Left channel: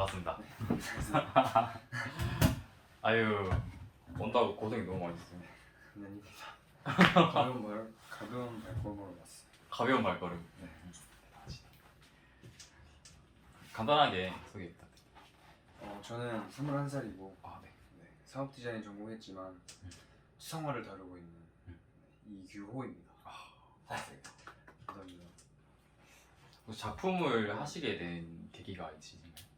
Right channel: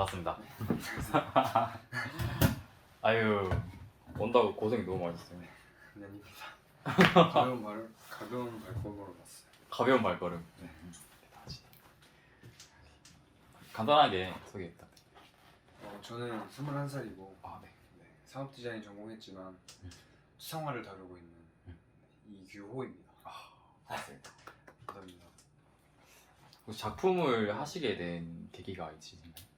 반갑습니다. 아유, 온다고 고생이 너무 많으셨어요. 아닙니다. 가벼운 발걸음으로 왔어요. 가벼운 발걸음. 네. 간단하게 소개 부탁드립니다. 저는 21살이고 아, 네. 사업 디자인 전공했지만 수상화를 다루고 있는 이규호입니다. 맞습니다. 감사합니다. 작품을 하시게 된 계기가 있으신가요?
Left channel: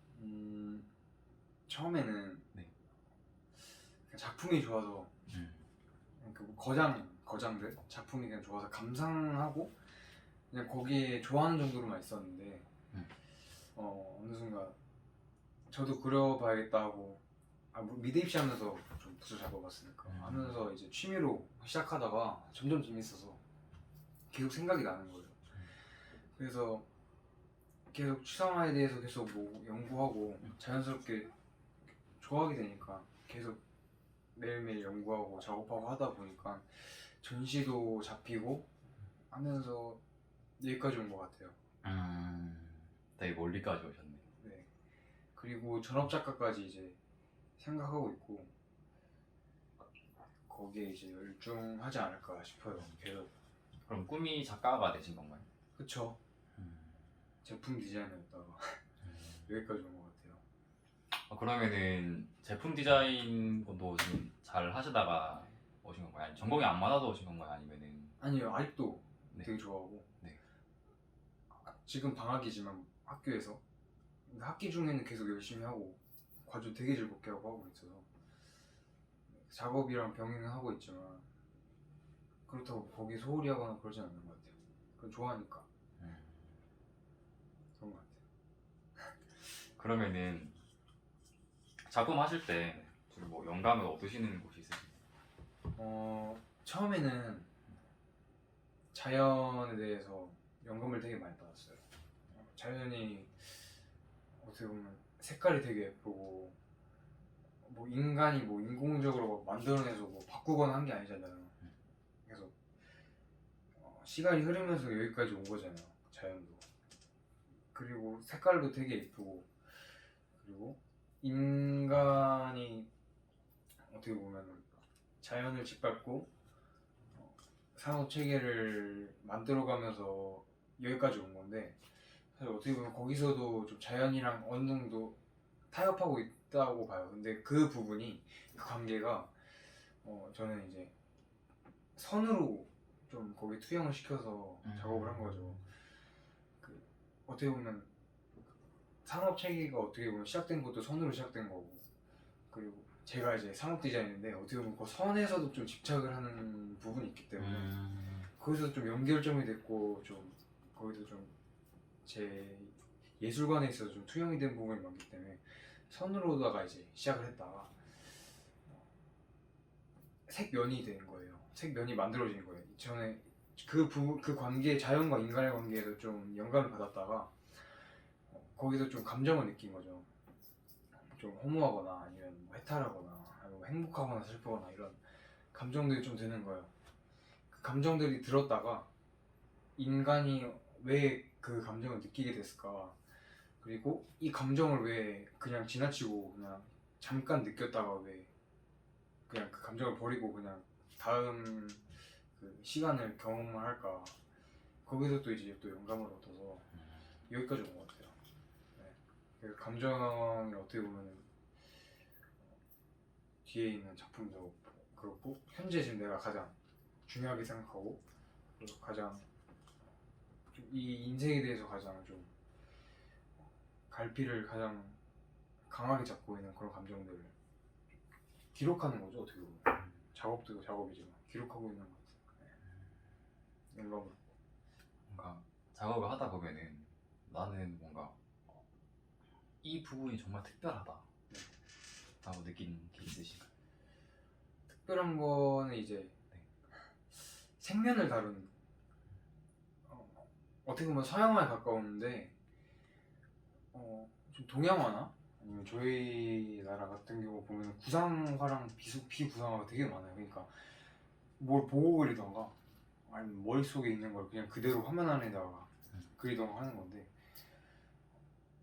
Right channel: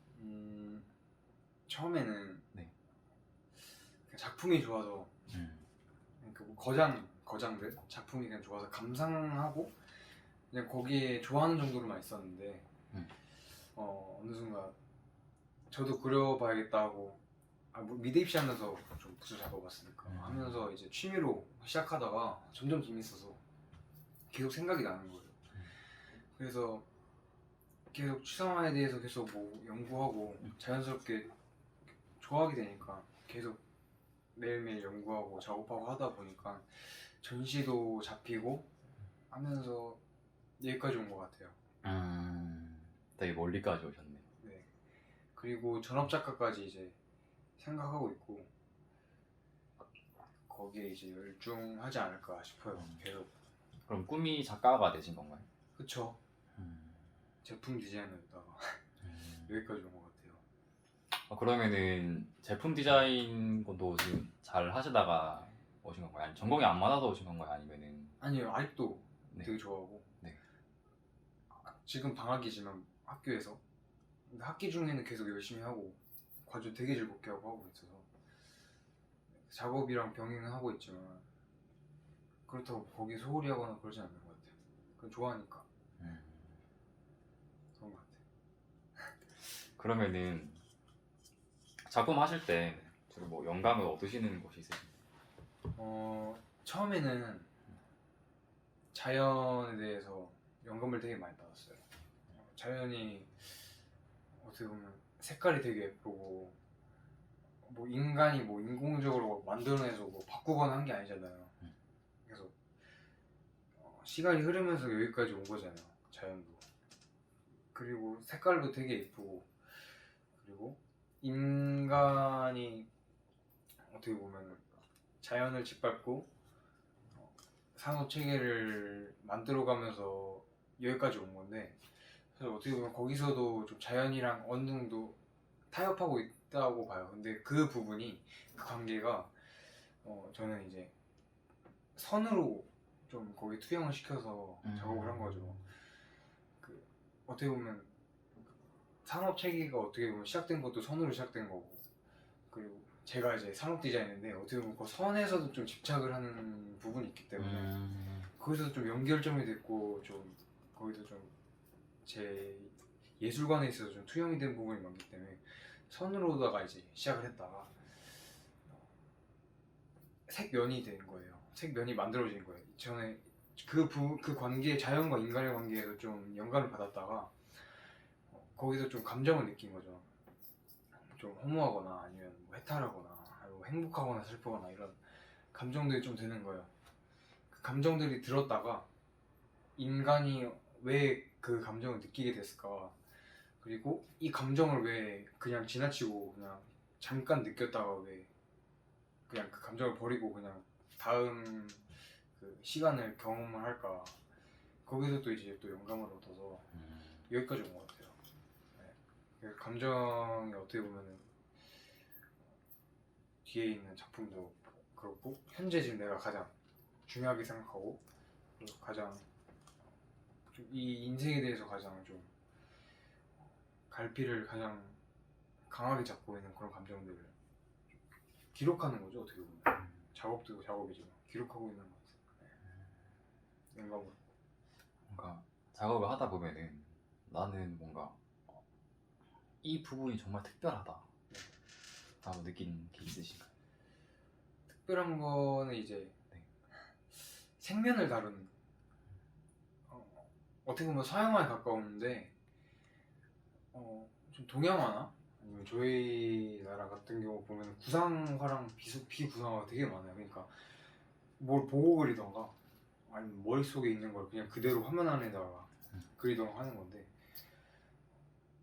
처음에는 네. 그냥 작품이 좋아서 그러니까 뭐 거장들 작품이 그냥 좋아서 감상하고 그냥 거기에 좋아하는 정도로만 있었는데 어느 순간 저도 그려봐야겠다 하고 뭐 미대 입시하면서 좀 부서 잡아봤으니까 하면서 이제 취미로 시작하다가 점점 재밌어서 계속 생각이 나는 거예요. 그래서 계속 추상화에 대해서 계속 뭐 연구하고 자연스럽게 좋아하게 되니까 계속 매일매일 연구하고 작업하고 하다 보니까 전시도 잡히고 하면서 여기까지 온 것 같아요. 되게 멀리까지 오셨네. 네. 그리고 전업 작가까지 이제 생각하고 있고 거기에 이제 열중하지 않을까 싶어요. 계속. 그럼 꿈이 작가가 되신 건가요? 그쵸. 제품 디자이너였다가 여기까지 온 것 같아요. 그러면은 제품 디자인 것도 지금 잘 하시다가 오신 건가요? 아니면 전공이 안 맞아서 오신 건가요? 아니면은 아니요, 아직도 네. 되게 좋아하고 네. 지금 방학이지만 학교에서 근데 학기 중에는 계속 열심히 하고 과제 되게 즐겁게 하고 있어서 작업이랑 병행하고 있지만 그렇다고 거기 소홀히 하거나 그러진 않는 것 같아요. 그건 좋아하니까 그런 것 같아요. 그러면은 작품 하실 때 주로 뭐 영감을 얻으시는 곳이 있으신가요? 처음에는 자연에 대해서 영감을 되게 많이 받았어요. 자연이 어떻게 보면 색깔이 되게 예쁘고 뭐 인간이 뭐 인공적으로 만들어내서 뭐 바꾸거나 한 게 아니잖아요. 그래서 시간이 흐르면서 여기까지 온 거잖아요. 자연도. 그리고 색깔도 되게 예쁘고 그리고 인간이 어떻게 보면 자연을 짓밟고 산업 체계를 만들어가면서 여기까지 온 건데 사실 어떻게 보면 거기서도 좀 자연이랑 어느 정도 타협하고 있다고 봐요. 근데 그 부분이 그 관계가 저는 이제 선으로 좀 거기 투영을 시켜서 작업을 한 거죠. 그 어떻게 보면 산업 체계가 어떻게 보면 시작된 것도 선으로 시작된 거고 그리고 제가 이제 산업 디자인인데 어떻게 보면 그 선에서도 좀 집착을 하는 부분이 있기 때문에 거기서 좀 연결점이 됐고 좀 거기서 좀 제 예술관에 있어서 좀 투영이 된 부분이 많기 때문에 선으로다가 이제 시작을 했다가 색면이 된 거예요. 색면이 만들어진 거예요. 전에 그 관계 자연과 인간의 관계에도 좀 영감을 받았다가 거기서 좀 감정을 느낀 거죠. 좀 허무하거나 아니면 뭐 해탈하거나 뭐 행복하거나 슬프거나 이런 감정들이 좀 드는 거예요. 그 감정들이 들었다가 인간이 왜 그 감정을 느끼게 됐을까? 그리고 이 감정을 왜 그냥 지나치고 그냥 잠깐 느꼈다가 왜 그냥 그 감정을 버리고 그냥 다음 그 시간을 경험을 할까? 거기서 또 이제 또 영감을 얻어서 여기까지 온 것 같아요. 네. 그 감정이 어떻게 보면은 뒤에 있는 작품도 그렇고 현재 지금 내가 가장 중요하게 생각하고 그리고 가장 좀 이 인생에 대해서 가장 좀 갈피를 가장 강하게 잡고 있는 그런 감정들을 기록하는 거죠. 어떻게 보면 작업도 작업이지만 기록하고 있는 것 같아요. 네. 영감을 뭔가 작업을 하다 보면은 나는 뭔가 이 부분이 정말 특별하다 라고 느낀 게 있으신가요? 특별한 거는 이제 생면을 다룬 어떻게 보면 서양화에 가까운데 좀 동양화나 아니면 저희 나라 같은 경우 보면 구상화랑 비구상화가 되게 많아요. 그러니까 뭘 보고 그리던가 아니면 머릿속에 있는 걸 그냥 그대로 화면 안에다가 그리던가 하는 건데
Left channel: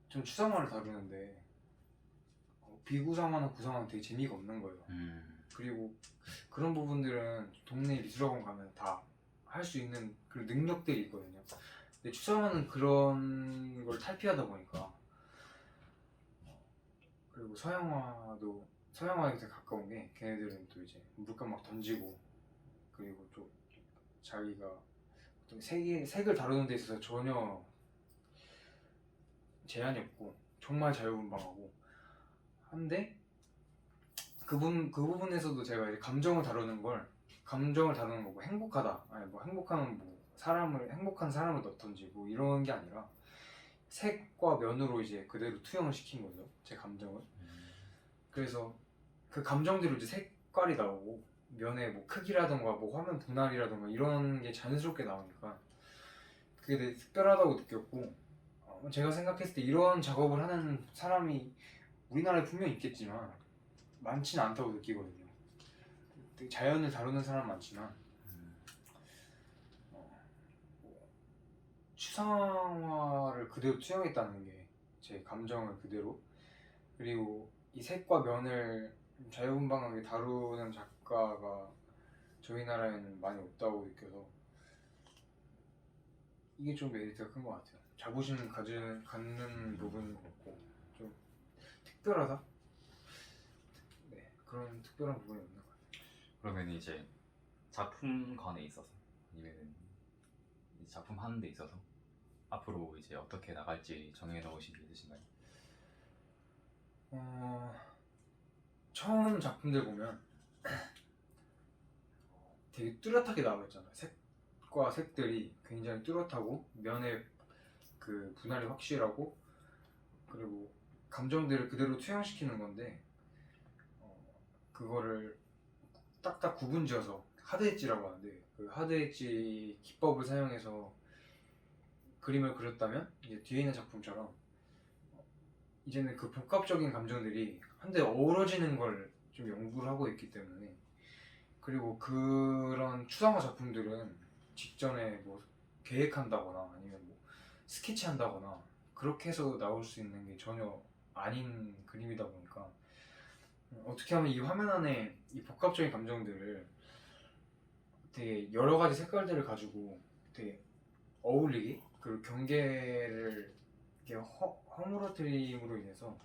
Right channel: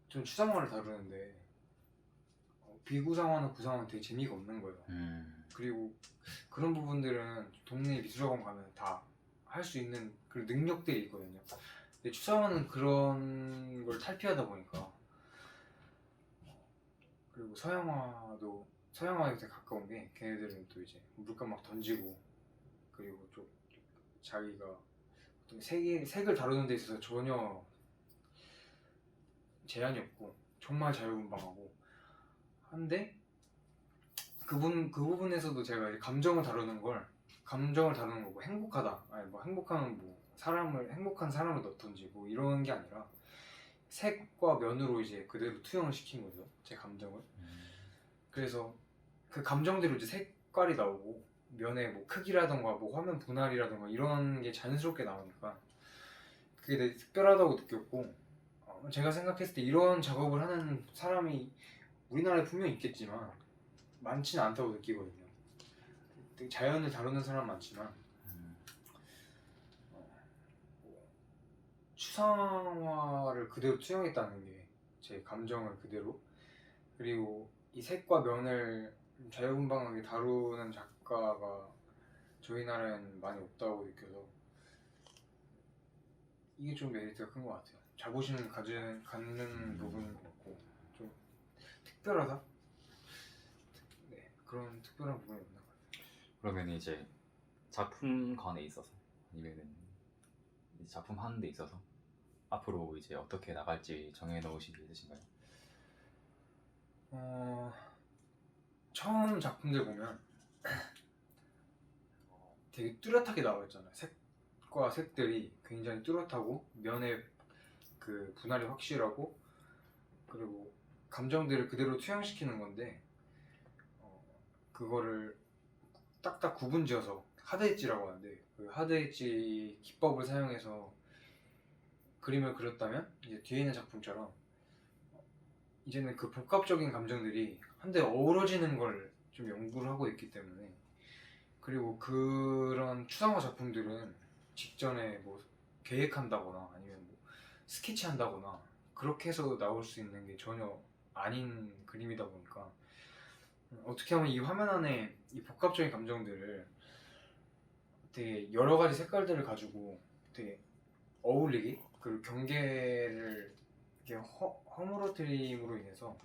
좀 추상화를 다루는데 비구상화나 구상화는 되게 재미가 없는 거예요. 그리고 그런 부분들은 동네 미술학원 가면 다 할 수 있는 그런 능력들이 있거든요. 근데 추상화는 그런 걸 탈피하다 보니까, 그리고 서양화에 되게 가까운 게, 걔네들은 또 이제 물감 막 던지고, 그리고 좀 자기가 어떤 색을 다루는 데 있어서 전혀 제한이 없고 정말 자유분방하고 한데, 그 부분에서도 제가 이제 감정을 다루는 거고, 행복하다, 아니 뭐 행복하면 뭐 행복한 사람을 넣던지 뭐 이런 게 아니라 색과 면으로 이제 그대로 투영을 시킨 거죠, 제 감정을. 그래서 그 감정대로 이제 색깔이 나오고, 면의 뭐 크기라던가 뭐 화면 분할이라던가 이런 게 자연스럽게 나오니까 그게 되게 특별하다고 느꼈고, 제가 생각했을 때 이런 작업을 하는 사람이 우리나라에 분명히 있겠지만 많지는 않다고 느끼거든요. 되게 자연을 다루는 사람 많지만 뭐 추상화를 그대로 투영했다는 게, 제 감정을 그대로, 그리고 이 색과 면을 자유분방하게 다루는 작가가 저희 나라에는 많이 없다고 느껴서 이게 좀 메리트가 큰 것 같아요. 자부심 갖는 부분인 것 같고, 좀 특별하다? 네, 그런 특별한 부분이 없는 것 같아요. 그러면 이제 작품관에 있어서 아니면은 이 작품 하는 데 있어서 앞으로 이제 어떻게 나갈지 정해 놓으신 게 있으신가요? 처음 작품들 보면 되게 뚜렷하게 나와 있잖아요. 색과 색들이 굉장히 뚜렷하고, 면의 그 분할이 확실하고, 그리고 감정들을 그대로 투영시키는 건데, 그거를 딱딱 구분지어서 하드 엣지라고 하는데, 그 하드 엣지 기법을 사용해서 그림을 그렸다면 이제 뒤에 있는 작품처럼 이제는 그 복합적인 감정들이 한데 어우러지는 걸 좀 연구를 하고 있기 때문에, 그리고 그런 추상화 작품들은 직전에 뭐 계획한다거나 아니면 뭐 스케치한다거나 그렇게 해서 나올 수 있는 게 전혀 아닌 그림이다 보니까, 어떻게 하면 이 화면 안에 이 복합적인 감정들을 되게 여러 가지 색깔들을 가지고 되게 어울리게, 그리고 경계를 이렇게 허물어뜨림으로 인해서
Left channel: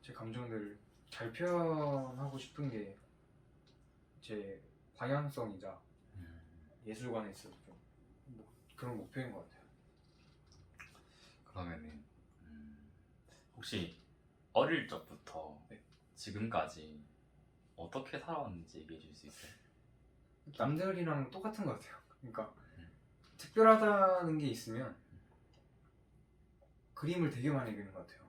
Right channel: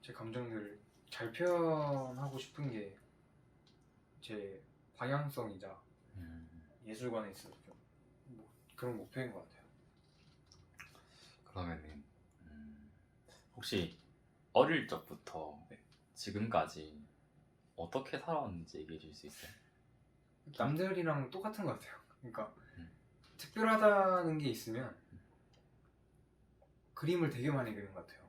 제 감정들을 잘 표현하고 싶은 게 제 방향성이자 예술관에 있어서 좀 그런 목표인 것 같아요. 그러면은 혹시 어릴 적부터 지금까지 어떻게 살아왔는지 얘기해 줄 수 있어요? 남들이랑 똑같은 것 같아요. 그러니까 특별하다는 게 있으면 그림을 되게 많이 그리는 것 같아요.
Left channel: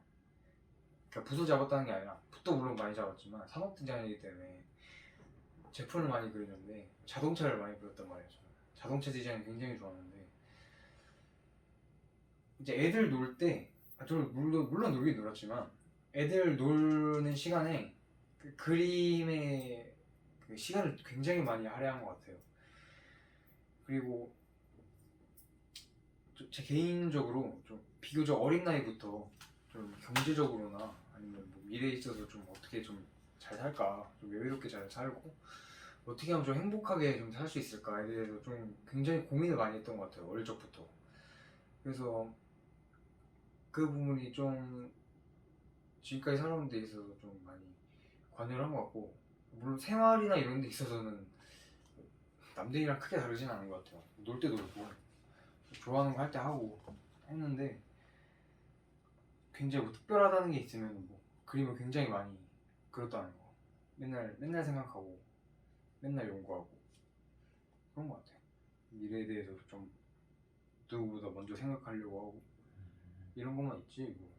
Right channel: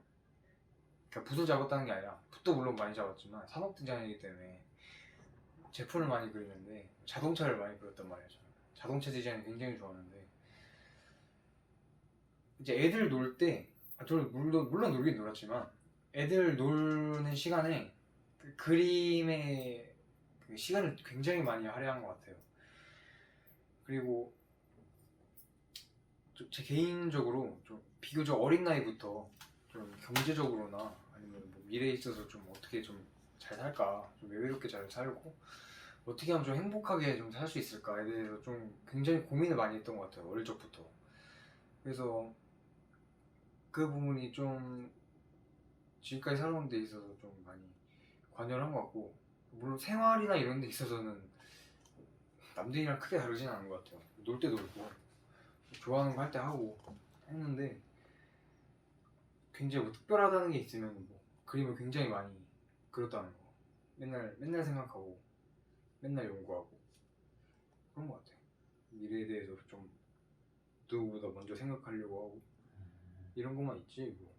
그러니까 붓을 잡았다는 게 아니라, 붓도 물론 많이 잡았지만 산업 디자인이기 때문에 제품을 많이 그리는데, 자동차를 많이 그렸단 말이에요. 저는 자동차 디자인 굉장히 좋아하는데, 이제 애들 놀 때, 저는 물론 놀긴 놀았지만 애들 노는 시간에 그 그림에 그 시간을 굉장히 많이 할애한 것 같아요. 그리고 제 개인적으로 좀 비교적 어린 나이부터 좀 경제적으로나 아니면 뭐 미래에 있어서 좀 어떻게 좀 잘 살까, 좀 여유롭게 잘 살고 어떻게 하면 좀 행복하게 좀 살 수 있을까에 대해서 좀 굉장히 고민을 많이 했던 것 같아요, 어릴 적부터. 그래서 그 부분이 좀 지금까지 살아오는 데 있어서 좀 많이 관여를 한 것 같고, 물론 생활이나 이런 데 있어서는 남들이랑 크게 다르진 않은 것 같아요. 놀 때 놀고 좋아하는 거 할 때 하고 했는데, 굉장히 뭐 특별하다는 게 있으면 뭐 그림을 굉장히 많이 그렸다는 거, 맨날 생각하고 맨날 연구하고 그런 것 같아요. 미래에 대해서 좀 누구보다 먼저 생각하려고 하고 이런 것만 있지 뭐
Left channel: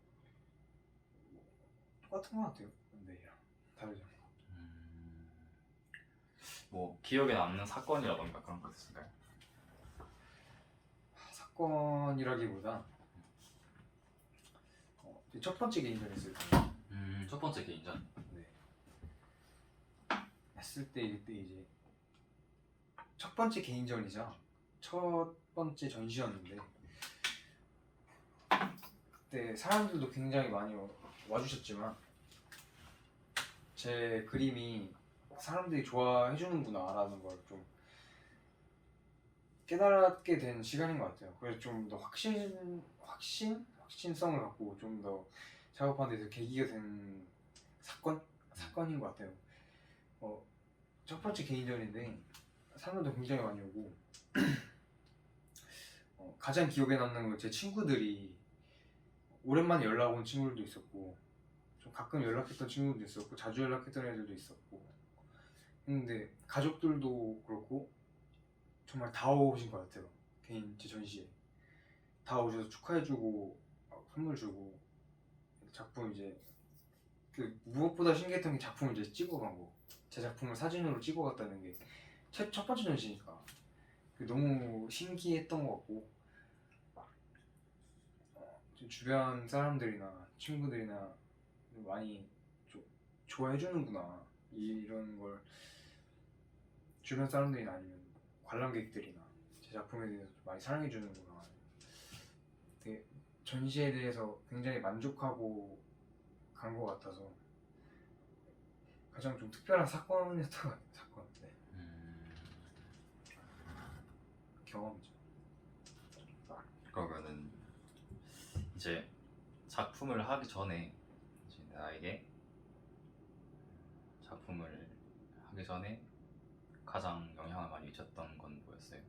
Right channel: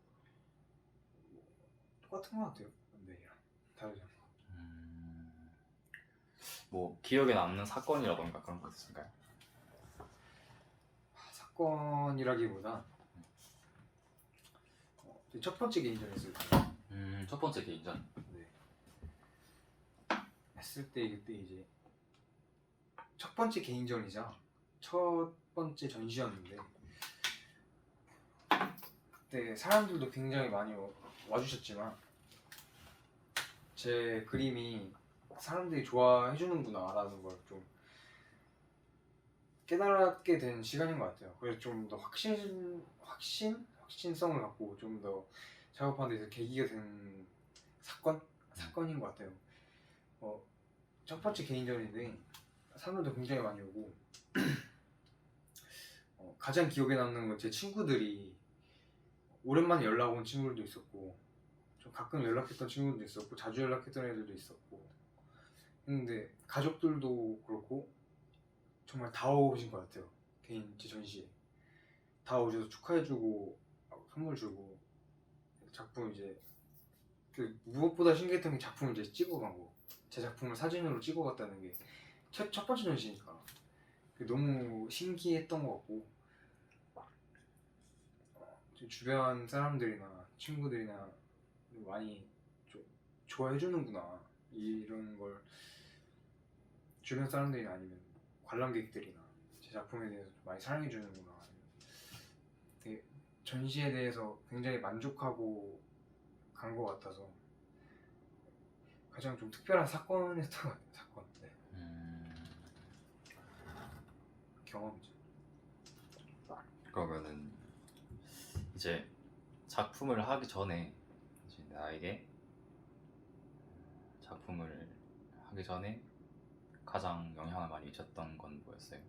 똑같은 것 같아요. 남들이랑 다르지 않고. 뭐 기억에 남는 사건이라던가 그런 거 있으신가요? 사건이라기보다 첫 번째 개인전 했을 때, 첫 번째 개인전. 네, 했을 때, 그때 이제 첫 번째 개인전이자 첫 번째 전시였는데, 그때 사람들도 굉장히 많이 와주셨지만 제 그림이 사람들이 좋아해 주는구나라는 걸 좀 깨달게 된 시간인 것 같아요. 그래서 좀 더 확신성을 갖고 좀 더 작업하는 데서 계기가 된 사건인 것 같아요. 첫 번째 개인전인데 사람들도 굉장히 많이 오고 가장 기억에 남는 건 제 친구들이 오랜만에 연락 온 친구들도 있었고 좀 가끔 연락했던 친구들도 있었고 자주 연락했던 애들도 있었고 했는데 가족들도 그렇고 정말 다 오신 것 같아요. 개인 제 전시에 다 오셔서 축하해주고 선물 주고 작품 이제 그 무엇보다 신기했던 게 작품을 이제 찍어간 거. 제 작품을 사진으로 찍어갔다는 게 첫 번째 전시니까 너무 신기했던 것 같고 제 주변 사람들이나 친구들이나 많이 좋아해 주는구나 이런 걸 주변 사람들이나 아니면 관람객들이나 제 작품에 대해서 좀 많이 사랑해 주는구나 되게 전시에 대해서 굉장히 만족하고 간 것 같아서 가장 좀 특별한 사건이었던 것 같아요. 사건. 네. 경험이죠. 그러면은 이제 작품을 하기 전에 이제 나에게 작품을 하기 전에 가장 영향을 많이 미쳤던 건 뭐였어요?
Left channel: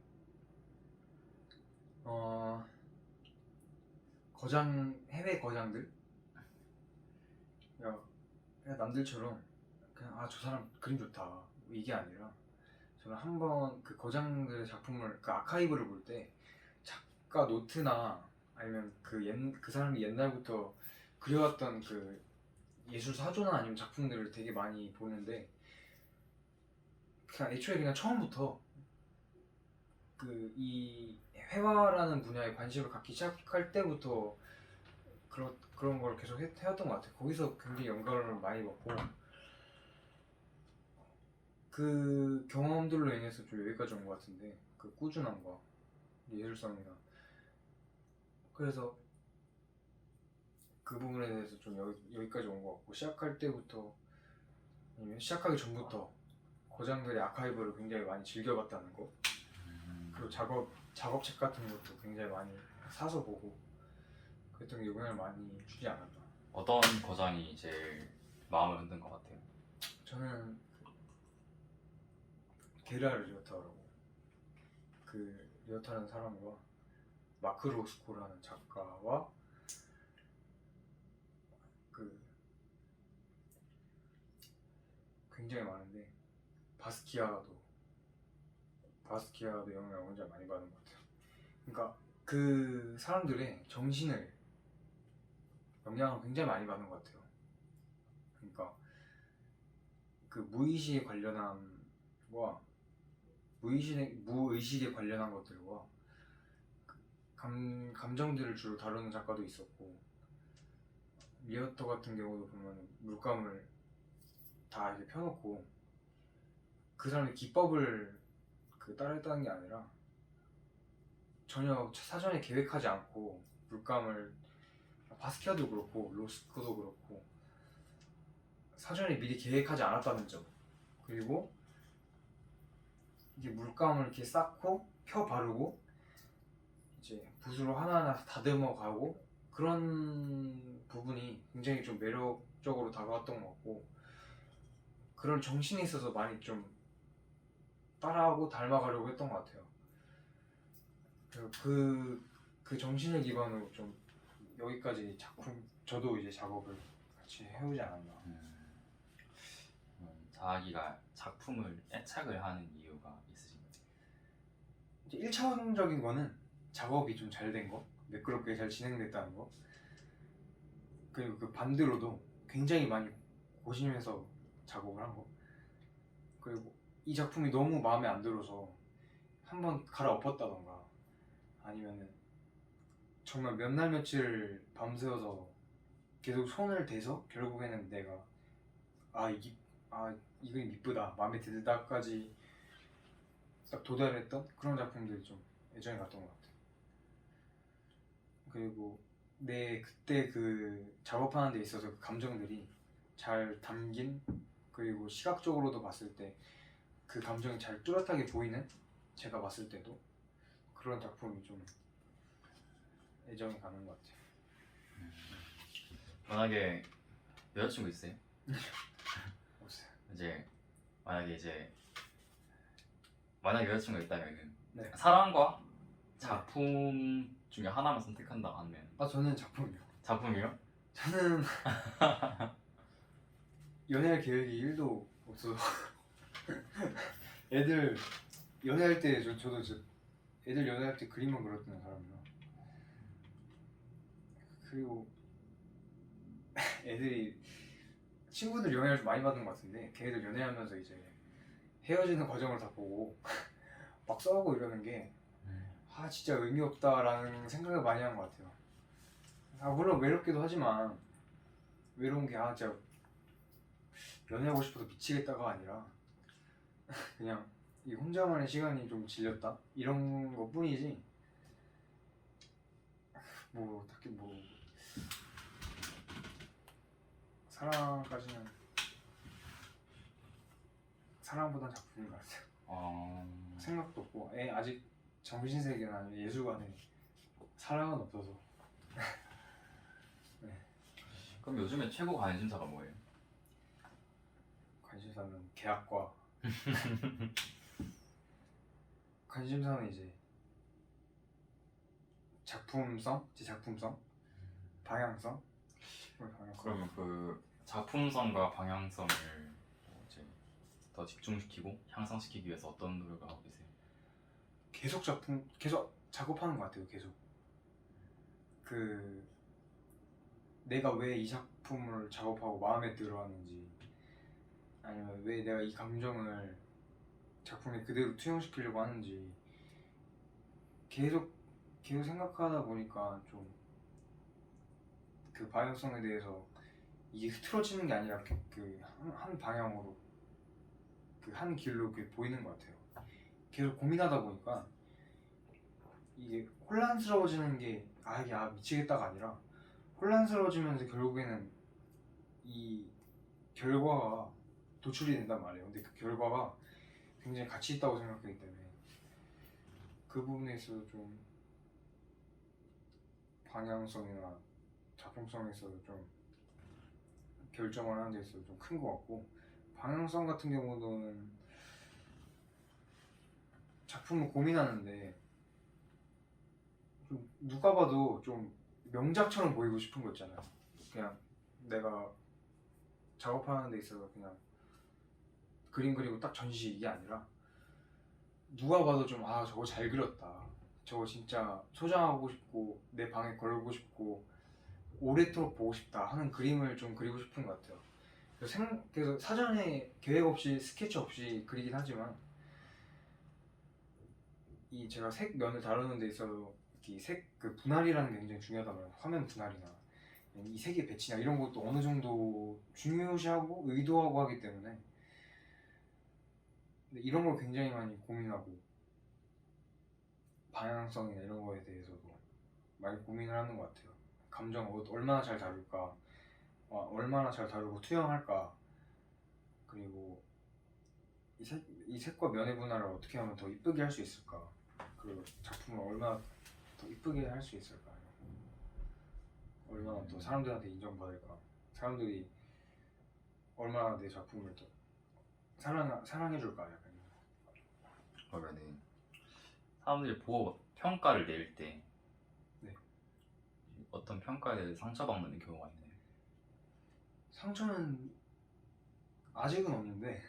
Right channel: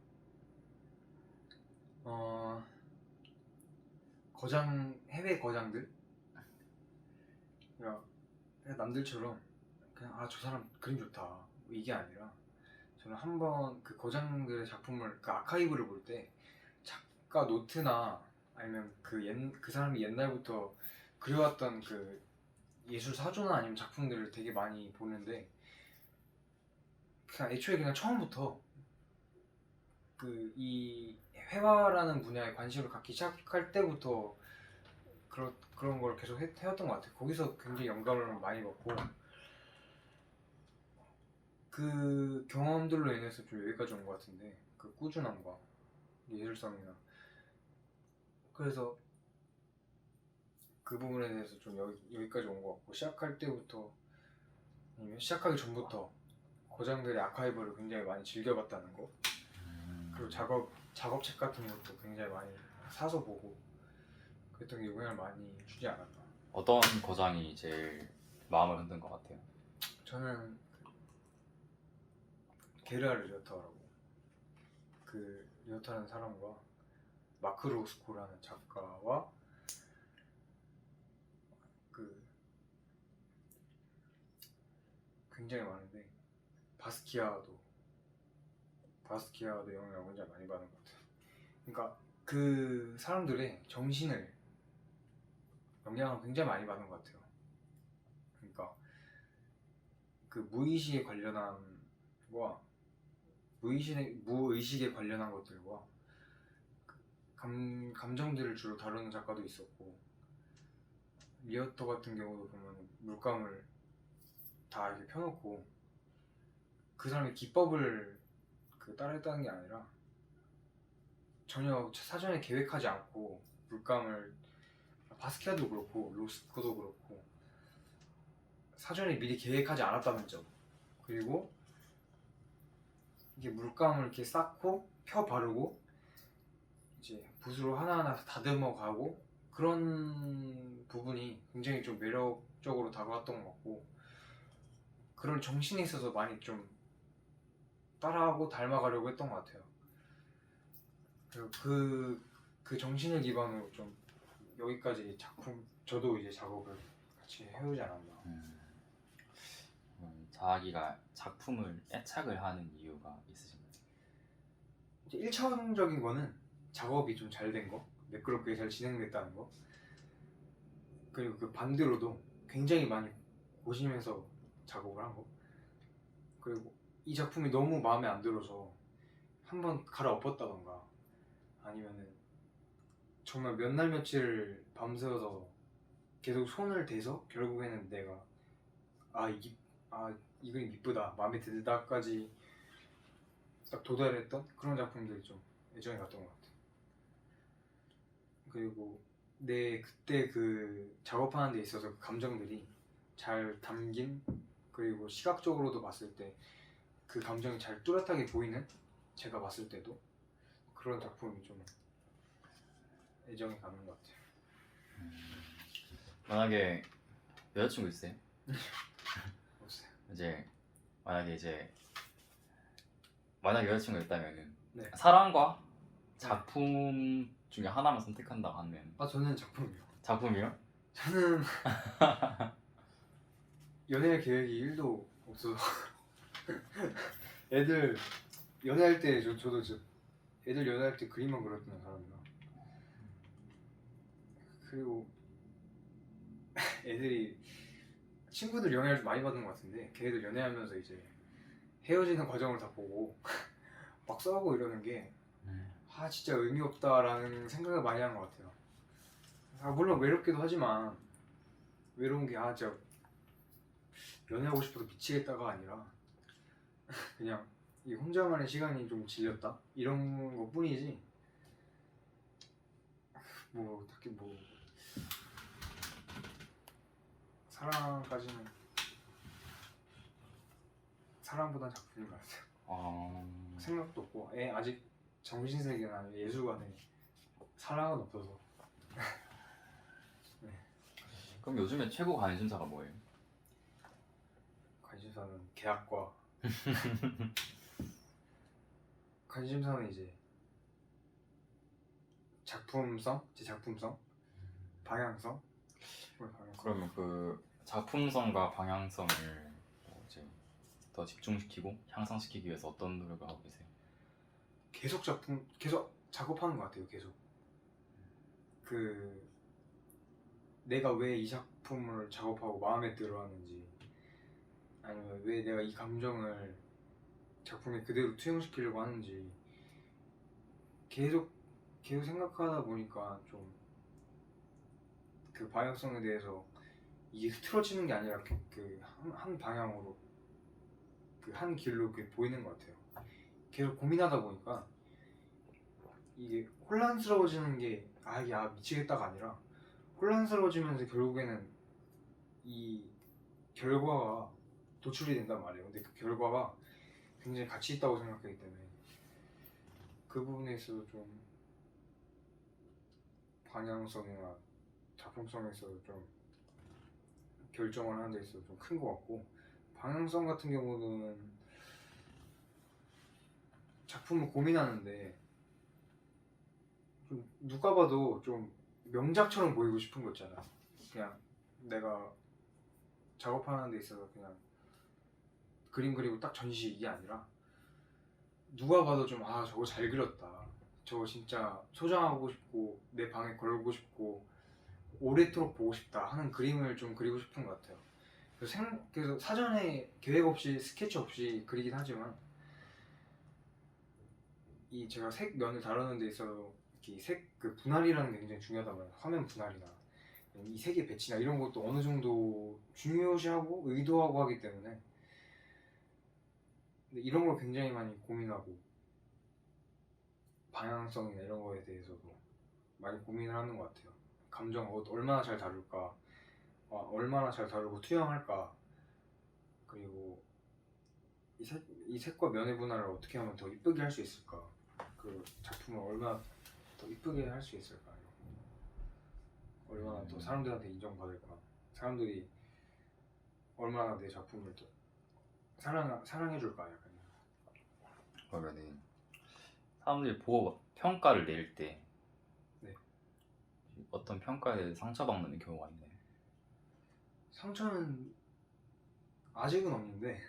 해외 거장들 그냥 남들처럼 그냥 아 저 사람 그림 좋다 뭐 이게 아니라 저는 한번 그 거장들의 작품을 그 아카이브를 볼 때 작가 노트나 아니면 그 사람이 옛날부터 그려왔던 그 예술 사조나 아니면 작품들을 되게 많이 보는데 그냥 애초에 그냥 처음부터 이 회화라는 분야에 관심을 갖기 시작할 때부터 그런 걸 계속 해왔던 것 같아요. 거기서 굉장히 영감을 많이 받고 그 경험들로 인해서 좀 여기까지 온 것 같은데 그 꾸준함과 예술성이나 그래서 그 부분에 대해서 좀 여기까지 온 것 같고 시작할 때부터 아니면 시작하기 전부터 거장들의 아카이브를 굉장히 많이 즐겨봤다는 거 그리고 작업책 같은 것도 굉장히 많이 사서 보고 그랬던 게 영향을 많이 주지 않았나. 어떤 거장이 제일 마음을 흔든 것 같아요? 저는 게르하르 리오타라고 그 리오타라는 사람과 마크 로스코라는 작가와 그 굉장히 많은데 바스키아도 영향을 굉장히 많이 받은 것 같아요. 그러니까 그 사람들의 정신을 영향을 굉장히 많이 받은 것 같아요. 그러니까 그 무의식에 관련함과 무의식에 관련한 것들과 감정들을 주로 다루는 작가도 있었고 리어터 같은 경우도 보면 물감을 다 이렇게 펴놓고 그 사람의 기법을 따라했다는 게 아니라 전혀 사전에 계획하지 않고 물감을 바스키아도 그렇고 로스코도 그렇고 사전에 미리 계획하지 않았다는 점 그리고 이게 물감을 이렇게 쌓고 펴 바르고 이제 붓으로 하나하나 다듬어 가고 그런 부분이 굉장히 좀 매력적으로 다가왔던 것 같고 그런 정신에 있어서 많이 좀 따라하고 닮아가려고 했던 것 같아요. 그리고 그 정신을 기반으로 좀 여기까지 저도 이제 작업을 같이 해오지 않았나. 자기가 작품을 애착을 하는 이유가 있으신가요? 이제 1차원적인 거는 작업이 좀 잘 된 거, 매끄럽게 잘 진행됐다는 거. 그리고 그 반대로도 굉장히 많이 고심해서 작업을 한 거. 그리고 이 작품이 너무 마음에 안 들어서 한번 갈아엎었다던가 아니면은 정말 몇 날 며칠 밤새워서 계속 손을 대서 결국에는 내가 이 그림 이쁘다 마음에 들다까지 딱 도달했던 그런 작품들이 좀 애정이 갔던 것 같아요. 그리고 내 그때 그 작업하는 데 있어서 그 감정들이 잘 담긴 그리고 시각적으로도 봤을 때 그 감정이 잘 뚜렷하게 보이는, 제가 봤을 때도 그런 작품이 좀 애정이 가는 것 같아요. 만약에 여자친구 있어요? 없어요. 이제 만약 여자친구가 있다면은 네. 사랑과 작품 중에 하나만 선택한다 하면 아 저는 작품이요. 작품이요? 저는 연애할 계획이 1도 없어서 애들 연애할 때 저도 진짜 애들 연애할 때 그림만 그렸던 사람이라. 그리고 애들이 친구들 영향을 좀 많이 받는 것 같은데 걔들 연애하면서 이제 헤어지는 과정을 다 보고 막 싸우고 이러는 게 진짜 의미 없다라는 생각을 많이 한 것 같아요. 물론 외롭기도 하지만 외로운 게 진짜 연애하고 싶어서 미치겠다가 아니라 그냥 이 혼자만의 시간이 좀 질렸다 이런 것 뿐이지 뭐 딱히 뭐 사랑까지는 사랑보단 작품인 것 같아요. 생각도 없고 아직 정신세계나 예술관에 사랑은 없어서. 네. 그럼 요즘에 최고 관심사가 뭐예요? 관심사는 계약과 관심사는 이제 작품성, 제 작품성, 방향성. 그러면 그 작품성과 방향성을 이제 더 집중시키고 향상시키기 위해서 어떤 노력을 하고 계세요? 계속 작업하는 것 같아요. 계속 그 내가 왜 이 작품을 작업하고 마음에 들어하는지, 아니면 왜 내가 이 감정을 작품에 그대로 투영시키려고 하는지 계속 생각하다 보니까 좀 그 방향성에 대해서 이게 흐트러지는 게 아니라 한 방향으로 그 한 길로 보이는 것 같아요. 계속 고민하다 보니까 이게 혼란스러워지는 게 이게 미치겠다가 아니라 혼란스러워지면서 결국에는 이 결과가 도출이 된단 말이에요. 근데 그 결과가 굉장히 가치 있다고 생각하기 때문에 그 부분에 있어서 좀 방향성이나 작품성에 있어서 좀 결정을 하는 데 있어서 좀 큰 것 같고, 방향성 같은 경우는 작품을 고민하는데 좀 누가 봐도 좀 명작처럼 보이고 싶은 거 있잖아요. 그냥 내가 작업하는 데 있어서 그냥 그림 그리고 딱 전시 이게 아니라 누가 봐도 좀 저거 잘 그렸다, 저거 진짜 소장하고 싶고 내 방에 걸고 싶고 오래도록 보고 싶다 하는 그림을 좀 그리고 싶은 것 같아요. 그래서 사전에 계획 없이 스케치 없이 그리긴 하지만 이 제가 색면을 다루는 데 있어서 이 그 분할이라는 게 굉장히 중요하단 말이에요. 화면 분할이나 이 색의 배치나 이런 것도 어느 정도 중요시하고 의도하고 하기 때문에 근데 이런 걸 굉장히 많이 고민하고 방향성이나 이런 거에 대해서도 많이 고민을 하는 것 같아요. 감정을 얼마나 잘 다룰까, 얼마나 잘 다루고 투영할까, 그리고 이 색과 면의 분할을 어떻게 하면 더 이쁘게 할 수 있을까, 그 작품을 얼마나 더 이쁘게 할 수 있을까, 얼마나 더 사람들한테 인정받을까, 사람들이 얼마나 내 작품을 또 사랑해줄까, 약간. 그러면은 사람들이 보고 막 평가를 낼 때 네. 어떤 평가에 대해서 상처받는 경우가 있나요? 상처는 아직은 없는데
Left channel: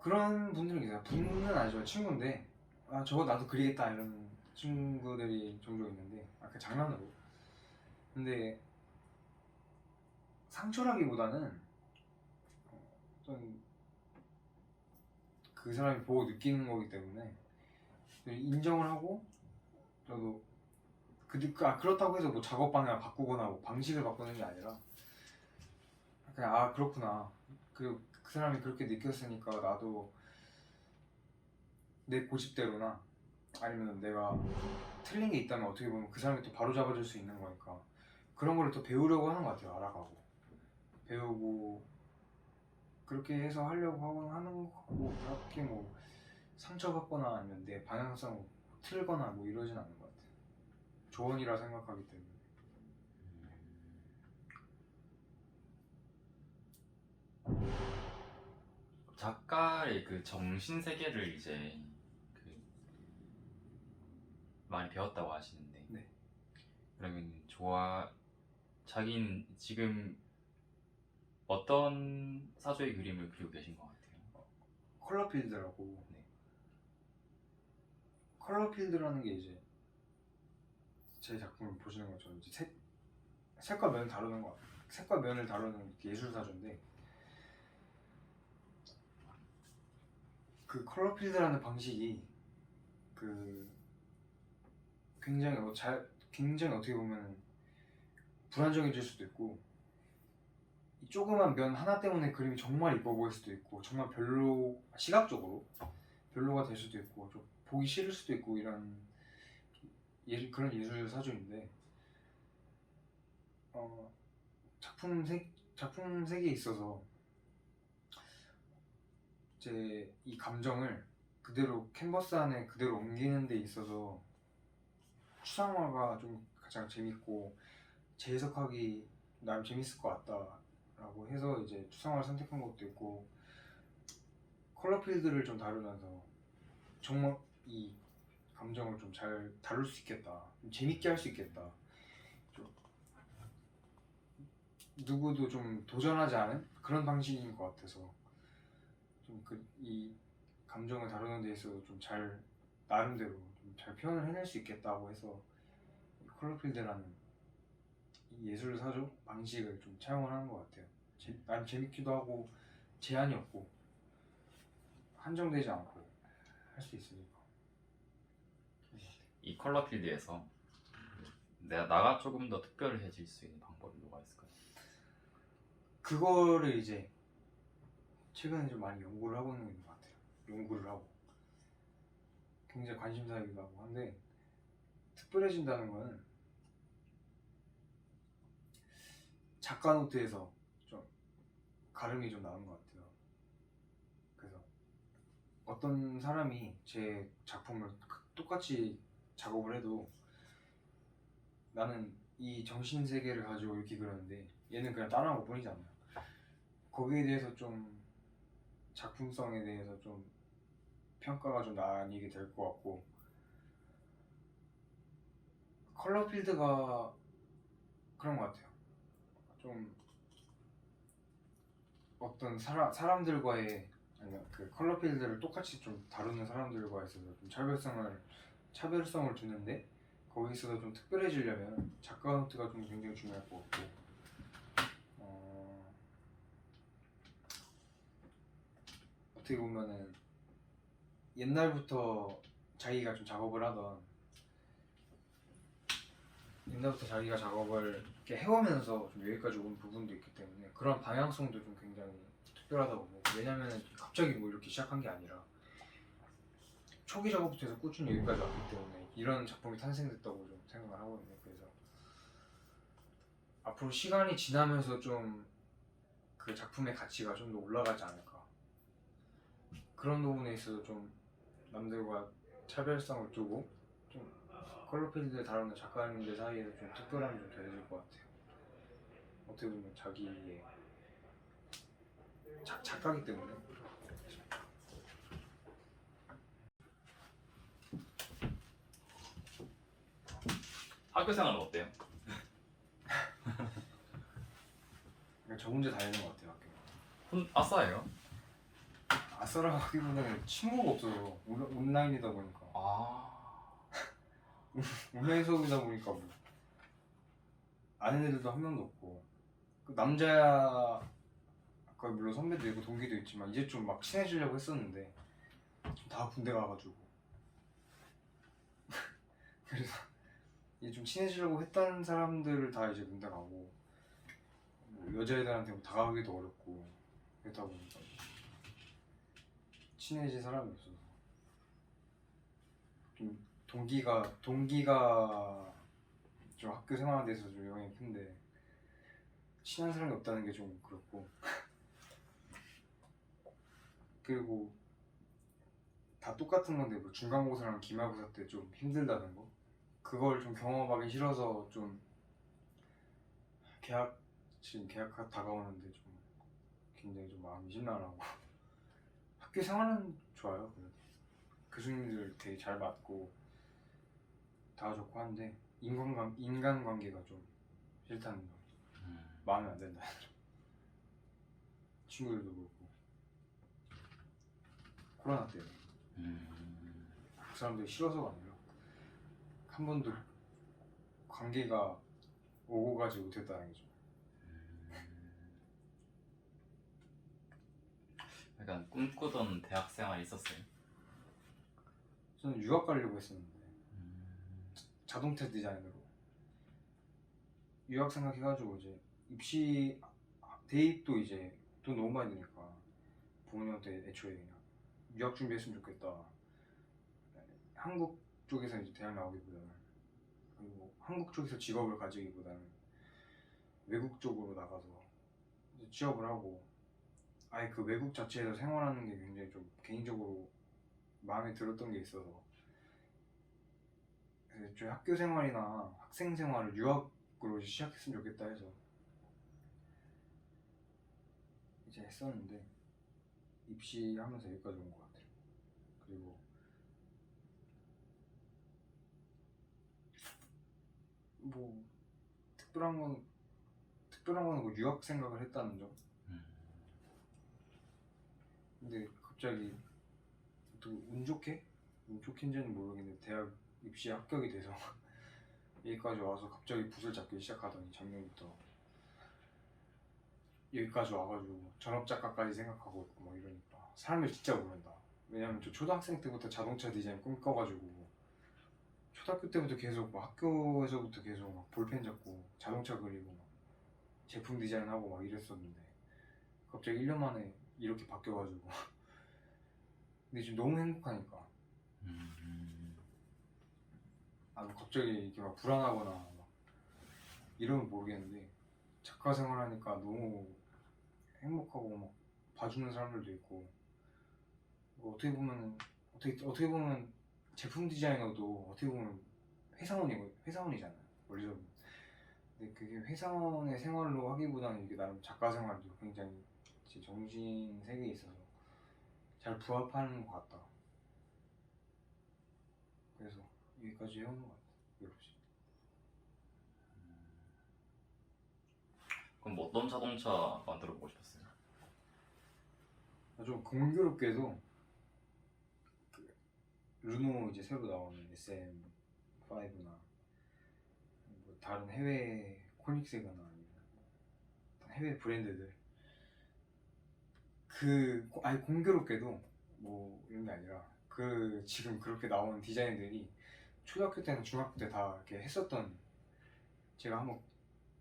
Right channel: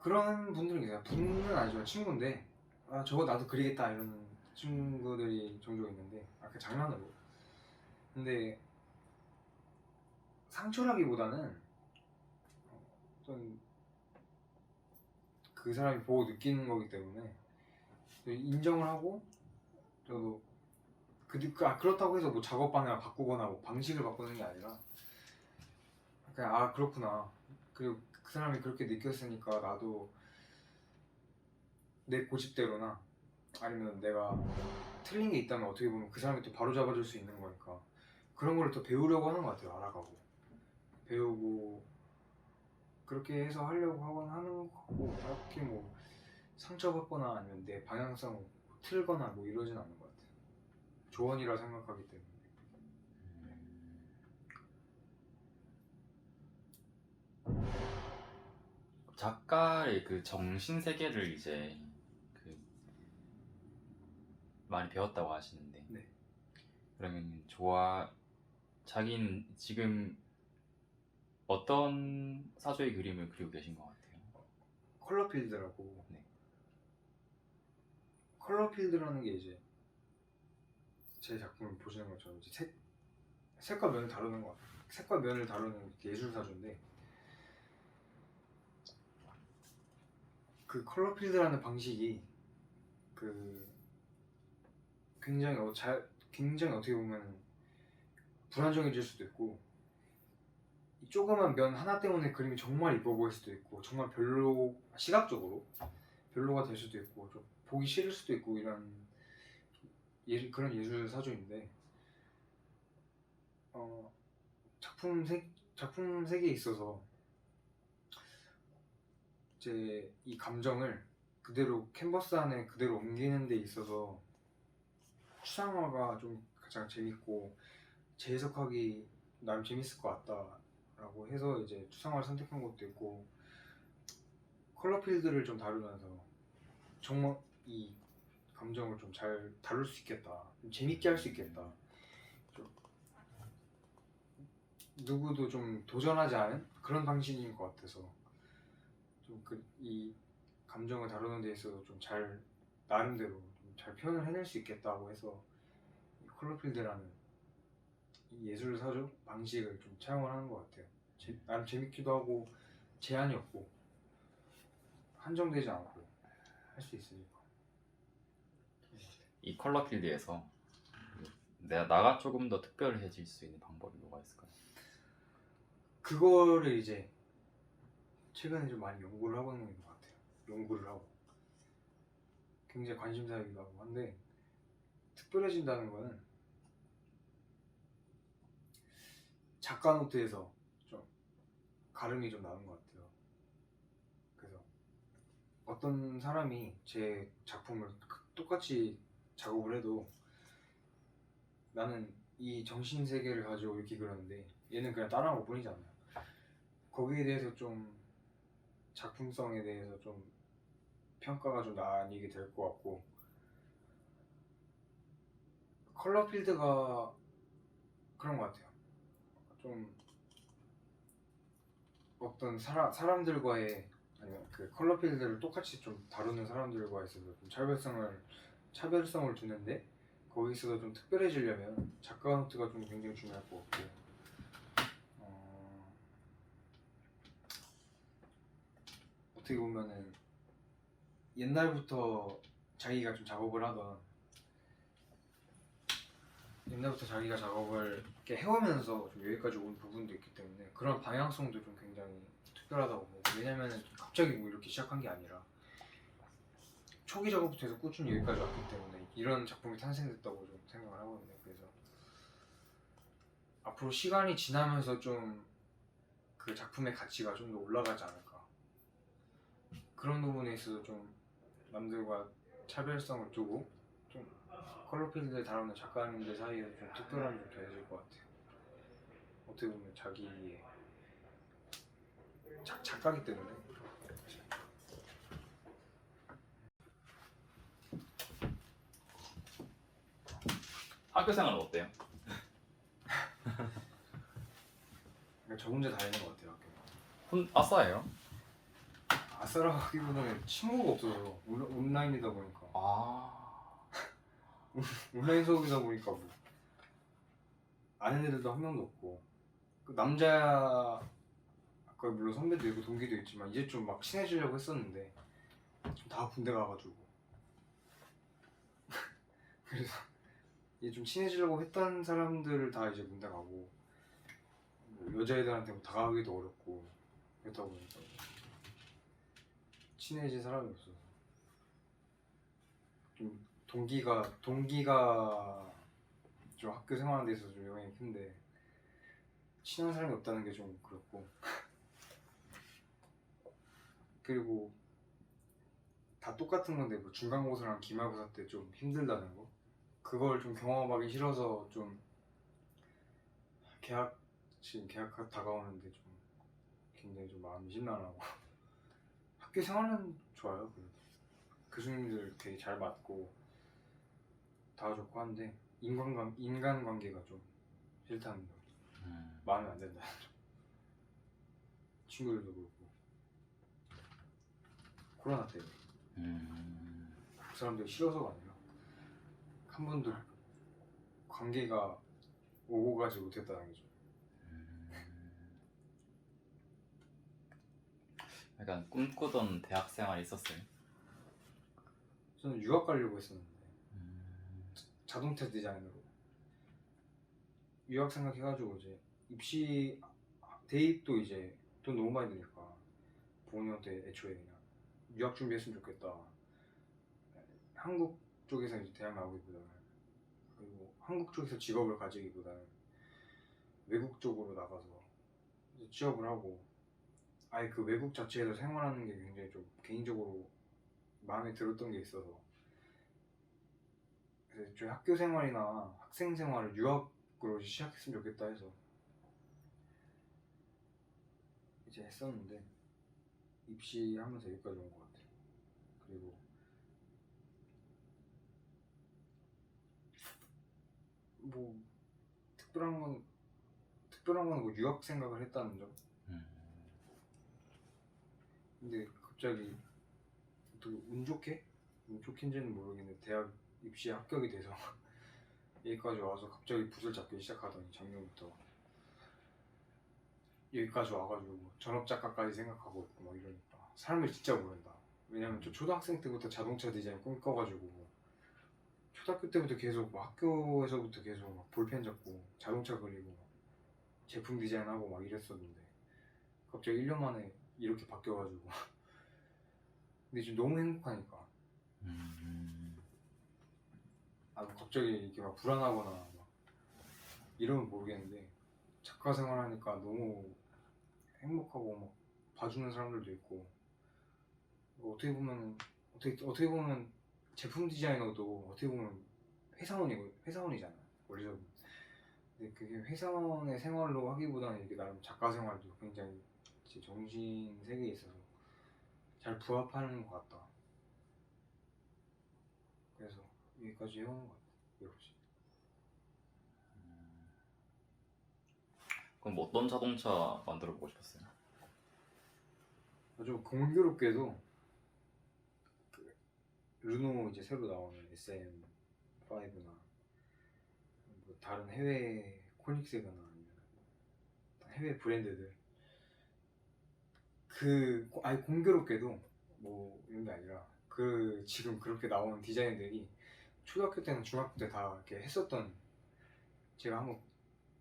그런 분들은 계세요. 분은 아니죠, 친구인데 저거 나도 그리겠다 이런 친구들이 종종 있는데 그 장난으로. 근데 상처라기보다는 어떤 그 사람이 보고 느끼는 거기 때문에 인정을 하고, 저도 그렇다고 해서 뭐 작업 방향을 바꾸거나 뭐 방식을 바꾸는 게 아니라 그냥 그렇구나, 그리고 그 사람이 그렇게 느꼈으니까 나도 내 고집대로나 아니면 내가 틀린 게 있다면 어떻게 보면 그 사람이 또 바로 잡아줄 수 있는 거니까 그런 거를 또 배우려고 하는 것 같아요. 알아가고 배우고 그렇게 해서 하려고 하곤 하는 거고 그렇게 뭐 상처받거나 아니면 내 방향성 틀거나 뭐 이러진 않는 것 같아요. 조언이라 생각하기 때문에. 작가의 그 정신 세계를 이제 그 많이 배웠다고 하시는데, 네. 그러면 자기는 지금 어떤 사조의 그림을 그리고 계신 것 같아요? 컬러필드라고. 네. 컬러필드라는 게 이제 제 작품을 보시는 것처럼 이제 색과 면을 다루는 거, 색과 면을 다루는 예술 사조인데, 그 컬러필드라는 방식이 그 굉장히 어떻게 보면 불안정해질 수도 있고, 이 조그만 면 하나 때문에 그림이 정말 이뻐 보일 수도 있고, 정말 시각적으로 별로가 될 수도 있고, 좀 보기 싫을 수도 있고, 이런 그런 예술 사조인데, 작품 색에 있어서 이제 이 감정을 그대로 캔버스 안에 그대로 옮기는 데 있어서 추상화가 좀 가장 재밌고 재해석하기 나름 재밌을 것 같다라고 해서 이제 추상화를 선택한 것도 있고, 컬러필드를 좀 다루면서 정말 이 감정을 좀 잘 다룰 수 있겠다, 좀 재밌게 할 수 있겠다, 좀 누구도 좀 도전하지 않은 그런 방식인 것 같아서 좀 이 감정을 다루는 데 있어서 좀 잘 나름대로 좀 잘 표현을 해낼 수 있겠다고 해서 이 컬러필드라는 이 예술 사조 방식을 좀 차용을 하는 것 같아요. 나름 재밌기도 하고 제한이 없고 한정되지 않고 할 수 있으니까. 이 컬러 필드에서 나가 조금 더 특별해질 수 있는 방법이 뭐가 있을까요? 그거를 이제 최근에 좀 많이 연구를 하고 있는 것 같아요. 연구를 하고 굉장히 관심사이기도 하고 한데, 특별해진다는 거는 작가 노트에서 좀 가름이 좀 나는 것 같아요. 그래서 어떤 사람이 제 작품을 똑같이 작업을 해도 나는 이 정신 세계를 가지고 이렇게 그렸는데 얘는 그냥 따라한 것 뿐이잖아요. 거기에 대해서 좀 작품성에 대해서 좀 평가가 좀 나뉘게 될 것 같고, 컬러필드가 그런 것 같아요. 좀 어떤 사람들과의, 아니면 그 컬러필드를 똑같이 좀 다루는 사람들과 있어서 좀 차별성을 두는데, 거기 있어서 좀 특별해지려면 작가 노트가 좀 굉장히 중요할 것 같고, 어떻게 보면은 옛날부터 자기가 작업을 이렇게 해오면서 좀 여기까지 온 부분도 있기 때문에 그런 방향성도 좀 굉장히 특별하다고 보고, 왜냐면은 갑자기 뭐 이렇게 시작한 게 아니라 초기 작업부터 해서 꾸준히 여기까지 왔기 때문에 이런 작품이 탄생됐다고 좀 생각을 하거든요. 그래서 앞으로 시간이 지나면서 좀 그 작품의 가치가 좀 더 올라가지 않을까, 그런 부분에 있어서 좀 남들과 차별성을 두고 좀 컬러필드를 다루는 작가님들 사이에서 좀 특별함이 좀 더해질 것 같아요. 어떻게 보면 자기의 작가기 때문에. 학교 생활은 어때요? 저 혼자 다니는 것 같아요, 학교. 아싸예요? 아싸라고 하기보다는 친구가 없어서 온라인이다 보니까. 온라인 수업이다 보니까 뭐 아는 애들도 한 명도 없고, 그 남자 아까 물론 선배도 있고 동기도 있지만 이제 좀 막 친해지려고 했었는데 다 군대 가가지고 그래서 이제 좀 친해지려고 했던 사람들을 다 이제 군대 가고, 뭐 여자애들한테 뭐 다가가기도 어렵고 그렇다 보니까 친해질 사람이 없어서 좀 동기가 좀 학교 생활하는 데 있어서 좀 영향이 큰데 친한 사람이 없다는 게 좀 그렇고 그리고 다 똑같은 건데 뭐 중간고사랑 기말고사 때 좀 힘들다는 거 그걸 좀 경험하기 싫어서 좀 지금 개학 다가오는데 좀 굉장히 좀 마음이 심란하고 학교 생활은 좋아요. 그래도 교수님들 되게 잘 맞고 다 좋고 한데 인간관계가 좀 싫다는 점, 마음에 안 든다는 점. 친구들도 그렇고 코로나 때문에 그 사람들이 싫어서가 아니라 한 번도 관계가 오고 가지 못했다는 게 좀. 약간 꿈꾸던 대학 생활 있었어요? 저는 유학 가려고 했었는데 자동차 디자인으로 유학 생각해가지고 이제 입시 대입도 이제 돈 너무 많이 드니까 부모님한테 애초에 그냥 유학 준비했으면 좋겠다. 한국 쪽에서 이제 대학 나오기보다는 그리고 한국 쪽에서 직업을 가지기보다는 외국 쪽으로 나가서 이제 취업을 하고 아예 그 외국 자체에서 생활하는 게 굉장히 좀 개인적으로 마음에 들었던 게 있어서 그래서 애초에 학교 생활이나 학생 생활을 유학으로 시작했으면 좋겠다 해서 이제 했었는데 입시하면서 여기까지 온 것 같아요. 그리고 뭐 특별한 거는 뭐 유학 생각을 했다는 점. 근데 갑자기 또 운 좋게인지는 모르겠는데 대학 입시에 합격이 돼서 여기까지 와서 갑자기 붓을 잡기 시작하더니 작년부터 여기까지 와가지고 뭐 전업작가까지 생각하고 있고 막 이러니까 사람을 진짜 모른다. 왜냐면 저 초등학생 때부터 자동차 디자인 꿈꿔가지고 초등학교 때부터 계속 막 학교에서부터 계속 막 볼펜 잡고 자동차 그리고 막 제품 디자인하고 막 이랬었는데 갑자기 1년 만에 이렇게 바뀌어가지고 근데 지금 너무 행복하니까 뭐 갑자기 이렇게 막 불안하거나 막 이러면 모르겠는데 작가 생활하니까 너무 행복하고 막 봐주는 사람들도 있고 뭐 어떻게 보면 제품 디자이너도 어떻게 보면 회사원이잖아요 원래. 근데 그게 회사원의 생활로 하기보다는 이게 나름 작가 생활도 굉장히 제 정신 세계에 있어서 잘 부합하는 것 같다. 그래서 여기까지 해오는 것 같아요. 이렇게. 그럼 뭐 어떤 자동차 만들어 보고 싶었어요? 좀 공교롭게도 그 르노 이제 새로 나오는 SM5나 뭐 다른 해외 코닉세가나 아니면 해외 브랜드들 아니 공교롭게도 뭐 이런 게 아니라 그 지금 그렇게 나온 디자인들이 초등학교 때는 중학교 때 다 이렇게 했었던 제가 한번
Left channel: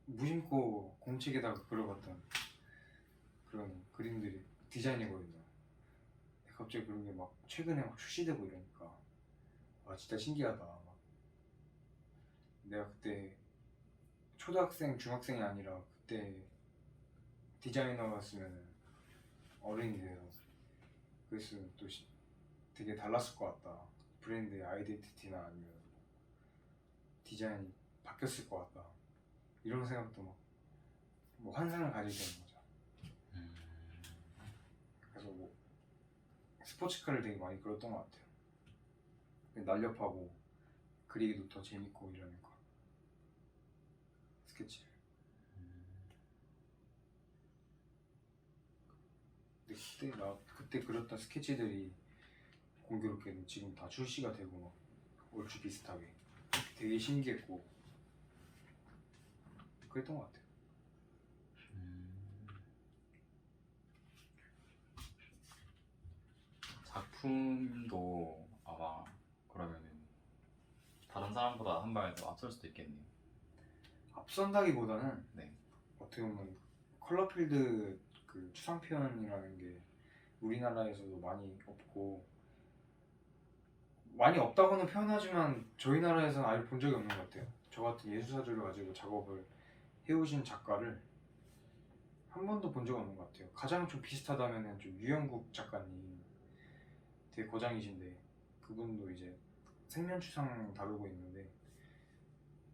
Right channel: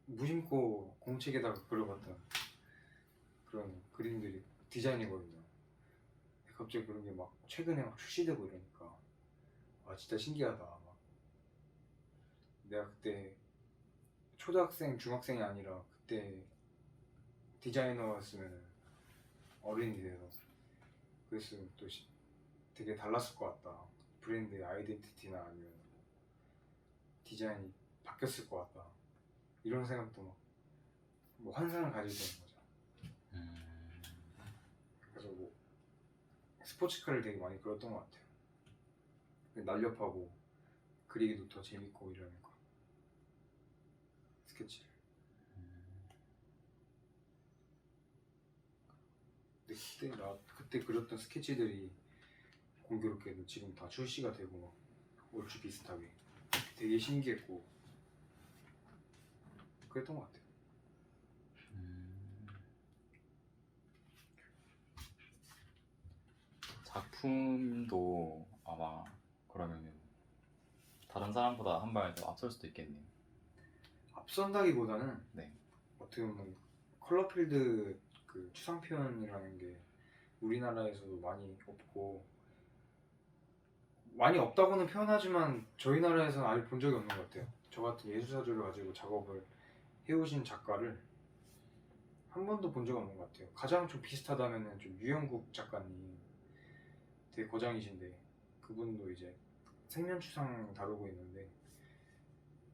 무심코 공책에다가 그려봤던 그런 그림들이 디자인이거든요. 갑자기 그런 게 막 최근에 막 출시되고 이러니까 와 진짜 신기하다. 막 내가 그때 초등학생, 중학생이 아니라 그때 디자이너였으면 어른이 돼서 그랬으면 또 되게 달랐을 것 같다. 브랜드의 아이덴티티나 아니면 디자인이 바뀌었을 것 같다. 이런 생각도 막 뭐 환상을 가지게 되는 거죠. 그래서 뭐 스포츠카를 되게 많이 그렸던 것 같아요. 날렵하고 그리기도 더 재밌고 이러니까 스케치를. 근데 그때 그렸던 스케치들이 공교롭게도 지금 다 출시가 되고 막 얼추 비슷하게 되게 신기했고 그랬던 것 같아요. 작품도 아마 그러면은 다른 사람보다 한 발 더 앞설 수도 있겠네요. 앞선다기보다는 네. 어떻게 보면 컬러필드 그 추상 표현이라는 게 우리나라에서도 많이 없고 많이 없다고는 표현하지만 저희 나라에서는 아예 본 적이 없는 것 같아요. 저 같은 예술사조를 가지고 작업을 해오신 작가를 한 번도 본 적 없는 것 같아요. 가장 좀 비슷하다면은 좀 유영국 작가님, 되게 고장이신데 그분도 이제 생면추상 다루고 있는데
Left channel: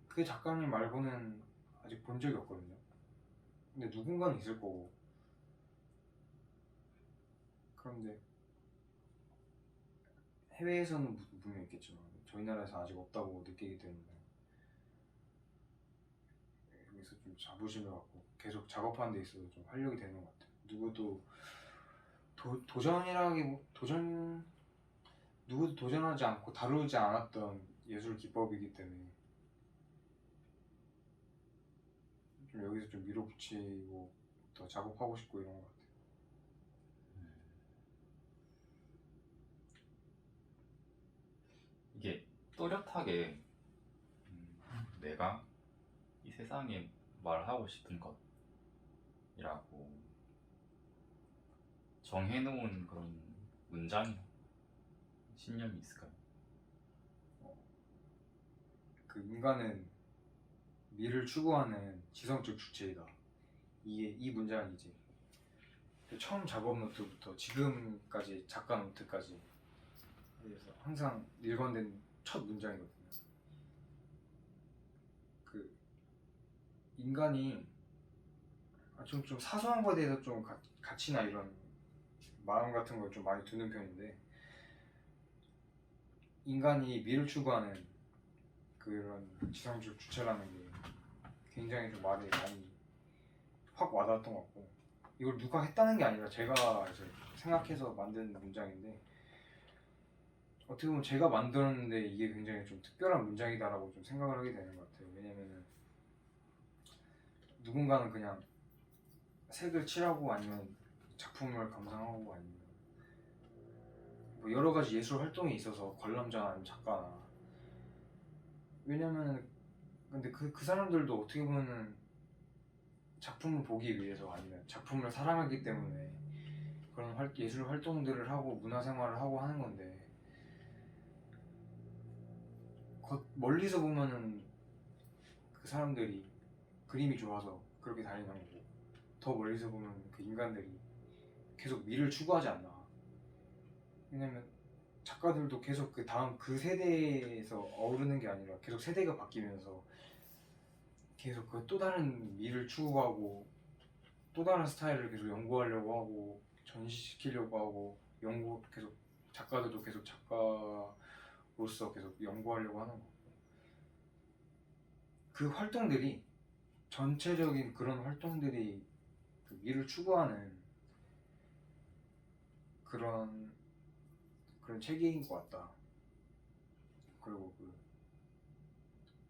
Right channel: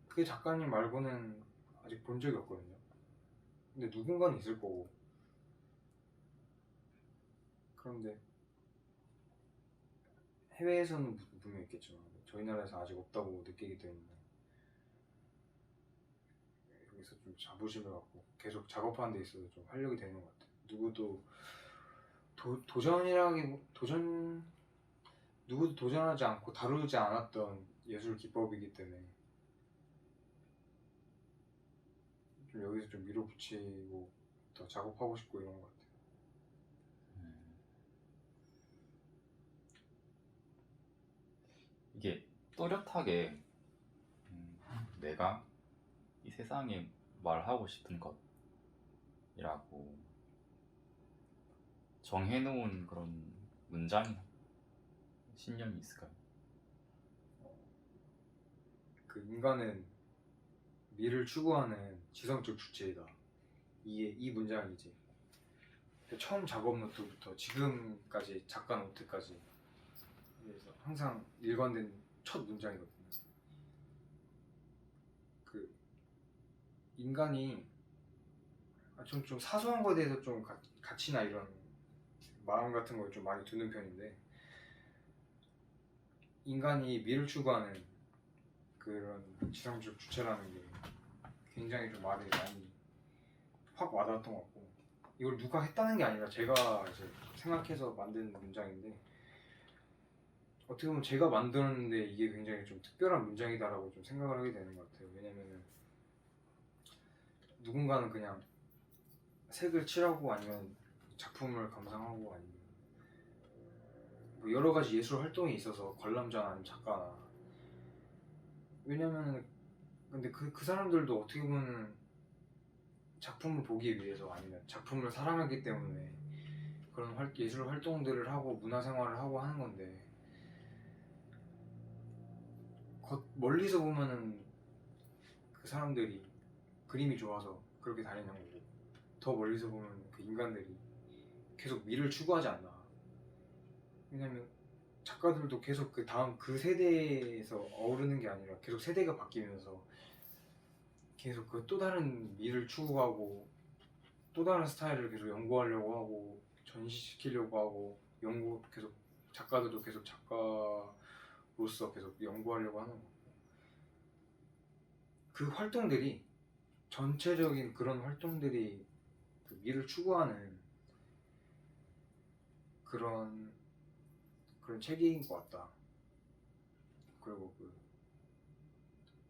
그 작가님 말고는 아직 본 적이 없거든요. 근데 누군가는 있을 거고. 그런데 해외에서는 분명 있겠지만 저희 나라에서 아직 없다고 느끼기 때문에 여기서 좀 자부심을 갖고 계속 작업하는 데 있어서 좀 활력이 되는 것 같아요. 누구도 도전 누구도 도전하지 않고 다루지 않았던 예술 기법이기 때문에 좀 여기서 좀 밀어붙이고 더 작업하고 싶고 이런 것 같아요. 음. 이게 또렷하게 내가 이 세상에 말하고 싶은 것이라고 정해놓은 그런 문장이나 신념이 있을까요? 그 인간은 미를 추구하는 지성적 주체이다. 이게 이 문장이지. 처음 작업 노트부터 지금까지 작가 노트까지 그래서 항상 일관된 첫 문장이거든요. 그 인간이 좀 사소한 거에 대해서 좀 가치나 이런 마음 같은 걸 좀 많이 두는 편인데 인간이 미를 추구하는 그런 지성적 주체라는 게 굉장히 좀 말이 많이 확 와닿았던 것 같고 이걸 누가 했다는 게 아니라 제가 이제 생각해서 만든 문장인데 어떻게 보면 제가 만들었는데 이게 굉장히 좀 특별한 문장이다라고 좀 생각을 하게 되는 것 같아요. 왜냐면은 누군가는 그냥 색을 칠하고 아니면 작품을 감상하고 아니면 뭐 여러 가지 예술 활동이 있어서 관람자나 아니면 작가나 왜냐면은 근데 그 사람들도 어떻게 보면은 작품을 보기 위해서 아니면 작품을 사랑하기 때문에 그런 예술 활동들을 하고 문화생활을 하고 하는 건데 멀리서 보면은 그 사람들이 그림이 좋아서 그렇게 다니는 거고 더 멀리서 보면 그 인간들이 계속 미를 추구하지 않나. 왜냐면 작가들도 계속 그 다음 그 세대에서 어우르는 게 아니라 계속 세대가 바뀌면서 계속 그 또 다른 미를 추구하고 또 다른 스타일을 계속 연구하려고 하고 전시시키려고 하고 연구 계속 작가들도 계속 작가로서 계속 연구하려고 하는 거고 그 활동들이 전체적인 그런 활동들이 그 미를 추구하는 그런 체계인 것 같다. 그리고 그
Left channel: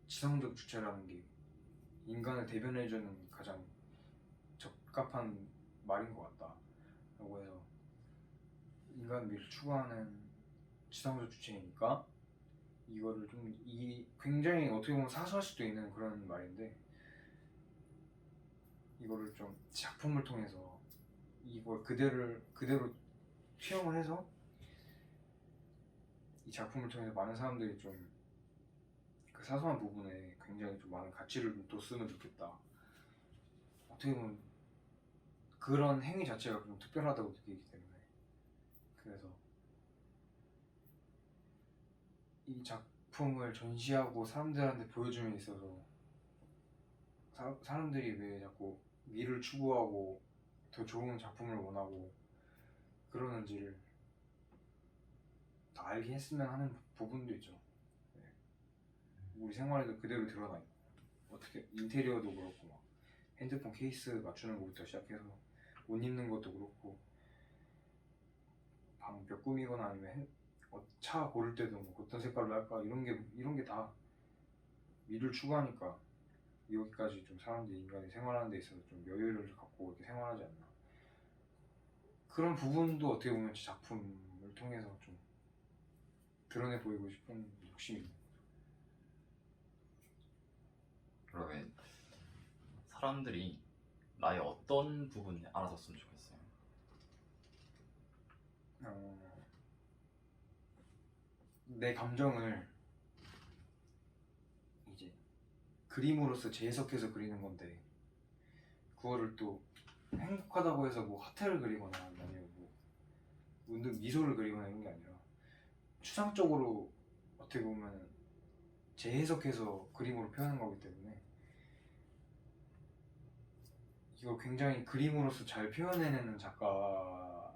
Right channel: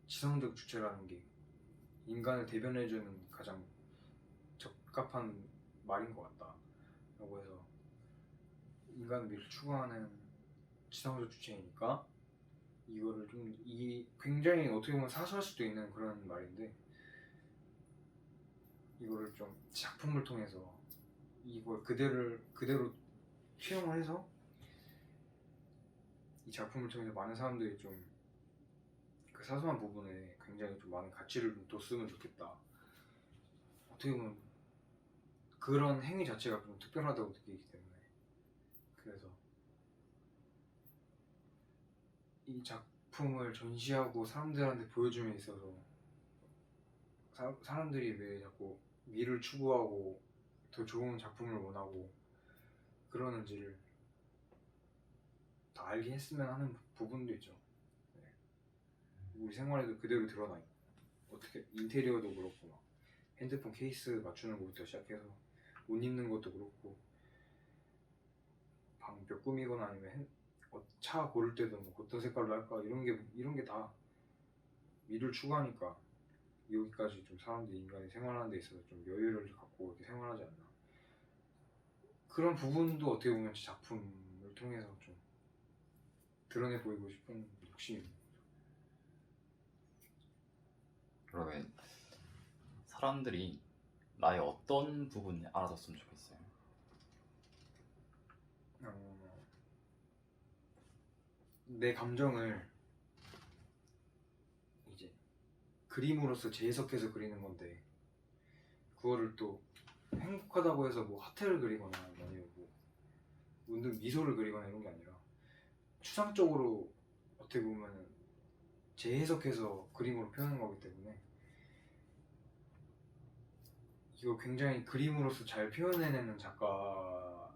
지성적 주체라는 게 인간을 대변해주는 가장 적합한 말인 것 같다. 라고 해서 인간 미를 추구하는 지성적 주체이니까 이거를 좀 굉장히 어떻게 보면 사소할 수도 있는 그런 말인데 이거를 좀 작품을 통해서 이걸 그대로 투영을 해서 이 작품을 통해서 많은 사람들이 좀 그 사소한 부분에 굉장히 좀 많은 가치를 뒀으면 좋겠다. 어떻게 보면 그런 행위 자체가 좀 특별하다고 느끼기 때문에 그래서 이 작품을 전시하고 사람들한테 보여줌에 있어서 사람들이 왜 자꾸 미를 추구하고 더 좋은 작품을 원하고 그러는지를 더 알게 했으면 하는 부분도 있죠. 네. 우리 생활에도 그대로 드러나 있고 어떻게 인테리어도 그렇고 막 핸드폰 케이스 맞추는 것부터 시작해서 옷 입는 것도 그렇고 방벽 꾸미거나 아니면 차 고를 때도 뭐 어떤 색깔로 할까 이런 게 다 미를 추구하니까 여기까지 좀 사람들이 인간이 생활하는 데 있어서 좀 여유를 갖고 이렇게 생활하지 않나. 그런 부분도 어떻게 보면 작품을 통해서 좀 드러내 보이고 싶은 욕심입니다. 그러면 사람들이 나의 어떤 부분을 알아줬으면 좋겠어요? 내 감정을 이제 그림으로서 재해석해서 그리는 건데 그거를 또 행복하다고 해서 뭐 하트를 그리거나 아니면 뭐 문득 미소를 그리거나 이런 게 아니라 추상적으로 어떻게 보면 재해석해서 그림으로 표현한 거기 때문에 이걸 굉장히 그림으로서 잘 표현해내는 작가라고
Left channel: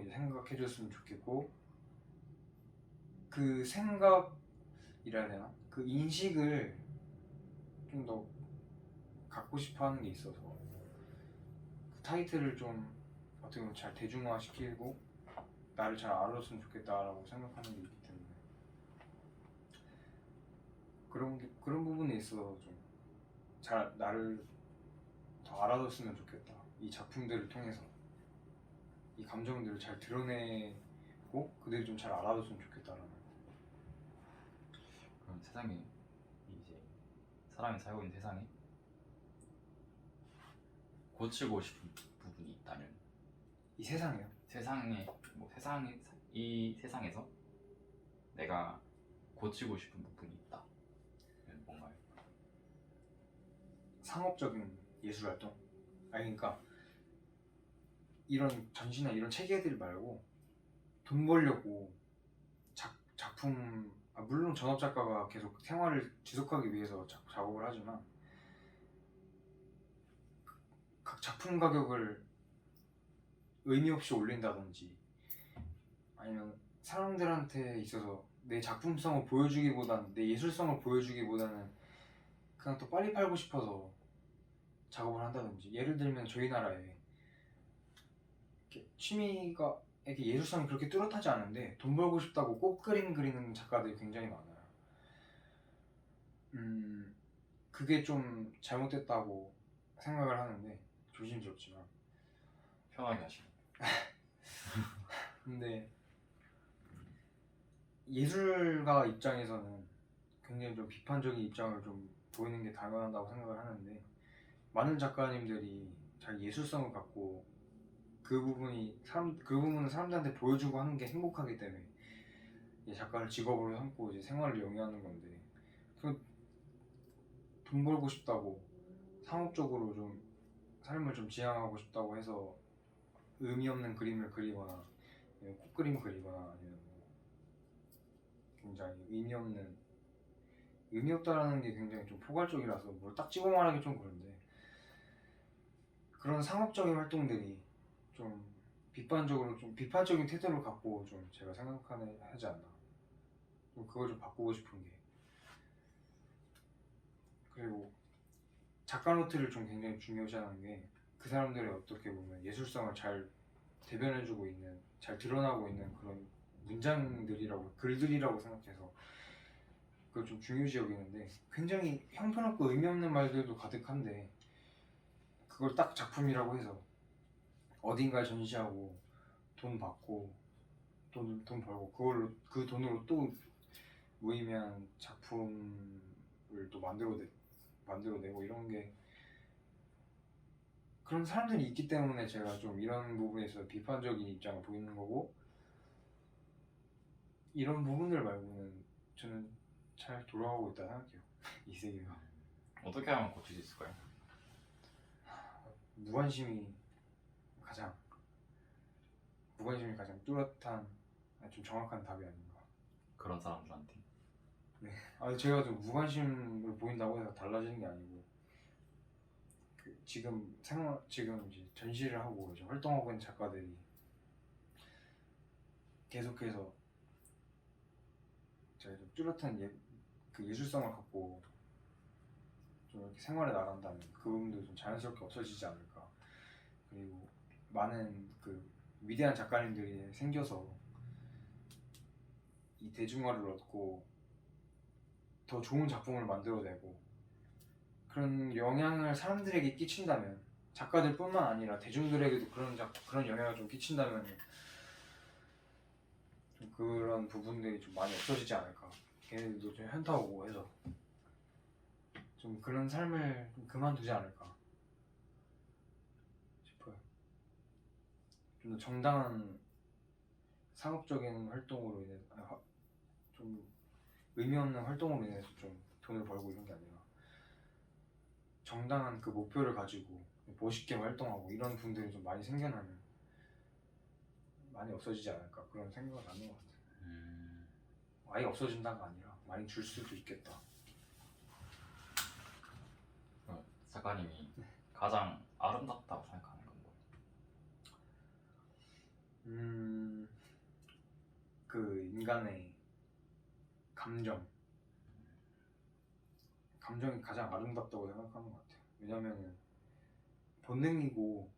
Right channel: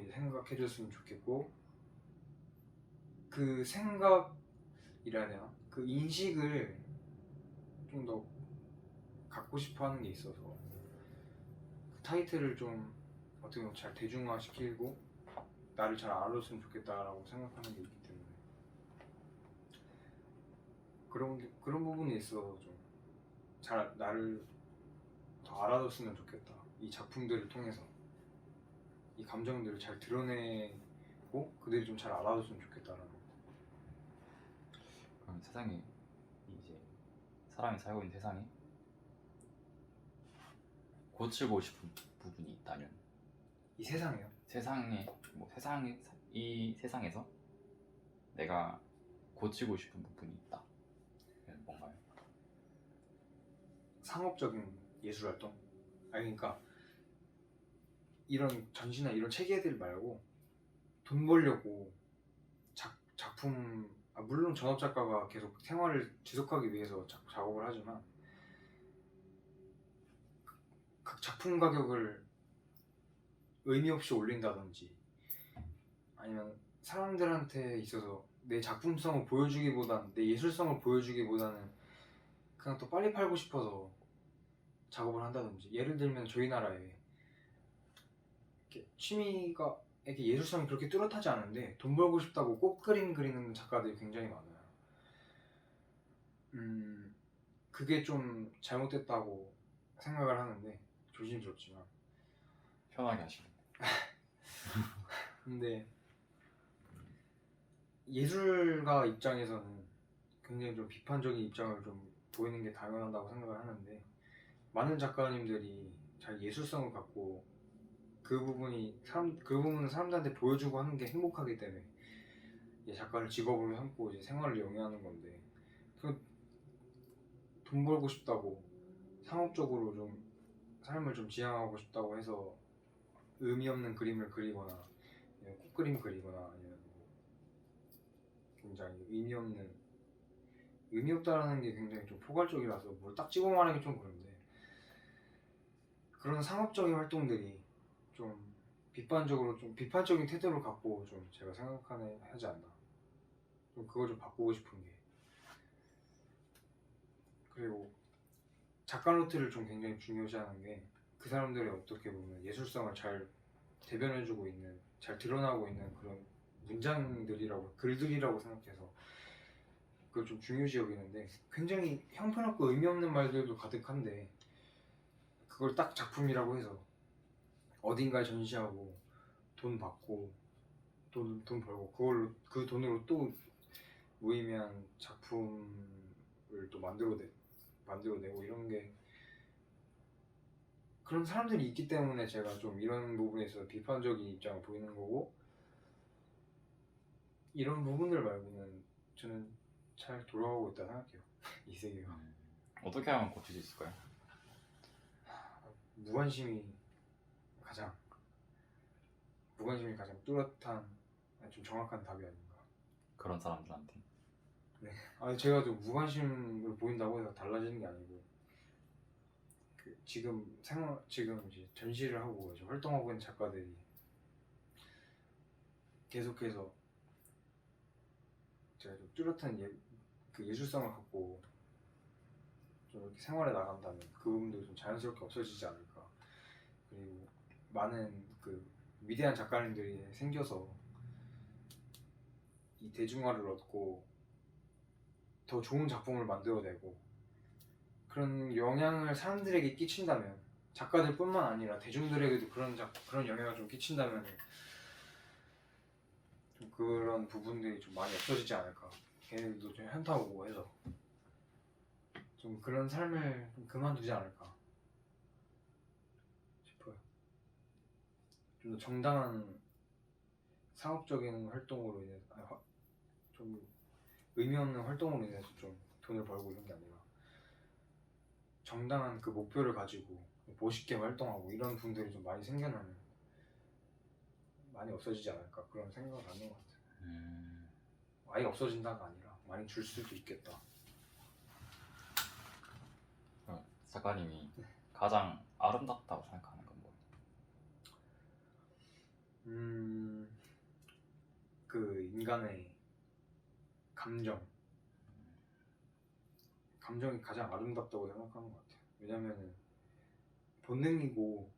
이제 생각해 줬으면 좋겠고, 그 생각이라 해야 되나? 그 인식을 좀 더 갖고 싶어 하는 게 있어서 그 타이틀을 좀 어떻게 보면 잘 대중화시키고 나를 잘 알아줬으면 좋겠다라고 생각하는 게 있기 때문에 그런 부분에 있어서 좀 잘 나를 더 알아줬으면 좋겠다. 이 작품들을 통해서 이 감정들을 잘 드러내고 그들이 좀 잘 알아줬으면 좋겠다라는 거. 그럼 세상에 이제 사람이 살고 있는 세상에 고치고 싶은 부분이 있다면 이 세상이요. 세상에 뭐 세상에 이 세상에서 내가 고치고 싶은 부분이 있다. 그건 뭔가요? 상업적인 예술 활동. 아니 그러니까 이런 전시나 이런 체계들 말고 돈 벌려고 작품 물론 전업 작가가 계속 생활을 지속하기 위해서 작업을 하지만 각 작품 가격을 의미 없이 올린다든지 아니면 사람들한테 있어서 내 작품성을 보여주기보다는 내 예술성을 보여주기보다는 그냥 또 빨리 팔고 싶어서 작업을 한다든지, 예를 들면 저희 나라에 이렇게 취미가 이렇게 예술성이 그렇게 뚜렷하지 않은데 돈 벌고 싶다고 꽃그림 그리는 작가들이 굉장히 많아요. 그게 좀 잘못됐다고 생각을 하는데 조심스럽지만 편하게 하시고. 근데 예술가 입장에서는 굉장히 좀 비판적인 입장을 좀 보이는 게 당연하다고 생각을 하는데, 많은 작가님들이 잘 예술성을 갖고 그 부분은 사람들한테 보여주고 하는 게 행복하기 때문에 이제 작가를 직업으로 삼고 이제 생활을 영위하는 건데, 그 돈 벌고 싶다고 상업적으로 좀 삶을 좀 지향하고 싶다고 해서 의미 없는 그림을 그리거나 아니면 꽃그림 그리거나 아니면 뭐 굉장히 의미 없다라는 게 굉장히 좀 포괄적이라서 뭘 딱 찍어 말하기 좀 그런데, 그런 상업적인 활동들이 좀 비판적인 태도를 갖고 좀 제가 하지 않나. 좀 그걸 좀 바꾸고 싶은 게, 그리고 작가 노트를 좀 굉장히 중요시하는 게 그 사람들의 어떻게 보면 예술성을 잘 대변해주고 있는, 잘 드러나고 있는 그런 글들이라고 생각해서 그걸 좀 중요시 여기는데, 굉장히 형편없고 의미 없는 말들도 가득한데 그걸 딱 작품이라고 해서 어딘가에 전시하고 돈 받고 돈 벌고 그 돈으로 또 무의미한 작품을 또 만들어내고 이런 게, 그런 사람들이 있기 때문에 제가 좀 이런 부분에서 비판적인 입장을 보이는 거고, 이런 부분들 말고는 저는 잘 돌아가고 있다 생각해요. 이 세계가. 어떻게 하면 고칠 수 있을까요? 무관심이 가장 뚜렷한 좀 정확한 답이 아닌가. 그런 사람들한테. 제가 좀 무관심을 보인다고 해서 달라지는 게 아니고, 지금 이제 전시를 하고 이제 활동하고 있는 작가들이 계속해서 제가 좀 뚜렷한 그 예술성을 갖고 좀 이렇게 생활에 나간다면 그 부분도 좀 자연스럽게 없어지지 않을까. 그리고 많은 그 위대한 작가님들이 생겨서 이 대중화를 얻고 더 좋은 작품을 만들어내고 그런 영향을 사람들에게 끼친다면, 작가들뿐만 아니라 대중들에게도 그런 영향을 좀 끼친다면 좀 그런 부분들이 좀 많이 없어지지 않을까. 걔네들도 좀 현타 오고 해서 좀 그런 삶을 좀 그만두지 않을까 싶어요. 좀 더 정당한 상업적인 활동으로 인해서 좀 의미 없는 활동으로 인해서 좀 돈을 벌고 이런 게 아니라 정당한 그 목표를 가지고 멋있게 활동하고 이런 분들이 좀 많이 생겨나면 많이 없어지지 않을까 그런 생각을 하는 것 같아요. 아예 없어진다가 아니라 많이 줄 수도 있겠다. 작가님이 가장 아름답다고 생각하는 건 뭐예요? 그 인간의 감정이 가장 아름답다고 생각하는 것 같아요. 왜냐면은 본능이고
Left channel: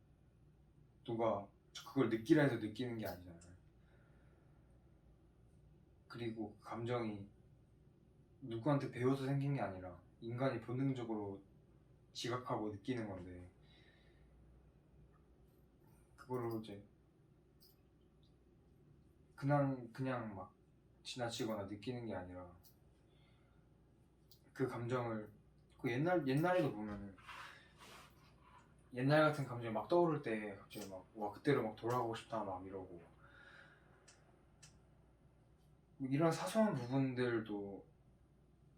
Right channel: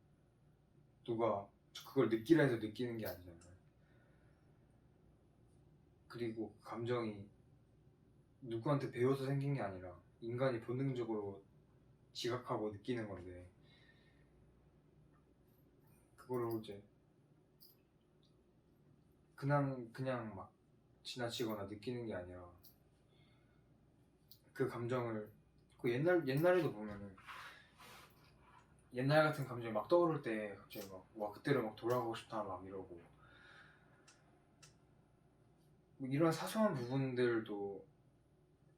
누가 그걸 느끼라 해서 느끼는 게 아니잖아요. 그리고 그 감정이 누구한테 배워서 생긴 게 아니라 인간이 본능적으로 지각하고 느끼는 건데 그거를 이제 그냥 막 지나치거나 느끼는 게 아니라 그 감정을 그 옛날에도 보면은 옛날 같은 감정이 막 떠오를 때 갑자기 막 와 그때로 막 돌아가고 싶다 막 이러고 뭐 이런 사소한 부분들도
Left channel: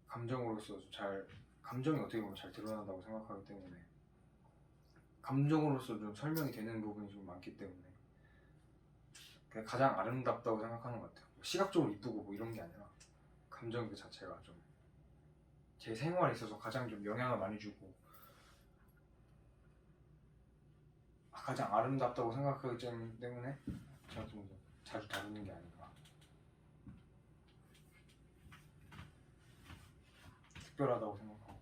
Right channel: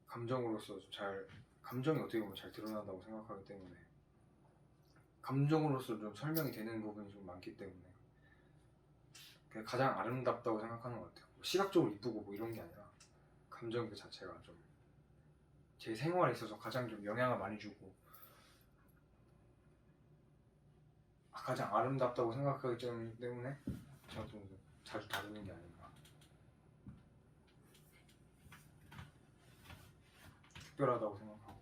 감정으로서 감정이 어떻게 보면 잘 드러난다고 생각하기 때문에 감정으로서 좀 설명이 되는 부분이 좀 많기 때문에 그게 가장 아름답다고 생각하는 것 같아요. 뭐 시각적으로 이쁘고 뭐 이런 게 아니라 감정 그 자체가 좀 제 생활에 있어서 가장 좀 영향을 많이 주고 가장 아름답다고 생각하기 때문에 제가 좀 자주 다루는 게 아닌가. 특별하다고 생각하고.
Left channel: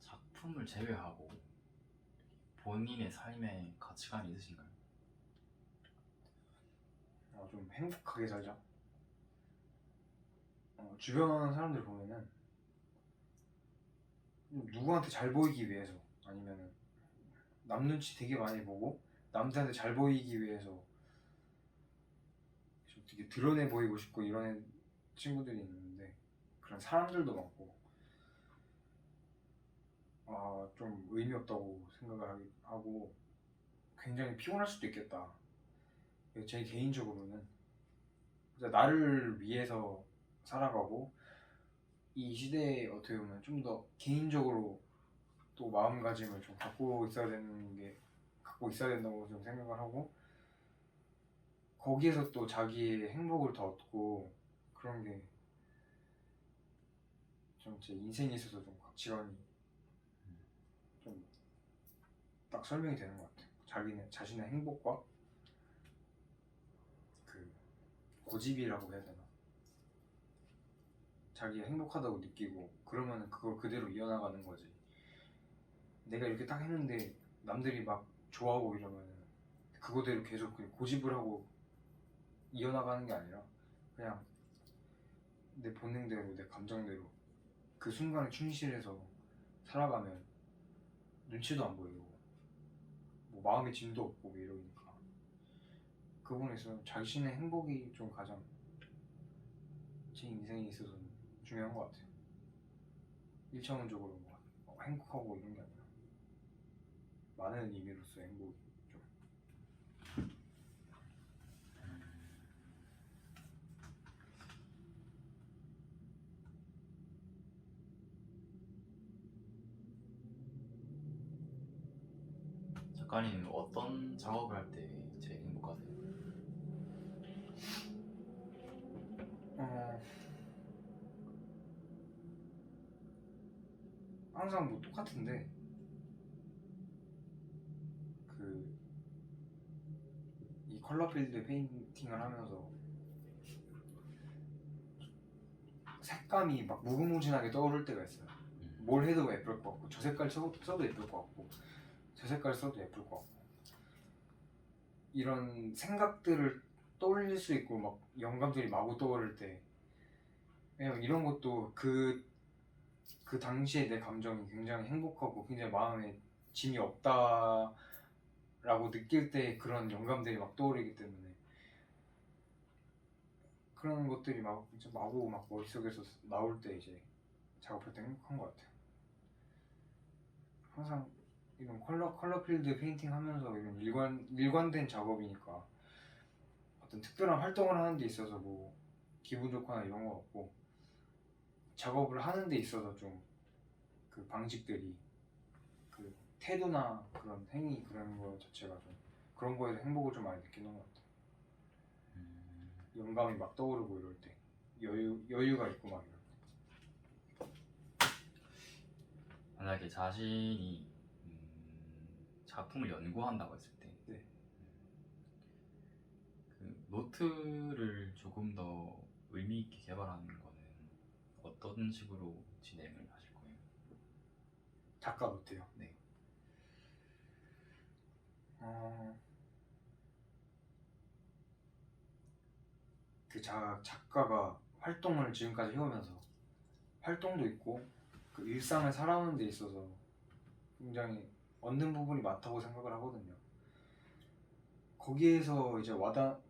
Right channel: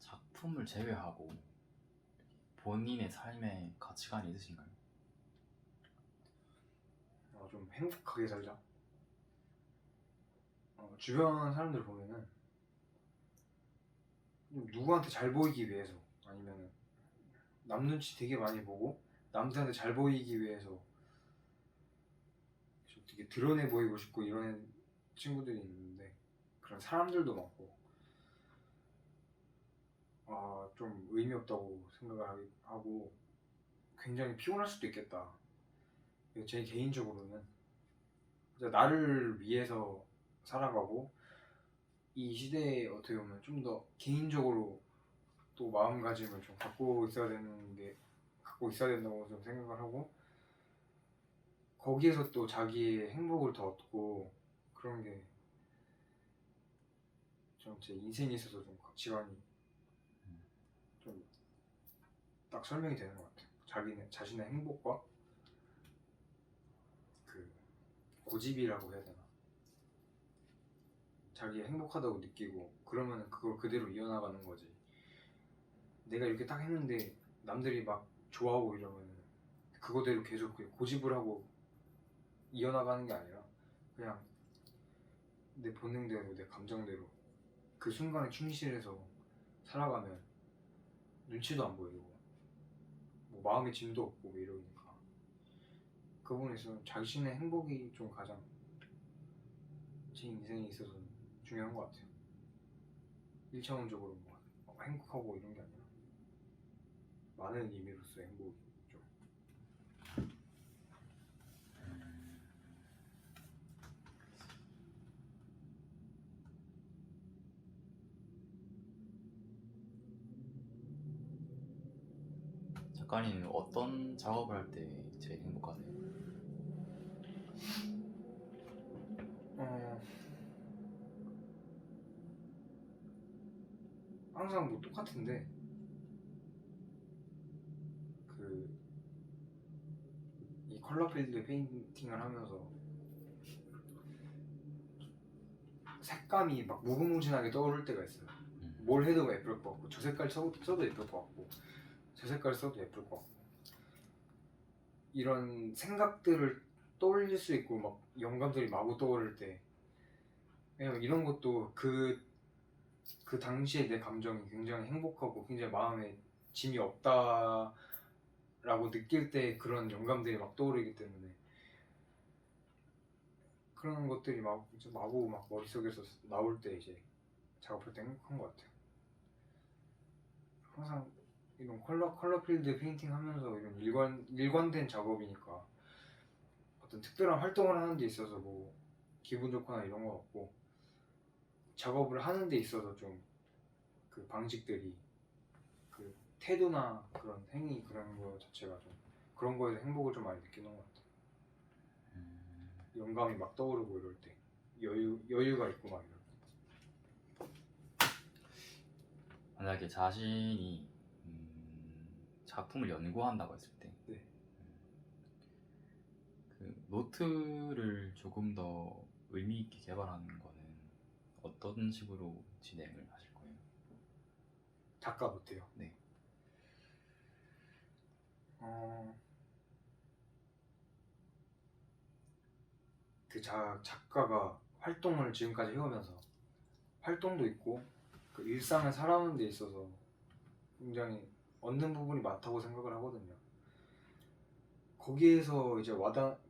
작품을 제외하고 본인의 삶의 가치관이 있으신가요? 좀 행복하게 살자. 주변 사람들 보면은 누구한테 잘 보이기 위해서 아니면은 남 눈치 되게 많이 보고 남들한테 잘 보이기 위해서 좀 되게 드러내 보이고 싶고 이런 친구들이 있는데 그런 사람들도 많고 좀 의미 없다고 생각을 하고 굉장히 피곤할 수도 있겠다. 제 개인적으로는 이제 나를 위해서 살아가고 이 시대에 어떻게 보면 좀 더 개인적으로 또 마음가짐을 좀 갖고 있어야 된다고 좀 생각을 하고 거기에서 또 자기의 행복을 더 얻고 그런 게 좀 제 인생에 있어서 좀 가치관이 좀 딱 설명이 되는 것 같아요. 자신의 행복과 그 고집이라고 해야 되나? 자기가 행복하다고 느끼고 그러면 그걸 그대로 이어나가는 거지. 내가 이렇게 딱 했는데 남들이 막 좋아하고 이러면 그거대로 계속 고집을 하고 이어나가는 게 아니라 그냥 내 본능대로 내 감정대로 그 순간에 충실해서 살아가면 눈치도 안 보이고 뭐 마음의 짐도 없고 뭐 이러니까 그 부분에서 자신의 행복이 좀 가장 제 인생에 있어서는 중요한 것 같아요. 1차원적으로 뭐 행복하고 이런 게 아니라 많은 의미로서의 행복이 좀 작가님은 어떤 작업을 할 때 제일 행복하세요? 항상 뭐 똑같은데 이 컬러 필드 페인팅을 하면서 색감이 막 무궁무진하게 떠오를 때가 있어요. 뭘 해도 예쁠 것 같고 저 색깔 써도 예쁠 것 같고 저 색깔 써도 예쁠 것 같고 이런 생각들을 떠올릴 수 있고 막 영감들이 마구 떠오를 때 왜냐면 이런 것도 그 당시에 내 감정이 굉장히 행복하고 굉장히 마음에 짐이 없다라고 느낄 때 그런 영감들이 막 떠오르기 때문에 그런 것들이 이제 마구 막 머릿속에서 나올 때 이제 작업할 때 행복한 것 같아요. 항상 이런 컬러 필드 페인팅 하면서 이런 일관된 작업이니까 어떤 특별한 활동을 하는 데 있어서 뭐 기분 좋거나 이런 거 없고 작업을 하는 데 있어서 좀 그 방식들이 그 태도나 그런 행위 그런 거 자체가 좀 그런 거에서 행복을 좀 많이 느끼는 것 같아요. 영감이 막 떠오르고 이럴 때 여유가 있고 막 이럴 때. 만약에 자신이 작품을 연구한다고 했을 때 네. 그 노트를 조금 더 의미 있게 개발하는 거는 어떤 식으로 진행을 하실 거예요? 작가 노트요. 네. 그 작가가 활동을 지금까지 해오면서 활동도 있고 그 일상을 살아오는 데 있어서 굉장히 얻는 부분이 많다고 생각을 하거든요. 거기에서 이제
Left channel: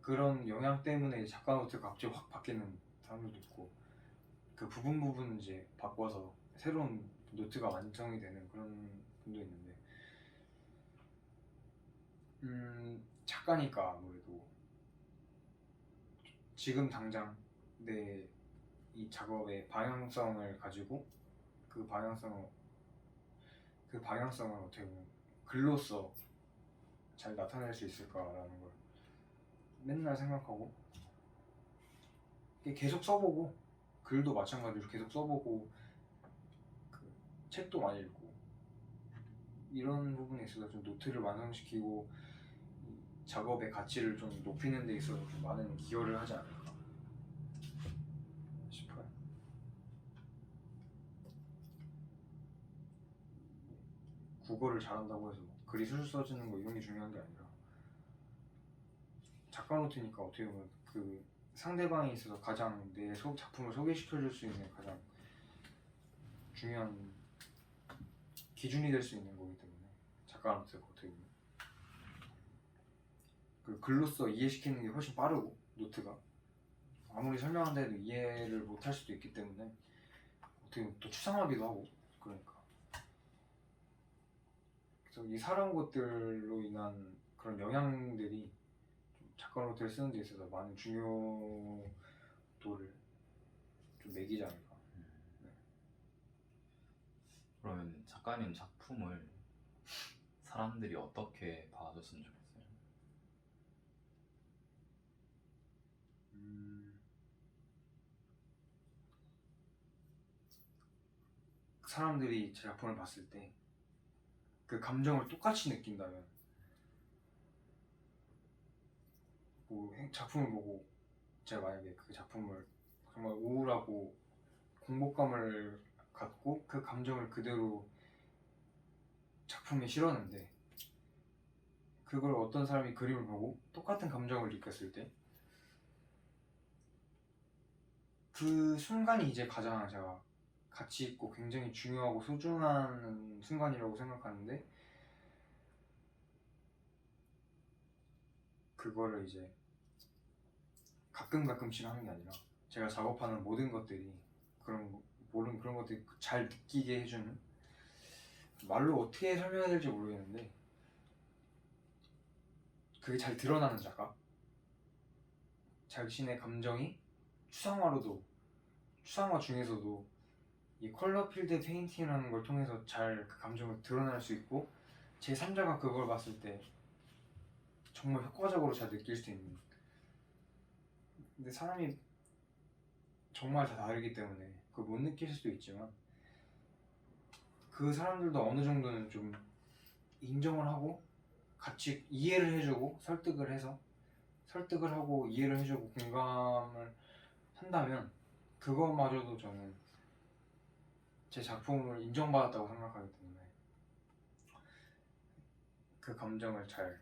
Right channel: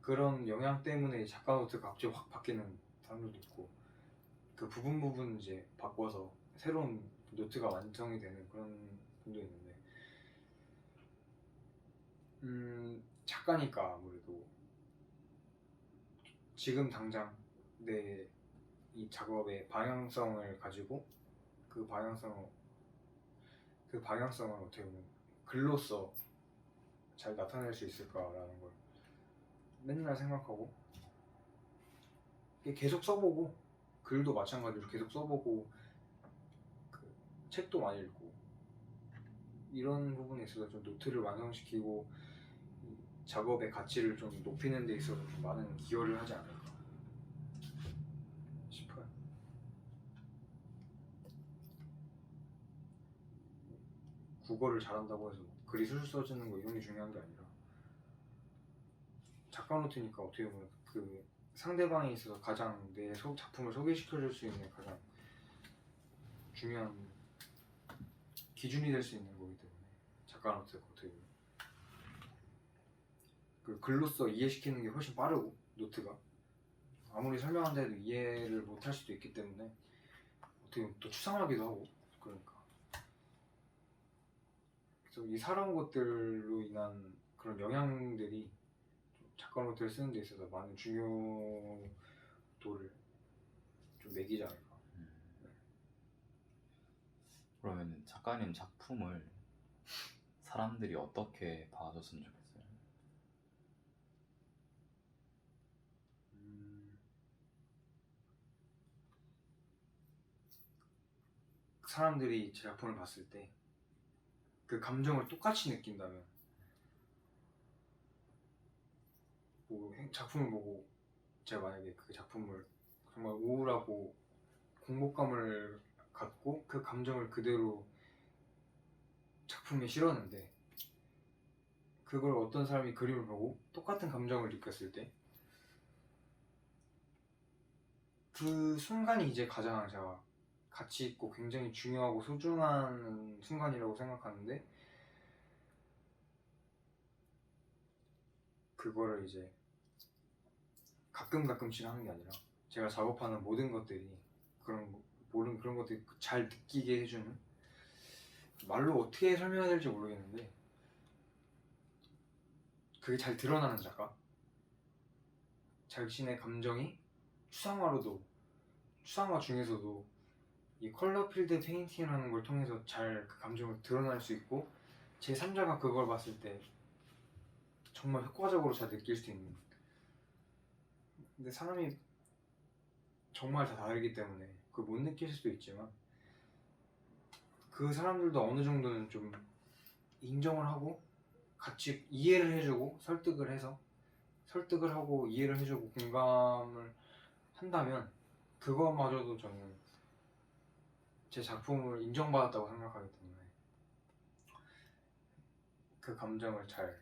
그런 영향 때문에 작가 노트가 갑자기 확 바뀌는 사람들도 있고 그 부분 이제 바꿔서 새로운 노트가 완성이 되는 그런 분도 있는데 작가니까 아무래도 지금 당장 내 이 작업의 방향성을 가지고 그 방향성을 어떻게 보면 글로써 잘 나타낼 수 있을까라는 걸 맨날 생각하고 계속 써보고 글도 마찬가지로 계속 써보고 그 책도 많이 읽고 이런 부분에 있어서 좀 노트를 완성시키고 이 작업의 가치를 좀 높이는 데 있어서 좀 많은 기여를 하지 않을까 싶어요. 국어를 잘한다고 해서 글이 술술 써지는 거 이런 게 중요한 게 아니라 작가 노트니까 어떻게 보면 그 상대방에 있어서 가장 내 작품을 소개시켜줄 수 있는 가장 중요한 기준이 될 수 있는 거기 때문에 작가 노트가 어떻게 보면 그 글로써 이해시키는 게 훨씬 빠르고 노트가 아무리 설명한다 해도 이해를 못할 수도 있기 때문에 어떻게 보면 또 추상하기도 하고 그러니까 그래서 이 살아온 것들로 인한 그런 영향들이 작가 노트를 쓰는 데 있어서 많은 중요도를 좀 매기지 않을까. 네. 그러면 작가님 작품을 사람들이 어떻게 봐줬으면 좋겠어요? 사람들이 제 작품을 봤을 때 그 감정을 똑같이 느낀다면 뭐 작품을 보고 제가 만약에 그 작품을 정말 우울하고 공복감을 갖고 그 감정을 그대로 작품에 실었는데 그걸 어떤 사람이 그림을 보고 똑같은 감정을 느꼈을 때 그 순간이 이제 가장 제가 가치 있고 굉장히 중요하고 소중한 순간이라고 생각하는데 그거를 이제 가끔씩 하는 게 아니라 제가 작업하는 모든 것들이 모든 그런 것들이 잘 느끼게 해주는 말로 어떻게 설명해야 될지 모르겠는데 그게 잘 드러나는 작가 자신의 감정이 추상화 중에서도 이 컬러 필드 페인팅이라는 걸 통해서 잘 그 감정을 드러낼 수 있고 제3자가 그걸 봤을 때 정말 효과적으로 잘 느낄 수 있는 근데 사람이 정말 다 다르기 때문에 그걸 못 느낄 수도 있지만 그 사람들도 어느 정도는 좀 인정을 하고 같이 이해를 해주고 설득을 하고 이해를 해주고 공감을 한다면 그것마저도 저는 제 작품을 인정받았다고 생각하기 때문에 그 감정을 잘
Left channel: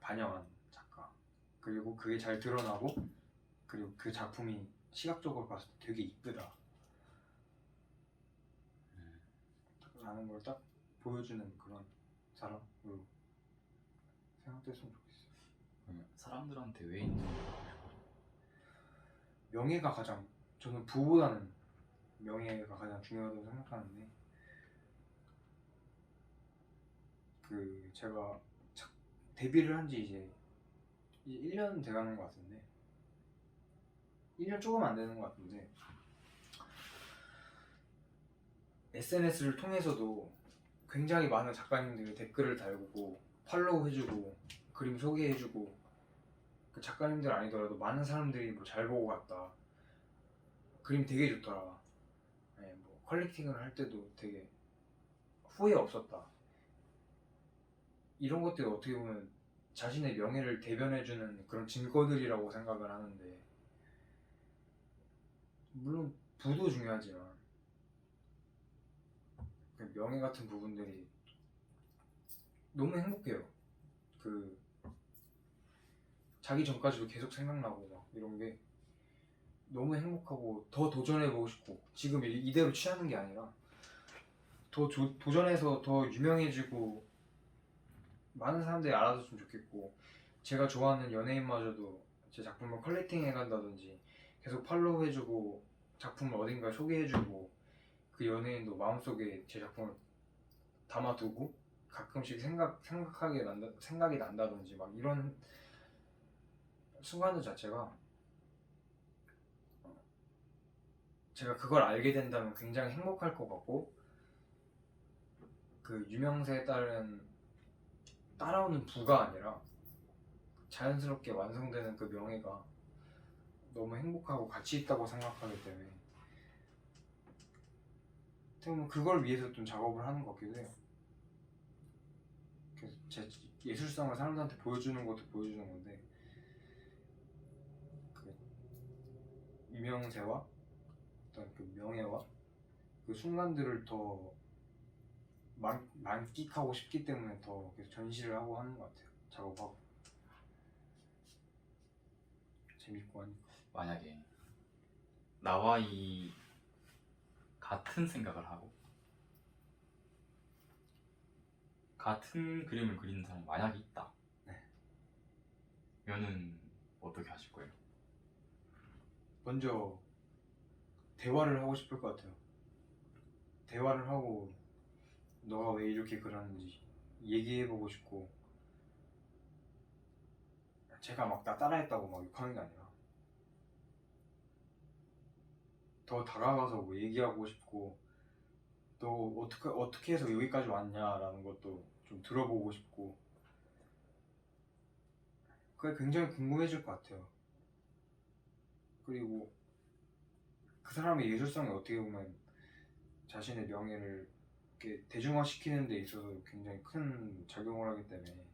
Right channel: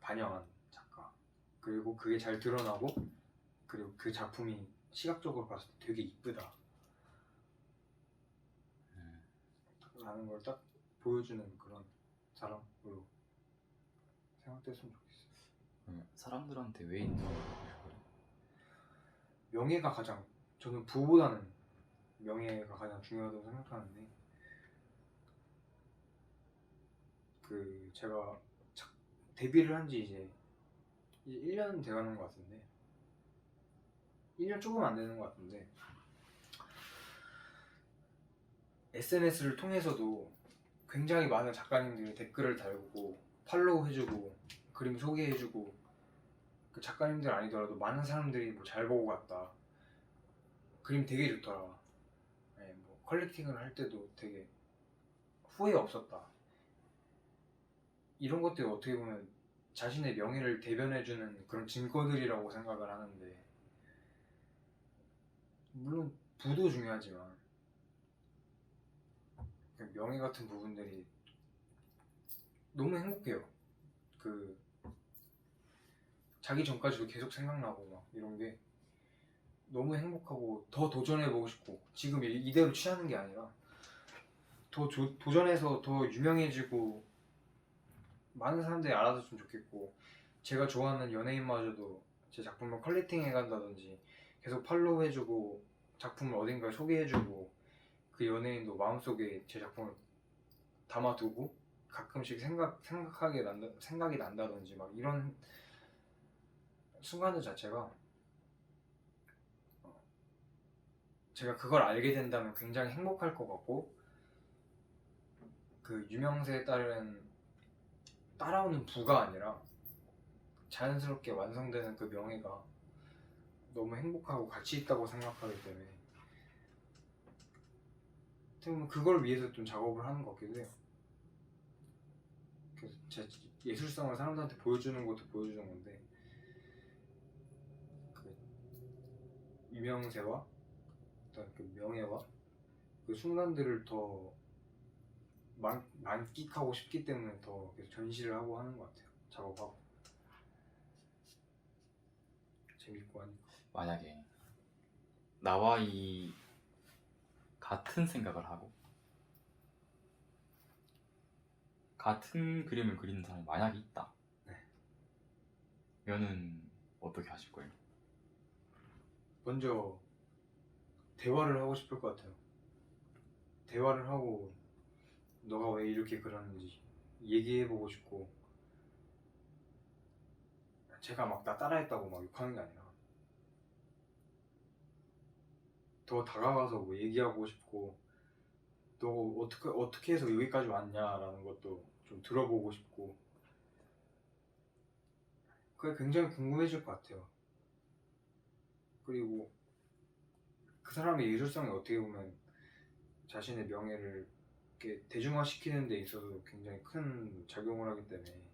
반영한 작가 그리고 그게 잘 드러나고 그리고 그 작품이 시각적으로 봤을 때 되게 이쁘다 라는 걸 딱 보여주는 그런 사람으로 생각됐으면 좋겠어요. 사람들한테 왜 인정을 명예가 가장 저는 부보다는 명예가 가장 중요하다고 생각하는데 그 제가 데뷔를 한 지 이제 1년 돼가는 것 같은데 1년 조금 안 되는 것 같은데 SNS를 통해서도 굉장히 많은 작가님들이 댓글을 달고 팔로우 해주고 그림 소개해주고, 그 작가님들 아니더라도 많은 사람들이 뭐 잘 보고 갔다, 그림 되게 좋더라, 네, 뭐 컬렉팅을 할 때도 되게 후회 없었다, 이런 것들이 어떻게 보면 자신의 명예를 대변해주는 그런 증거들이라고 생각을 하는데, 물론 부도 중요하지만 그 명예 같은 부분들이 너무 행복해요. 그 자기 전까지도 계속 생각나고 막 이런 게 너무 행복하고 더 도전해보고 싶고, 지금 이대로 취하는 게 아니라 더 도전해서 더 유명해지고 많은 사람들이 알아줬으면 좋겠고, 제가 좋아하는 연예인마저도 제 작품을 컬렉팅해 간다든지 계속 팔로우 해주고 작품을 어딘가에 소개해주고, 그 연예인도 마음속에 제 작품을 담아두고 가끔씩 생각이 난다든지 막 이런 순간들 자체가, 제가 그걸 알게 된다면 굉장히 행복할 것 같고, 그 유명세에 따라오는 부가 아니라 자연스럽게 완성되는 그 명예가 너무 행복하고 가치 있다고 생각하기 때문에 어떻게 보면 그걸 위해서 좀 작업을 하는 것 같기도 해요. 그래서 제 예술성을 사람들한테 보여주는 것도 보여주는 건데, 그 유명세와 어떤 그 명예와 그 순간들을 더 만끽하고 싶기 때문에 더 계속 전시를 하고 하는 것 같아요. 작업하고 재밌고 하니까. 만약에 나와 이 같은 생각을 하고 같은 그림을 그리는 사람이 만약에 있다, 네. 면은 어떻게 하실 거예요? 먼저 대화를 하고 싶을 것 같아요. 대화를 하고 너가 왜 이렇게 그러는지 얘기해보고 싶고, 제가 막 나 따라했다고 막 욕하는 게 아니라 더 다가가서 뭐 얘기하고 싶고, 너 어떻게 해서 여기까지 왔냐라는 것도 좀 들어보고 싶고, 그게 굉장히 궁금해질 것 같아요. 그리고 그 사람의 예술성이 어떻게 보면 자신의 명예를 이렇게 대중화시키는 데 있어서 굉장히 큰 작용을 하기 때문에,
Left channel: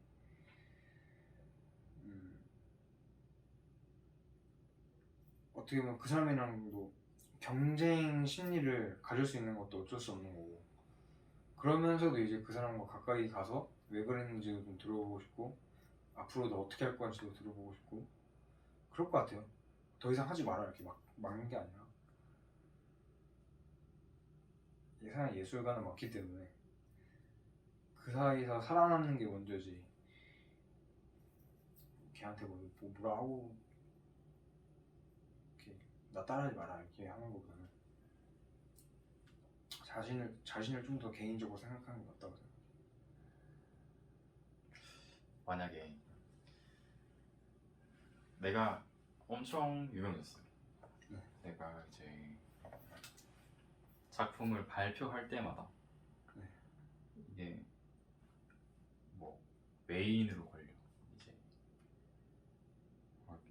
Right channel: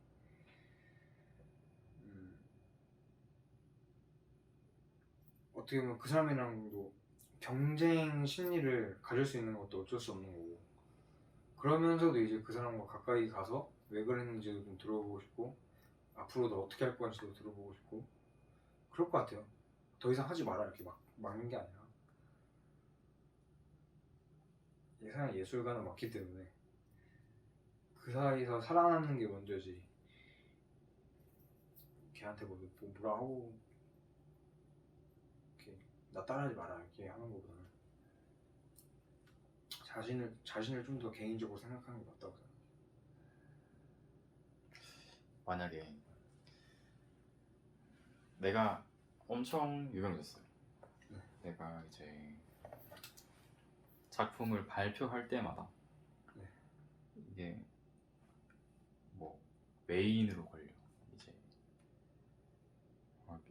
어떻게 보면 그 사람이랑도 경쟁 심리를 가질 수 있는 것도 어쩔 수 없는 거고, 그러면서도 이제 그 사람과 가까이 가서 왜 그랬는지도 좀 들어보고 싶고, 앞으로도 어떻게 할 건지도 들어보고 싶고, 그럴 것 같아요. 더 이상 하지 마라 이렇게 막 막는 게 아니라, 예상의 예술가는 많기 때문에 그 사이에서 살아남는 게 먼저지, 걔한테 뭐라 하고 이렇게 나 따라하지 마라 이렇게 하는 것보다는 자신을 좀 더 개인적으로 생각하는 게 맞다고 생각해요. 만약에 내가 엄청 유명해졌어요. 네. 내가 이제 작품을 발표할 때마다 네. 이게 뭐 메인으로 걸려. 이제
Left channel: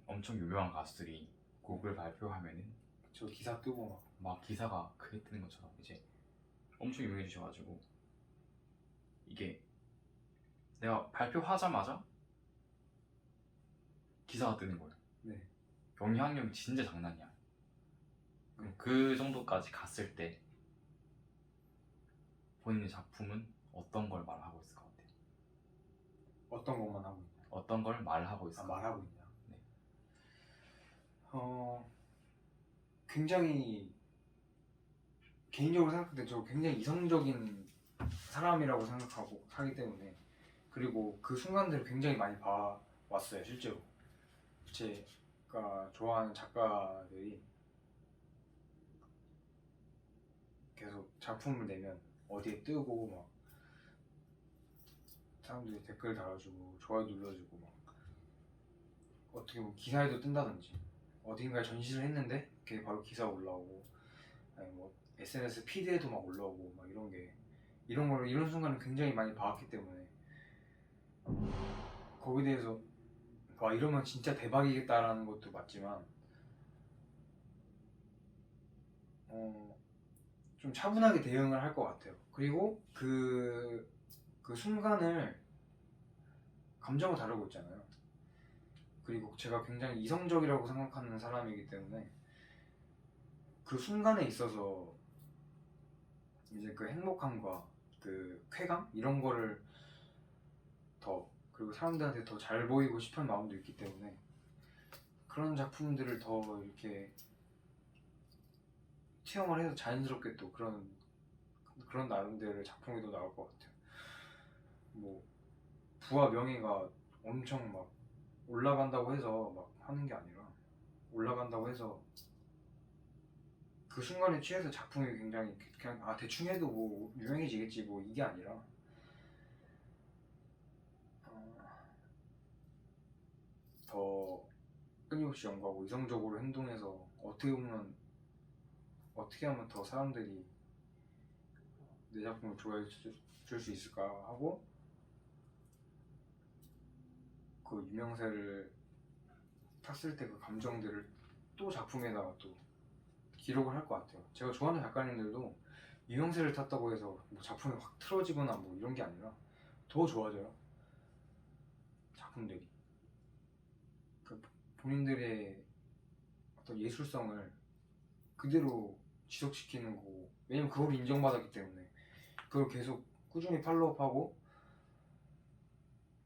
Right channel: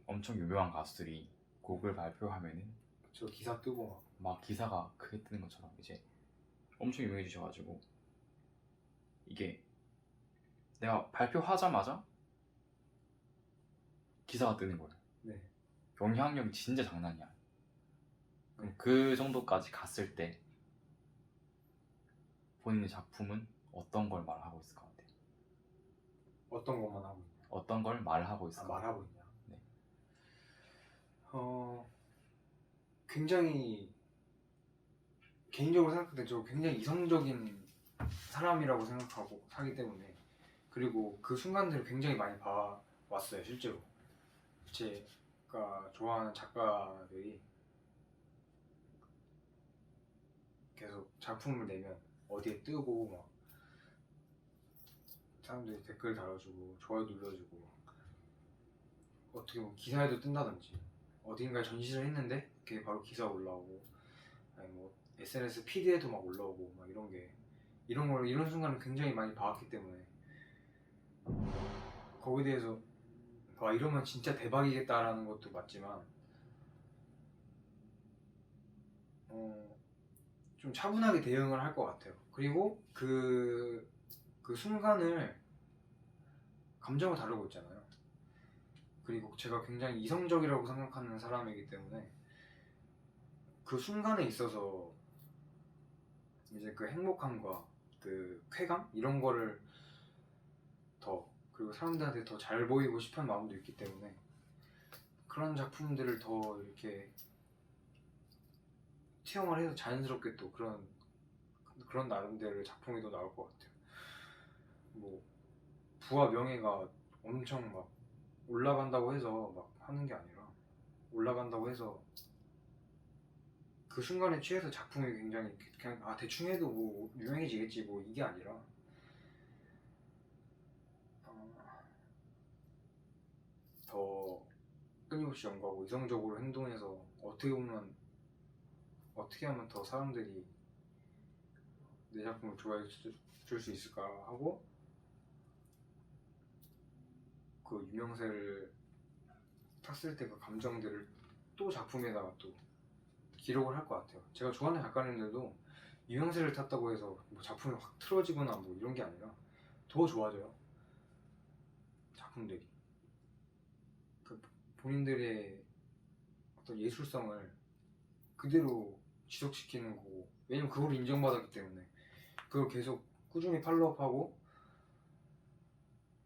엄청 유명한 가수들이 곡을 발표하면은 저 기사 뜨고 막 기사가 크게 뜨는 것처럼 이제 엄청 유명해지셔가지고, 이게 내가 발표하자마자 기사가 뜨는 거예요. 네. 영향력이 진짜 장난이야. 네. 그 정도까지 갔을 때 본인의 작품은 어떤 걸 말하고 있을 것 같아요? 어떤 것만 하고 있냐? 어떤 걸 말하고 있을 것 같아요? 말하고 있냐? 네. 굉장히 개인적으로 생각할 때 저 굉장히 이성적인 사람이라고 생각하고 하기 때문에, 그리고 그 순간들을 굉장히 많이 봐왔어요. 실제로 제가 좋아하는 작가들이 계속 작품을 내면 어디에 뜨고 막 사람들이 댓글 달아주고 좋아요 눌러주고 막 어떻게 보면 기사에도 뜬다든지, 어딘가에 전시를 했는데 그게 바로 기사 올라오고, 아니 뭐 SNS 피드에도 막 올라오고 막 이런 순간을 굉장히 많이 봐왔기 때문에 거기에 대해서 와 이러면 진짜 대박이겠다라는 것도 맞지만 좀 차분하게 대응을 할 것 같아요. 그리고 그 순간을 감정을 다루고 있잖아요. 그리고 제가 굉장히 이성적이라고 생각하는 사람이기 때문에 그 순간에 있어서 이제 그 행복함과 그 쾌감 이런 거를 더 그리고 사람들한테 더 잘 보이고 싶은 마음도 있기 때문에 그런 작품들을 더 이렇게 투영을 해서 자연스럽게 또 그런 나름대로의 작품이 더 나올 것 같아요. 뭐 부와 명예가 엄청 막 올라간다고 해서 막 하는 게 아니라 올라간다고 해서 그 순간에 취해서 작품이 굉장히 그냥 아 대충 해도 뭐 유명해지겠지 뭐 이게 아니라 더 끊임없이 연구하고 이성적으로 행동해서 어떻게 하면 더 사람들이 내 작품을 좋아해 줄 수 있을까 하고 그 유명세를 탔을 때 그 감정들을 또 작품에다가 또 기록을 할 것 같아요. 제가 좋아하는 작가님들도 유명세를 탔다고 해서 뭐 작품이 확 틀어지거나 뭐 이런 게 아니라 더 좋아져요. 작품들이 그 본인들의 어떤 예술성을 그대로 지속시키는 거고 왜냐면 그걸 인정받았기 때문에 그걸 계속 꾸준히 팔로우업하고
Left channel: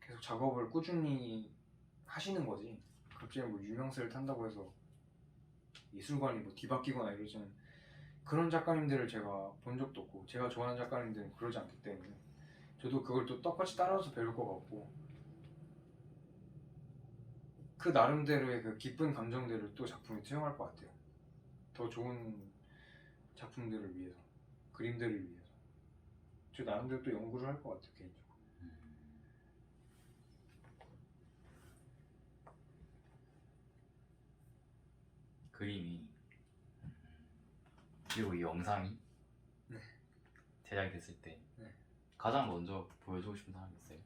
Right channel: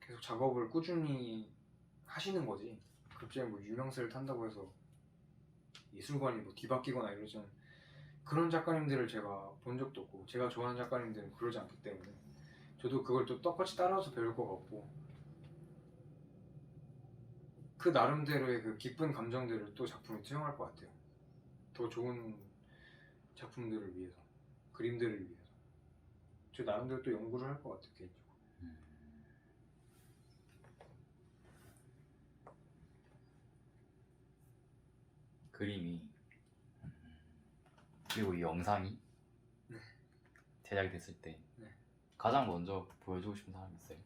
계속 작업을 꾸준히 하시는 거지. 갑자기 뭐 유명세를 탄다고 해서 예술관이 뭐 뒤바뀌거나 이러지는 그런 작가님들을 제가 본 적도 없고 제가 좋아하는 작가님들은 그러지 않기 때문에 저도 그걸 또 똑같이 따라서 배울 것 같고 그 나름대로의 그 기쁜 감정들을 또 작품에 투영할 것 같아요. 더 좋은 작품들을 위해서 그림들을 위해서 저 나름대로 또 연구를 할 것 같아요 개인적으로. 그림이 그리고 이 영상이 네. 제작이 됐을 때 네. 가장 먼저 보여주고 싶은 사람이 있어요?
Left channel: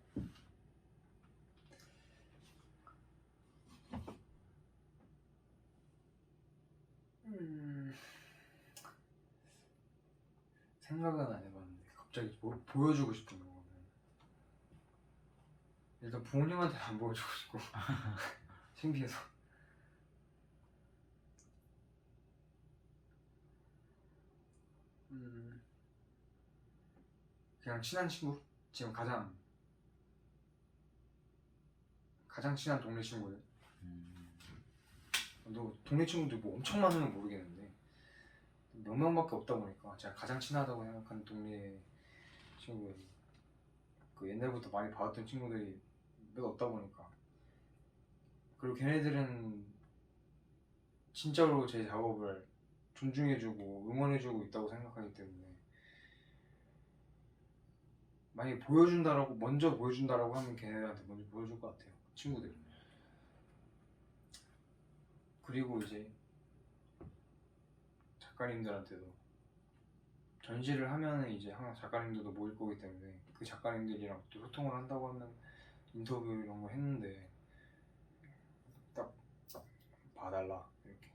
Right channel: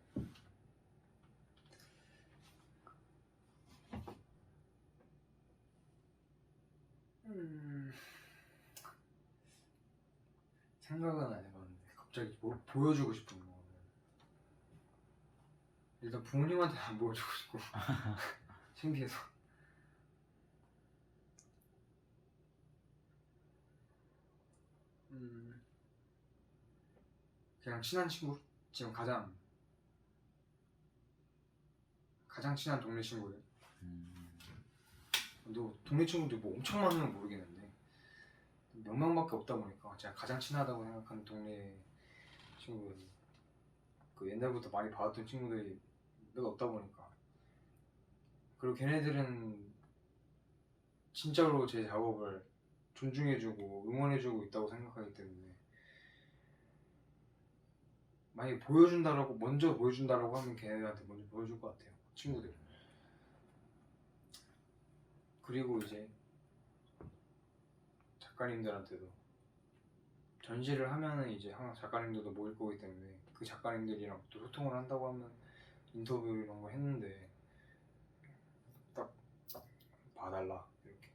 생각은 안 해봤는데 갑자기 뭘 보여주고 싶은 거는 일단 부모님한테는 안 보여주고 싶고 창피해서 그냥 친한 친구 지금 가장 친한 동네 친구들 너 동네 친구들 뭐 엄청 많으면 모르겠는데 몇 명밖에 없다 보니까 제가 가장 친하다고 생각하는 동네 친구들이 그 옛날부터 많이 봐왔던 친구들이 몇 없다 보니까 그리고 걔네들은 진짜로 제 작업을 존중해주고 응원해주고 있다고 생각하기 때문에 만약에 먼저 보여준다라고 하면 걔네들한테 먼저 보여줄 것 같아요 친구들. 그리고 이제 작가님들한테도 전시를 하면은 이제 항상 작가님들도 모일 거기 때문에 그 작가님들이랑 또 소통을 한다고 하면 인터뷰 이런 거 했는데 딱 봐달라 이렇게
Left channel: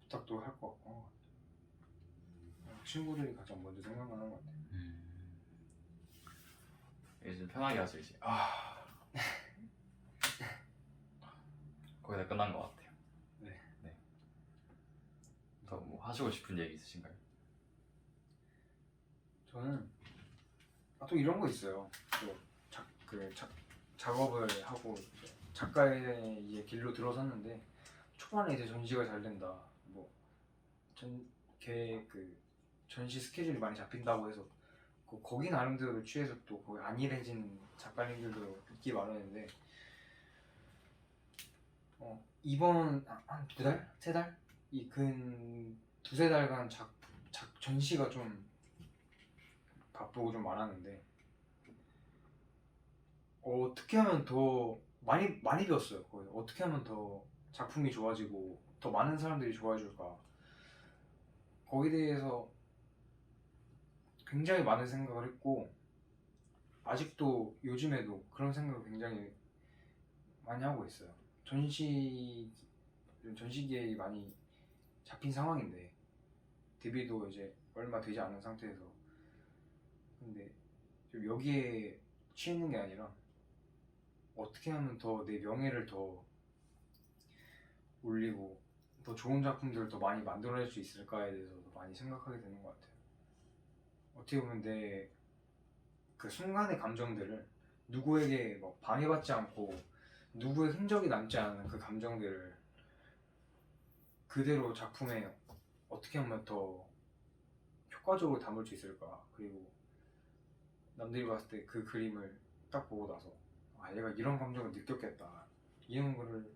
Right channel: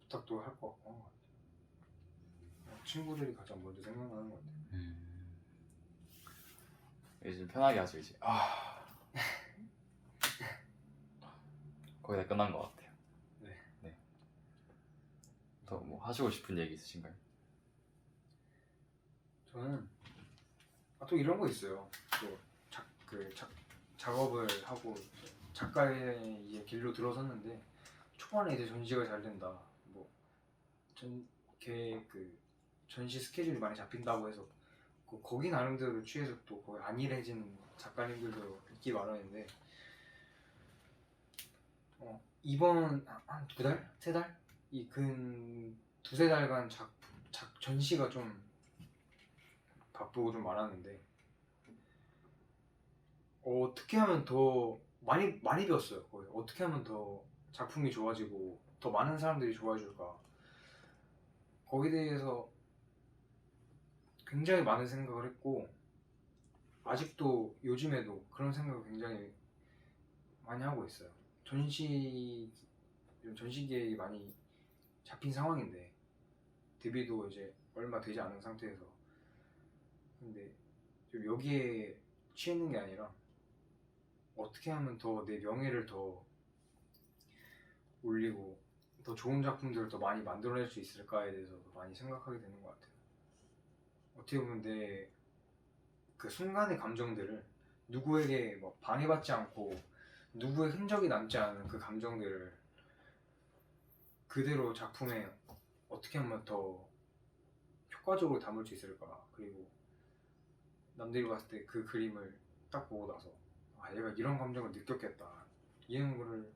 부탁도 할 것 같고 친구들이 가장 먼저 생각나는 것 같아요. 이제 좀 편하게 하죠 이제. 거의 다 끝난 것 같아요. 네. 네. 더 뭐 하시고 싶은 얘기 있으신가요? 저는 또 이런 거 있어요. 또 작업을 하고 이제 작가의 이제 길로 들어섰는데 초반에 이제 전시가 잘 된다. 뭐 그 전시 스케줄이 많이 잡힌다고 해서 거기 나름대로 취해서 또 거기 안일해진 작가님들도 있기 마련인데 이번 한 2달? 3달? 이 근 2~3달간 전시가 좀 바쁘고 좀 많았는데 어떻게 하면 더 많이 배웠어요. 거의 어떻게 하면 더 작품이 좋아지고 더 많은 사람들이 좋아해 줄까 거기에 대해서 굉장히 많은 생각을 했고 아직도 요즘에도 그런 생각을 굉장히 많이 하고 있어요. 전시 계획이 많이 잡힌 상황인데 데뷔도 이제 얼마 되지 않은 상태에서 근데 좀 여기에 취했는 게 아니라 어떻게 하면 더 내 명예를 더 올리고 더 좋은 작품들을 더 많이 만들어낼 수 있을까에 대해서 많이 생각하게 되는 것 같아요. 어떻게 보면 내 그 순간의 감정들을 누구에게 뭐 방해받지 않고 누구의 흔적이 남지 않은 그 감정들을 그대로 작품에 어떻게 하면 더 효과적으로 담을 수 있을까. 그리고 남들이 봤을 때 그 그림을 딱 보고 나서 아 얘가 이런 감정을 느꼈겠다 이런 거를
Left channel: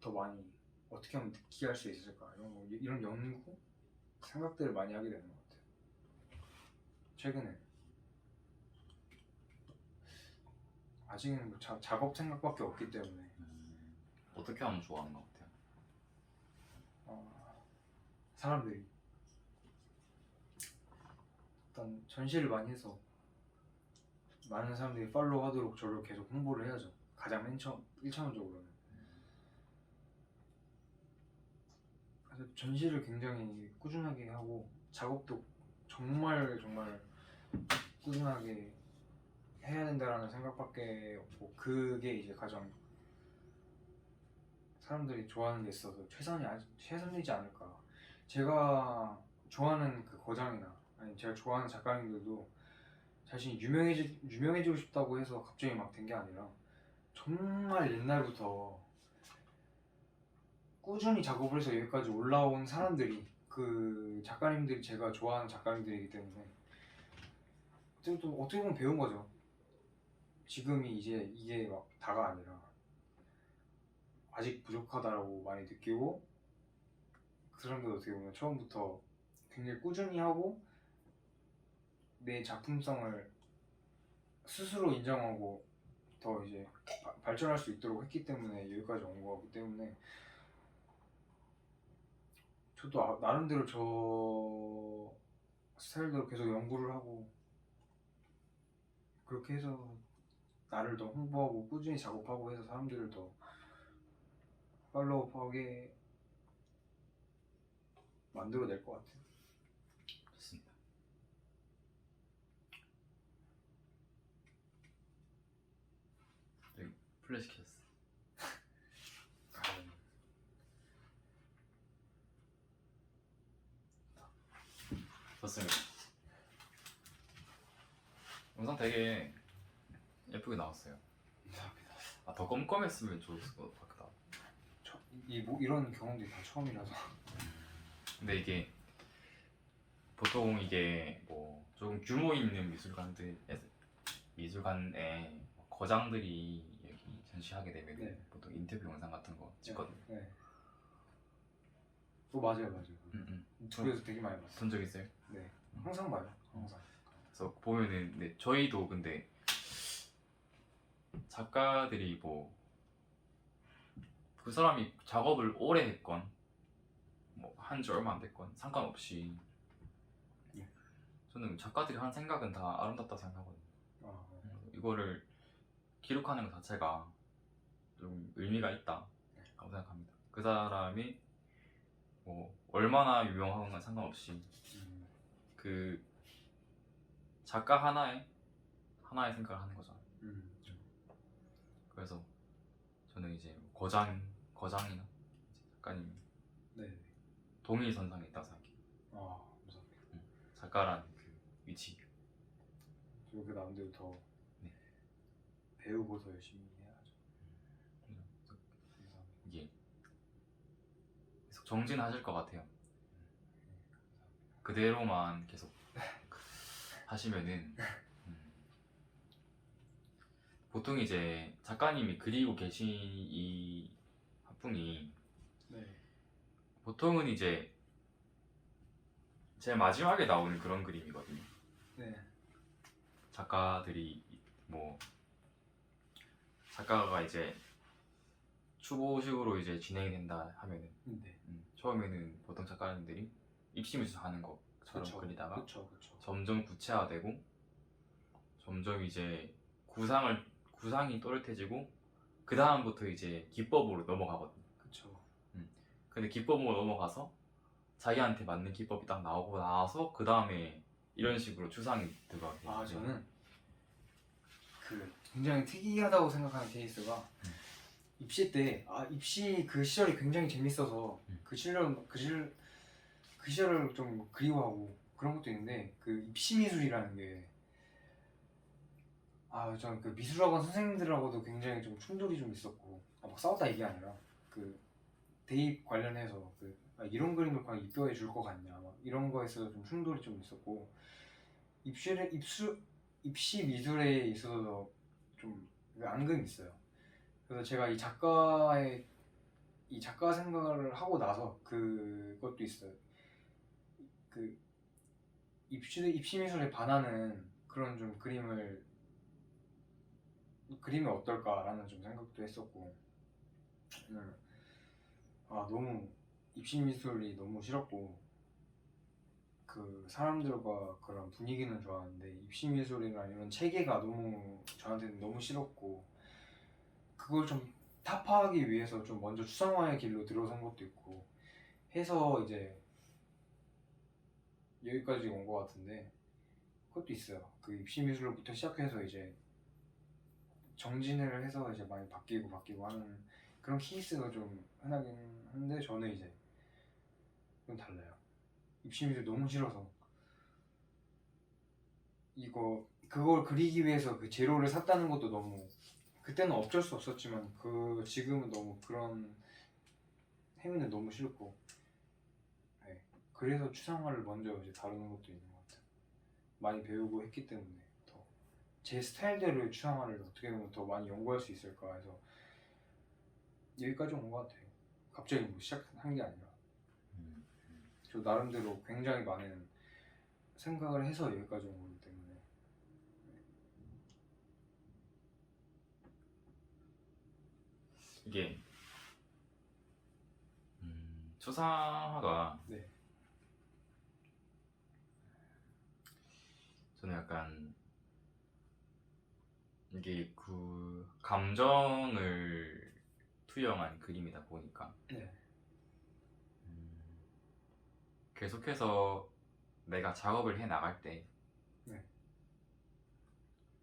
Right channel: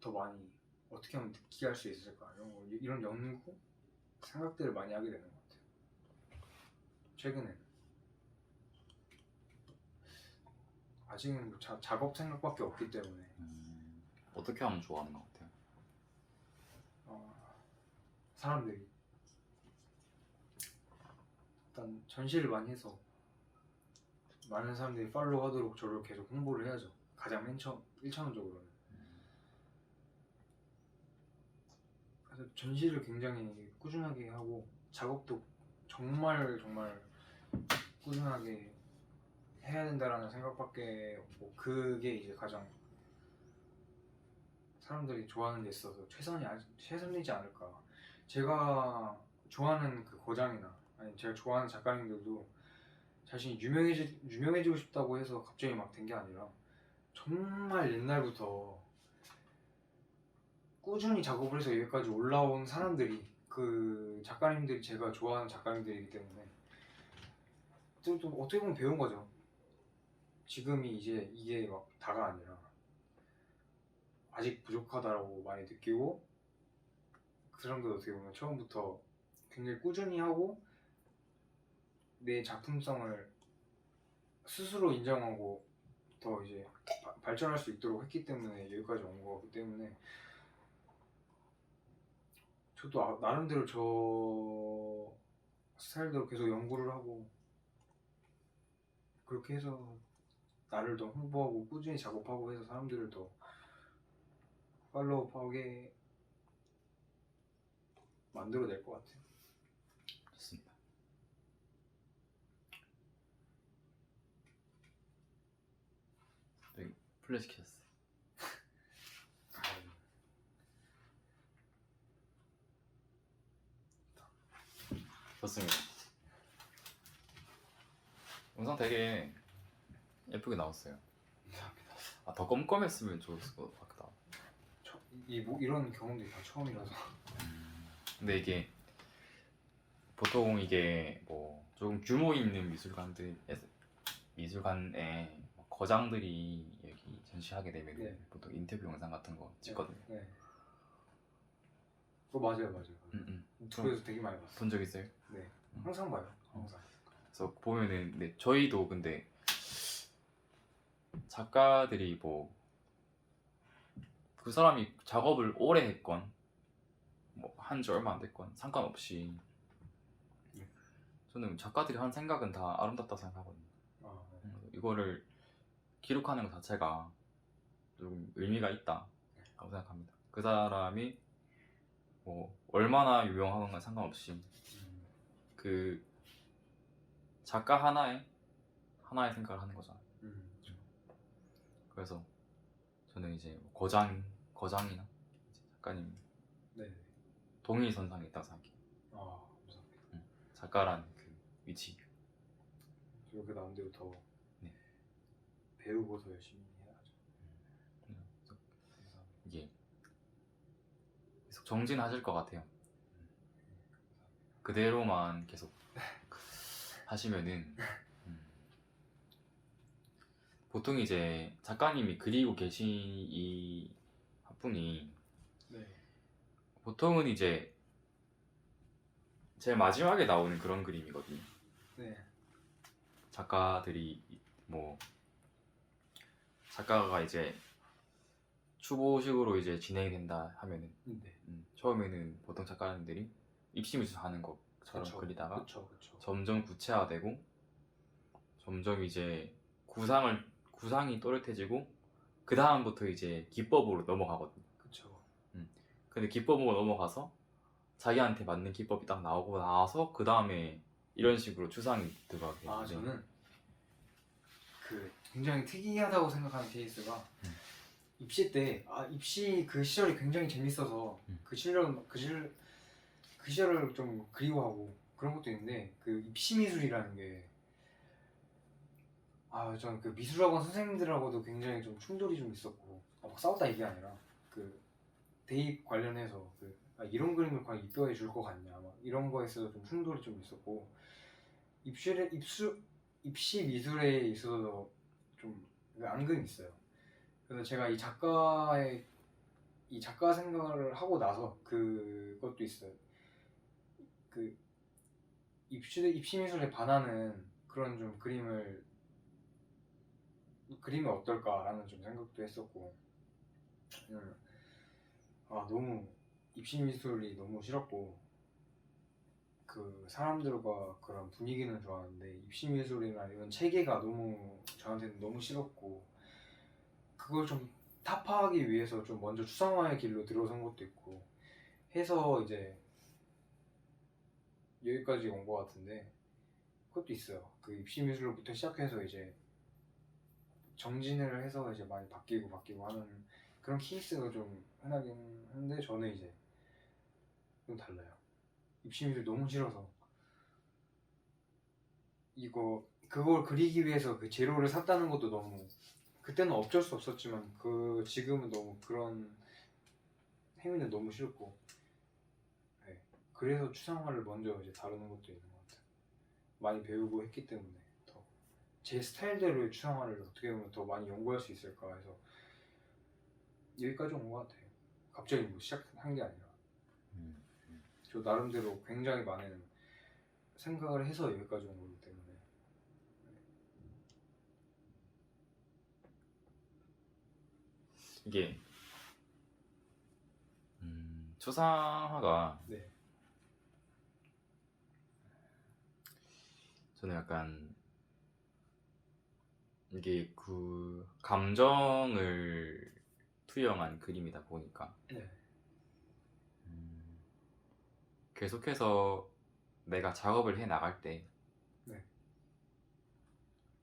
더 많이 어떻게 하면 느끼게 할 수 있을까 이런 연구 생각들을 많이 하게 되는 것 같아요. 최근에 아직은 뭐 작업 생각밖에 없기 때문에 어떻게 하면 좋아하는 것 같아요? 사람들이 일단 전시를 많이 해서 많은 사람들이 팔로우 하도록 저를 계속 홍보를 해야죠. 가장 맨 처음 1차원적으로는. 그래서 전시를 굉장히 꾸준하게 하고 작업도 정말 정말 꾸준하게 해야 된다라는 생각밖에 없고 그게 이제 가장 사람들이 좋아하는 데 있어서 최선이지 않을까. 제가 좋아하는 그 거장이나 아니 제가 좋아하는 작가님들도 자신이 유명해지고 싶다고 해서 갑자기 막 된 게 아니라 정말 옛날부터 꾸준히 작업을 해서 여기까지 올라온 사람들이 그 작가님들이 제가 좋아하는 작가님들이기 때문에 좀 어떻게 보면 배운 거죠. 지금이 이제 이게 막 다가 아니라 아직 부족하다라고 많이 느끼고 그 사람들 어떻게 보면 처음부터 굉장히 꾸준히 하고 내 작품성을 스스로 인정하고 더 이제 발전할 수 있도록 했기 때문에 여기까지 온 거기 때문에 저도 나름대로 저 스타일대로 계속 연구를 하고 그렇게 해서 나를 더 홍보하고 꾸준히 작업하고 해서 사람들을 더 팔로우하게 만들어낼 것 같아요. 좋습니다. 여기 플래시 켰어. 좋습니다. 영상 되게 예쁘게 나왔어요. 감사합니다. 아, 더 껌껌했으면 좋았을 것 같다. 이런 경험들이 다 처음이라서 근데 이게 보통 이게 뭐 조금 규모 있는 미술관에 거장들이 여기 전시하게 되면 네. 보통 인터뷰 영상 같은 거 찍거든요. 네. 맞아요. 유튜브에서 되게 많이 봤어요. 본 적 있어요? 네, 항상 봐요. 항상. 그래서 보면은 네, 저희도 근데 작가들이 뭐 그 사람이 작업을 오래 했건 뭐 한 지 얼마 안 됐건 상관없이 네. 저는 작가들이 한 생각은 다 아름답다 생각하거든요. 네. 이거를 기록하는 것 자체가 좀 의미가 있다고 생각합니다. 그 사람이 뭐 얼마나 유명한 건 상관없이 그 작가 하나의 생각을 하는 거죠. 그래서 저는 이제 거장이나 작가님 네. 동일선상에 있다고 생각해요. 감사합니다. 작가라는 그 위치. 그렇게 나름대로 더 네. 배우고 더 열심히 해야죠. 그래서 감사합니다. 이게 계속 정진하실 것 같아요. 그대로만 계속 하시면은 보통 이제 작가님이 그리고 계신 이 화풍이 네. 보통은 이제 제일 마지막에 나오는 그런 그림이거든요. 네. 작가들이 뭐 작가가 이제 추보식으로 이제 진행이 된다 하면은 네. 처음에는 보통 작가님들이 입시미술 하는 거 그림자처럼 그리다가 그쵸. 점점 구체화되고 점점 이제 구상이 또렷해지고 그 다음부터 이제 기법으로 넘어가거든. 그쵸. 근데 기법으로 넘어가서 자기한테 맞는 기법이 딱 나오고 나서 그 다음에 이런 식으로 추상이 들어가게. 아 저는 그 굉장히 특이하다고 생각하는 케이스가 입시 때 입시 그 시절이 굉장히 재밌어서 그 시절을 좀 그리워하고 그런 것도 있는데 그 입시 미술이라는 게 저는 그 미술학원 선생님들하고도 굉장히 좀 충돌이 좀 있었고 막 싸웠다 이게 아니라 그 대입 관련해서 이런 그림을 과연 입혀해 줄 것 같냐 막 이런 거에서 좀 충돌이 좀 있었고 입시 미술에 있어서 좀 앙금이 있어요. 그래서 제가 이 작가 생각을 하고 나서 그것도 있어요. 그 입시 미술에 반하는 그런 좀 그림이 어떨까라는 좀 생각도 했었고 너무 입시 미술이 너무 싫었고 그 사람들과 그런 분위기는 좋았는데 입시 미술이나 아니면 체계가 저한테는 너무 싫었고 그걸 좀 타파하기 위해서 좀 먼저 추상화의 길로 들어선 것도 있고 해서 이제 여기까지 온 것 같은데 그것도 있어요. 그 입시 미술부터 시작해서 이제 정진을 해서 이제 많이 바뀌고 하는 그런 케이스가 좀 흔하긴 한데 저는 이제 좀 달라요. 입시 미술 너무 싫어서 그걸 그리기 위해서 그 재료를 샀다는 것도 너무 그때는 어쩔 수 없었지만 지금은 너무 그런 행위는 너무 싫고 네. 그래서 추상화를 먼저 이제 다루는 것도 있는 것 같아요. 많이 배우고 했기 때문에 더 제 스타일대로의 추상화를 어떻게 보면 더 많이 연구할 수 있을까 해서 여기까지 온 것 같아요. 갑자기 뭐 시작한 게 아니라 저 나름대로 굉장히 많은 생각을 해서 여기까지 온 거기 때문에 이게 추상화가 네. 저는 약간 이게 그 감정을 투영한 그림이다 보니까 네. 계속해서 내가 작업을 해 나갈 때 네.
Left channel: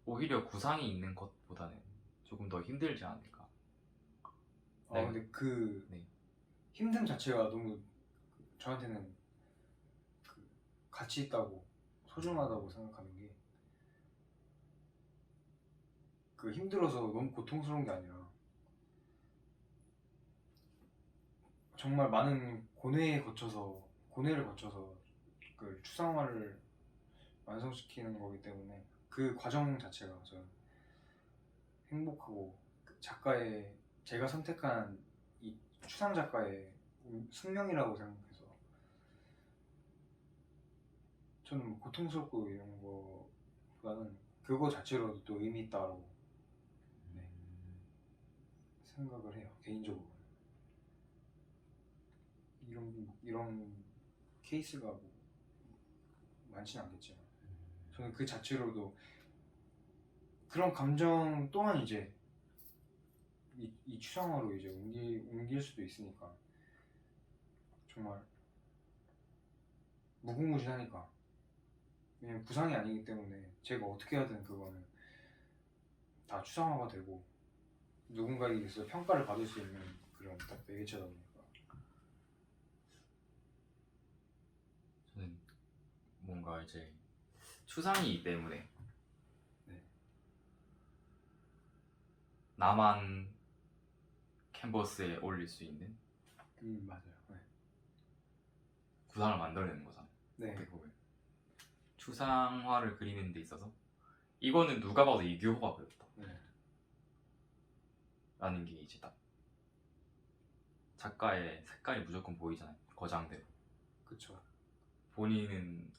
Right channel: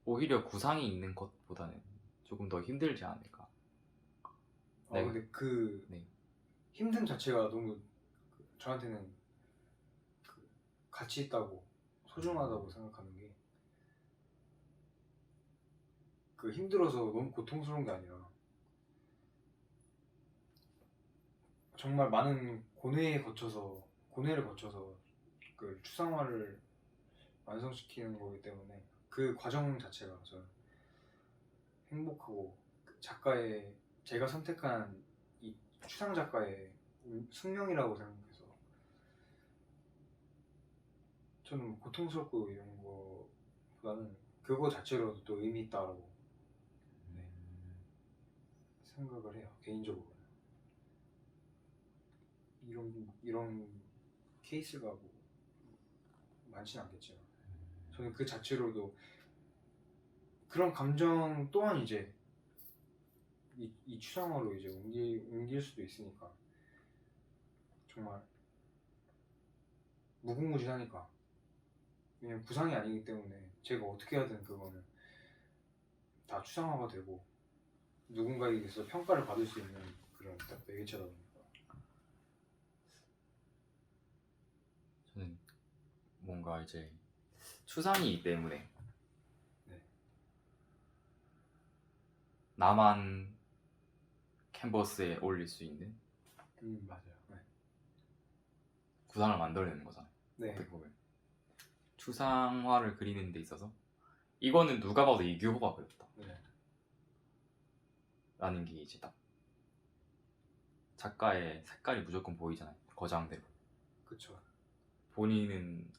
오히려 구상이 있는 것보다는 조금 더 힘들지 않을까. 근데 그 네. 힘듦 자체가 너무 저한테는 그 가치 있다고 소중하다고 생각하는 게 그 힘들어서 너무 고통스러운 게 아니라 정말 많은 고뇌를 거쳐서 그 추상화를 완성시키는 거기 때문에 그 과정 자체가 저는 행복하고 제가 선택한 이 추상 작가의 숙명이라고 생각해서 저는 뭐 고통스럽고 이런 거보다는 그거 자체로도 또 의미 있다고 네, 생각을 해요. 개인적으로 이런 케이스가 뭐 많지는 않겠지만 저는 그 자체로도 그런 감정 또한 이제 이 추상화로 이제 옮길 수도 있으니까 정말 무궁무진하니까 왜냐면 구상이 아니기 때문에 제가 어떻게 하든 그거는 다 추상화가 되고 누군가에게서 평가를 받을 수 있는 그런 딱 매개체다 보니까 저는 뭔가 이제 추상이기 때문에 네. 나만 캔버스에 올릴 수 있는 맞아요. 네. 구상을 만들어내는 거잖아요. 네. 어떻게 보면 추상화를 그리는 데 있어서 이거는 누가 봐도 이규호가 그렸다 네. 라는 게 이제 딱 작가의 색깔이 무조건 보이잖아요. 거장대로. 그쵸. 본인은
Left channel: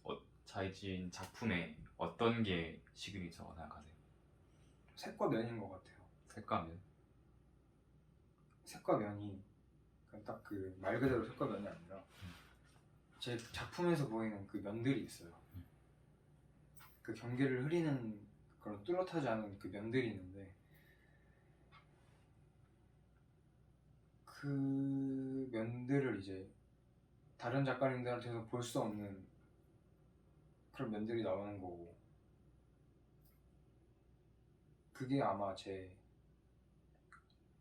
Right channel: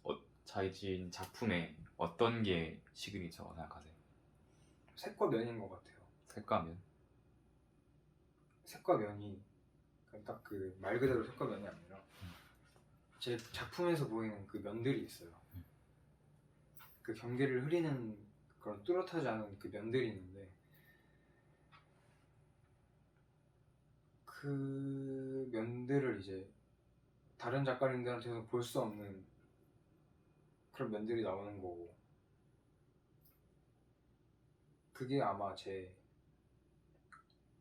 자신 작품에 어떤 게 시그니처라고 생각하세요? 색과 면인 것 같아요. 색감이요? 색과 면이 딱 그 말 그대로 색과 면이 아니라 제 작품에서 보이는 그 면들이 있어요. 그 경계를 흐리는 그런 뚜렷하지 않은 그 면들이 있는데 그 면들을 이제 다른 작가님들한테는 볼 수 없는 그런 면들이 나오는 거고 그게 아마 제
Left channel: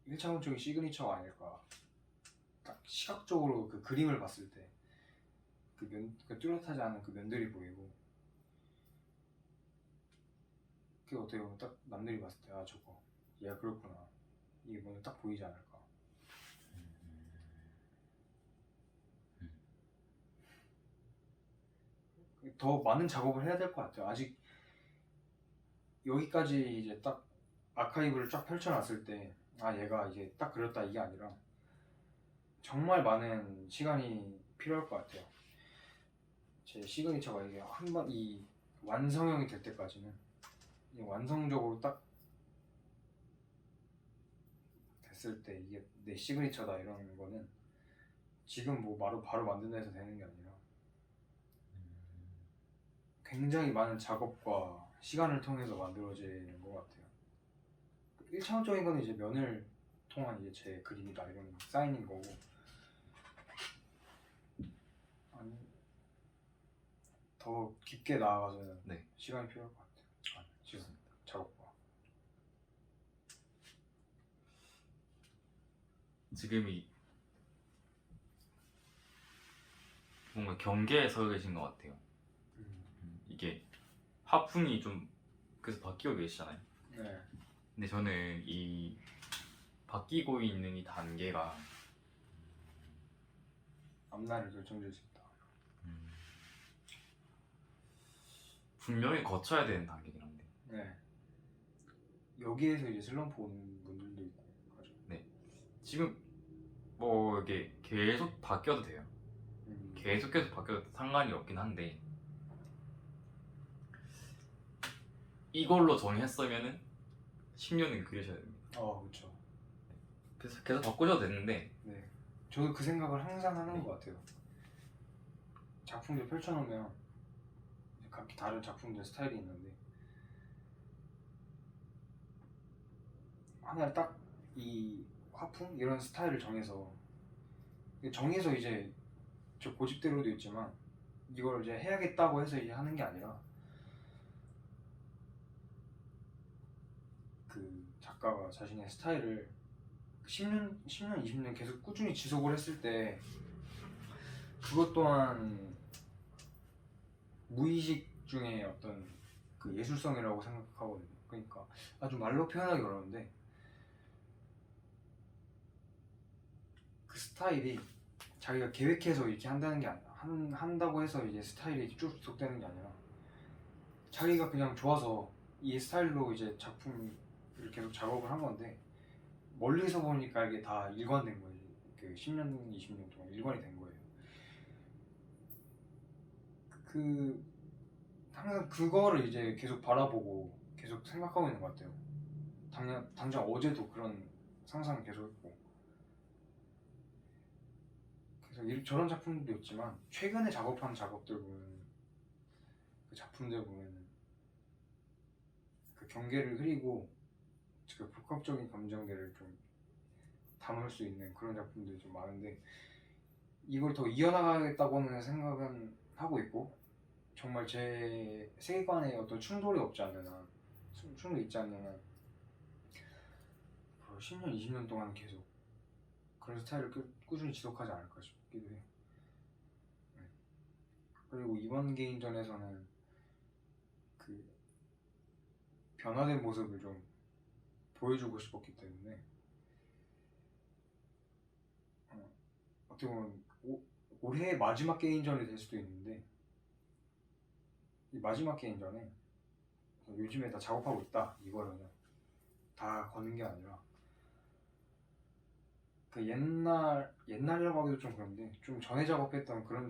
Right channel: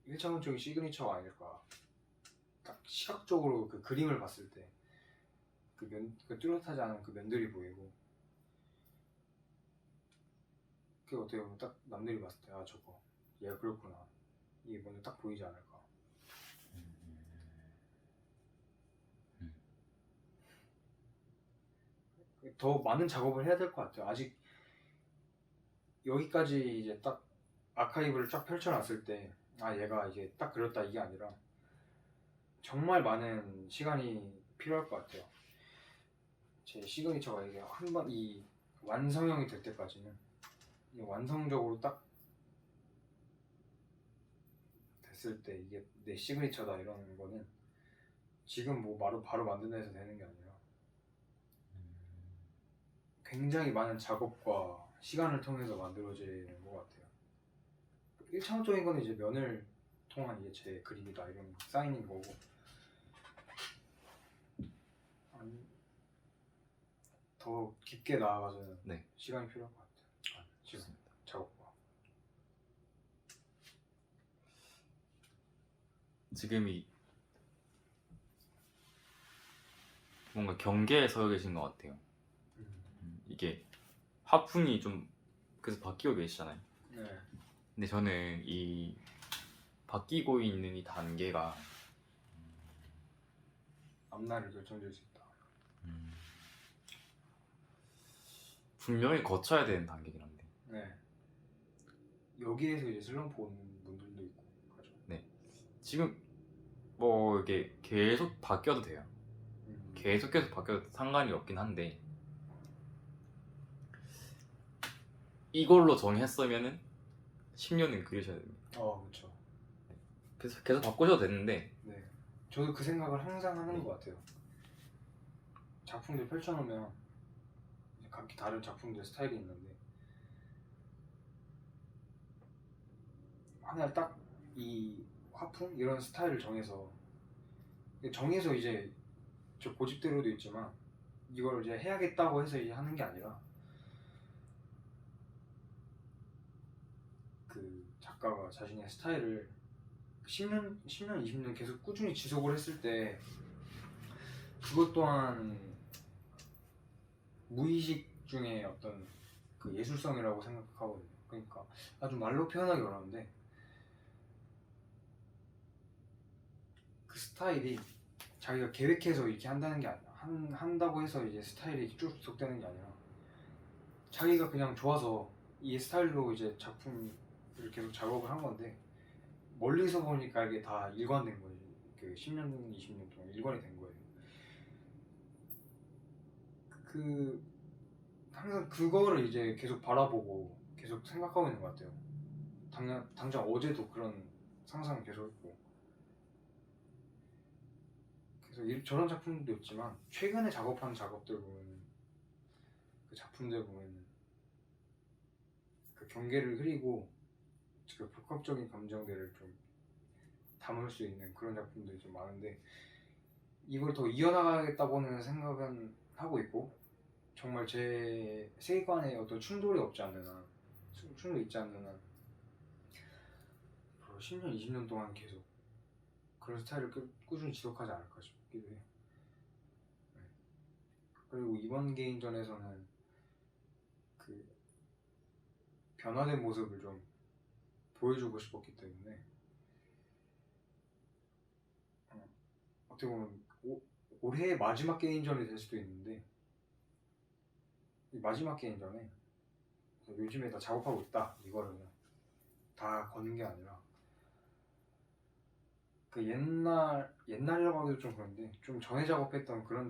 1차원적인 시그니처가 아닐까. 딱 시각적으로 그 그림을 봤을 때 그 뚜렷하지 않은 그 면들이 보이고 그게 어떻게 보면 딱 남들이 봤을 때 아 저거 얘가 그렇구나 이게 먼저 딱 보이지 않을까. 더 많은 작업을 해야 될 것 같아요. 아직 여기까지 이제 딱 아카이브를 쫙 펼쳐놨을 때 아 얘가 이게 딱 그렸다 이게 아니라 정말 많은 시간이 필요할 것 같아요. 제 시그니처가 이게 한 번 이 완성형이 될 때까지는 이 완성적으로 딱 됐을 때 이게 내 시그니처다 이런 거는 지금 뭐 바로 만든다 해서 되는 게 아니라 굉장히 많은 작업과 시간을 통해서 만들어지는 것 같아요. 1차원적인 거는 이제 면을 통한 이제 제 그림이다 이런 사인인 거고 아니 더 깊게 나아가서는 네. 시간이 필요할 것 같아요. 지금 좋습니다. 작업과 지금이 뭔가 경계에 서 계신 것 같아요. 이게 화풍이 좀 계속 바뀌고 계시잖아요. 네. 근데 저는 이 바뀌고 있는 이 단계가 앞날을 결정질 수 있다. 분명히 거쳐야 되는 단계긴 한데 네. 여기에서 이제 슬럼프 오는 분들도 있고 하죠. 지금 뭐 이게 계속 바뀌어도 돼요. 계속 바뀌어도 상관이 없긴 한데 이걸로 정했으면은 10년은 그리셔야 됩니다. 그렇죠. 그래서 계속 바꾸셔도 되는데 네. 저도 그 생각을 항상 하는 네. 것 같아요. 작품들 펼쳐놓으면 이제 각기 다른 작품들 스타일이 있는데 하나 딱 이 화풍 이런 스타일을 정해서 이제 저 고집대로도 있지만 이걸 이제 해야겠다고 해서 이제 하는 게 아니라 그 작가가 자신의 스타일을 10년, 20년 계속 꾸준히 지속을 했을 때 그것 또한 무의식 중에 어떤 그 예술성이라고 생각하거든요. 그러니까 아주 말로 표현하기 어려운데 그 스타일이 자기가 계획해서 이렇게 한다는 게 아니라 한다고 해서 이제 스타일이 쭉 지속되는 게 아니라 자기가 그냥 좋아서 이 스타일로 이제 작품을 계속 작업을 한 건데 멀리서 보니까 이게 다 일관된 거예요. 그 10년, 20년 동안 일관이 된 거예요. 그 항상 그거를 이제 계속 바라보고 계속 생각하고 있는 것 같아요. 당장 어제도 그런 상상을 계속 했고 그래서 저런 작품도 있지만 최근에 작업한 작업들 보면 그 작품들 보면은 그 경계를 흐리고 그 복합적인 감정들을 좀 담을 수 있는 그런 작품들이 좀 많은데 이걸 더 이어나가겠다고는 생각은 하고 있고 정말 제 세계관에 어떤 충돌이 없지 않는 한 충돌이 있지 않는 한 10년, 20년 동안 계속 그런 스타일을 꾸준히 지속하지 않을까 싶기도 해요. 네. 그리고 이번 개인전에서는 그 변화된 모습을 좀 보여주고 싶었기 때문에 어떻게 보면 올해의 마지막 개인전이 될 수도 있는데 이 마지막 개인전에 요즘에 다 작업하고 있다 이거를 그냥 다 거는 게 아니라 그 옛날이라고 하기도 좀 그런데 좀 전에 작업했던 그런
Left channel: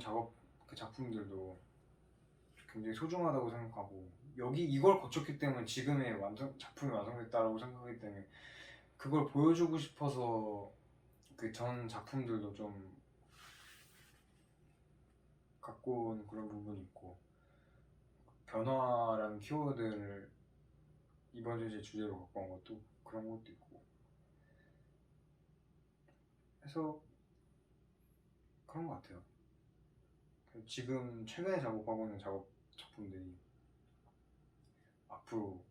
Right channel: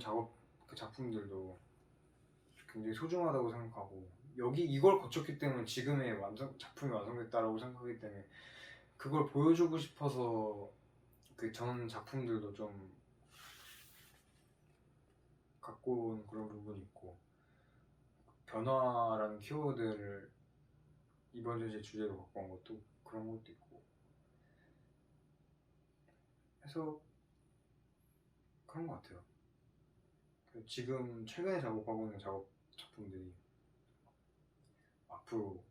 그 작품들도 굉장히 소중하다고 생각하고 이걸 거쳤기 때문에 지금의 작품이 완성됐다라고 생각하기 때문에 그걸 보여주고 싶어서 그 전 작품들도 좀 갖고 온 그런 부분이 있고, 변화라는 키워드를 이번 전시의 주제로 갖고 온 것도 그런 것도 있고 해서 그런 것 같아요. 지금 최근에 작업하고 있는 작품들이 앞으로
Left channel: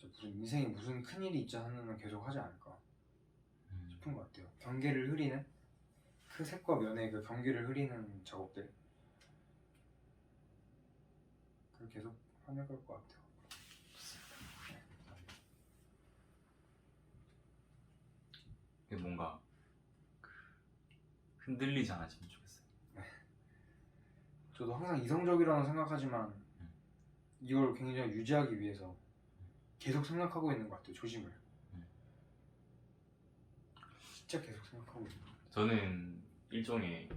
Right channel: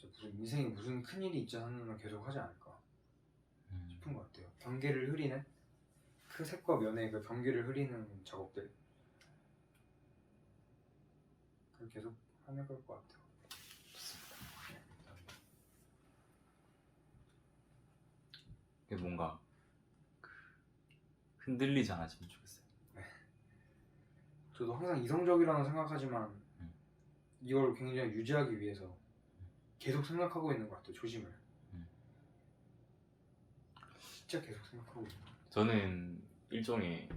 무슨 인생에 무슨 큰일이 있지 않으면 계속 하지 않을까 싶은 것 같아요. 경계를 흐리는 그 색과 면의 그 경계를 흐리는 작업들 그걸 계속 하면 될 것 같아요. 네, 감사합니다. 이게 뭔가 흔들리지 않았으면 좋겠어요. 저도 항상 이성적이라고 생각하지만 이걸 굉장히 유지하기 위해서 계속 생각하고 있는 것 같아요. 초심을 진짜 계속 생각하고 있는 것 같아요. 저는 일종의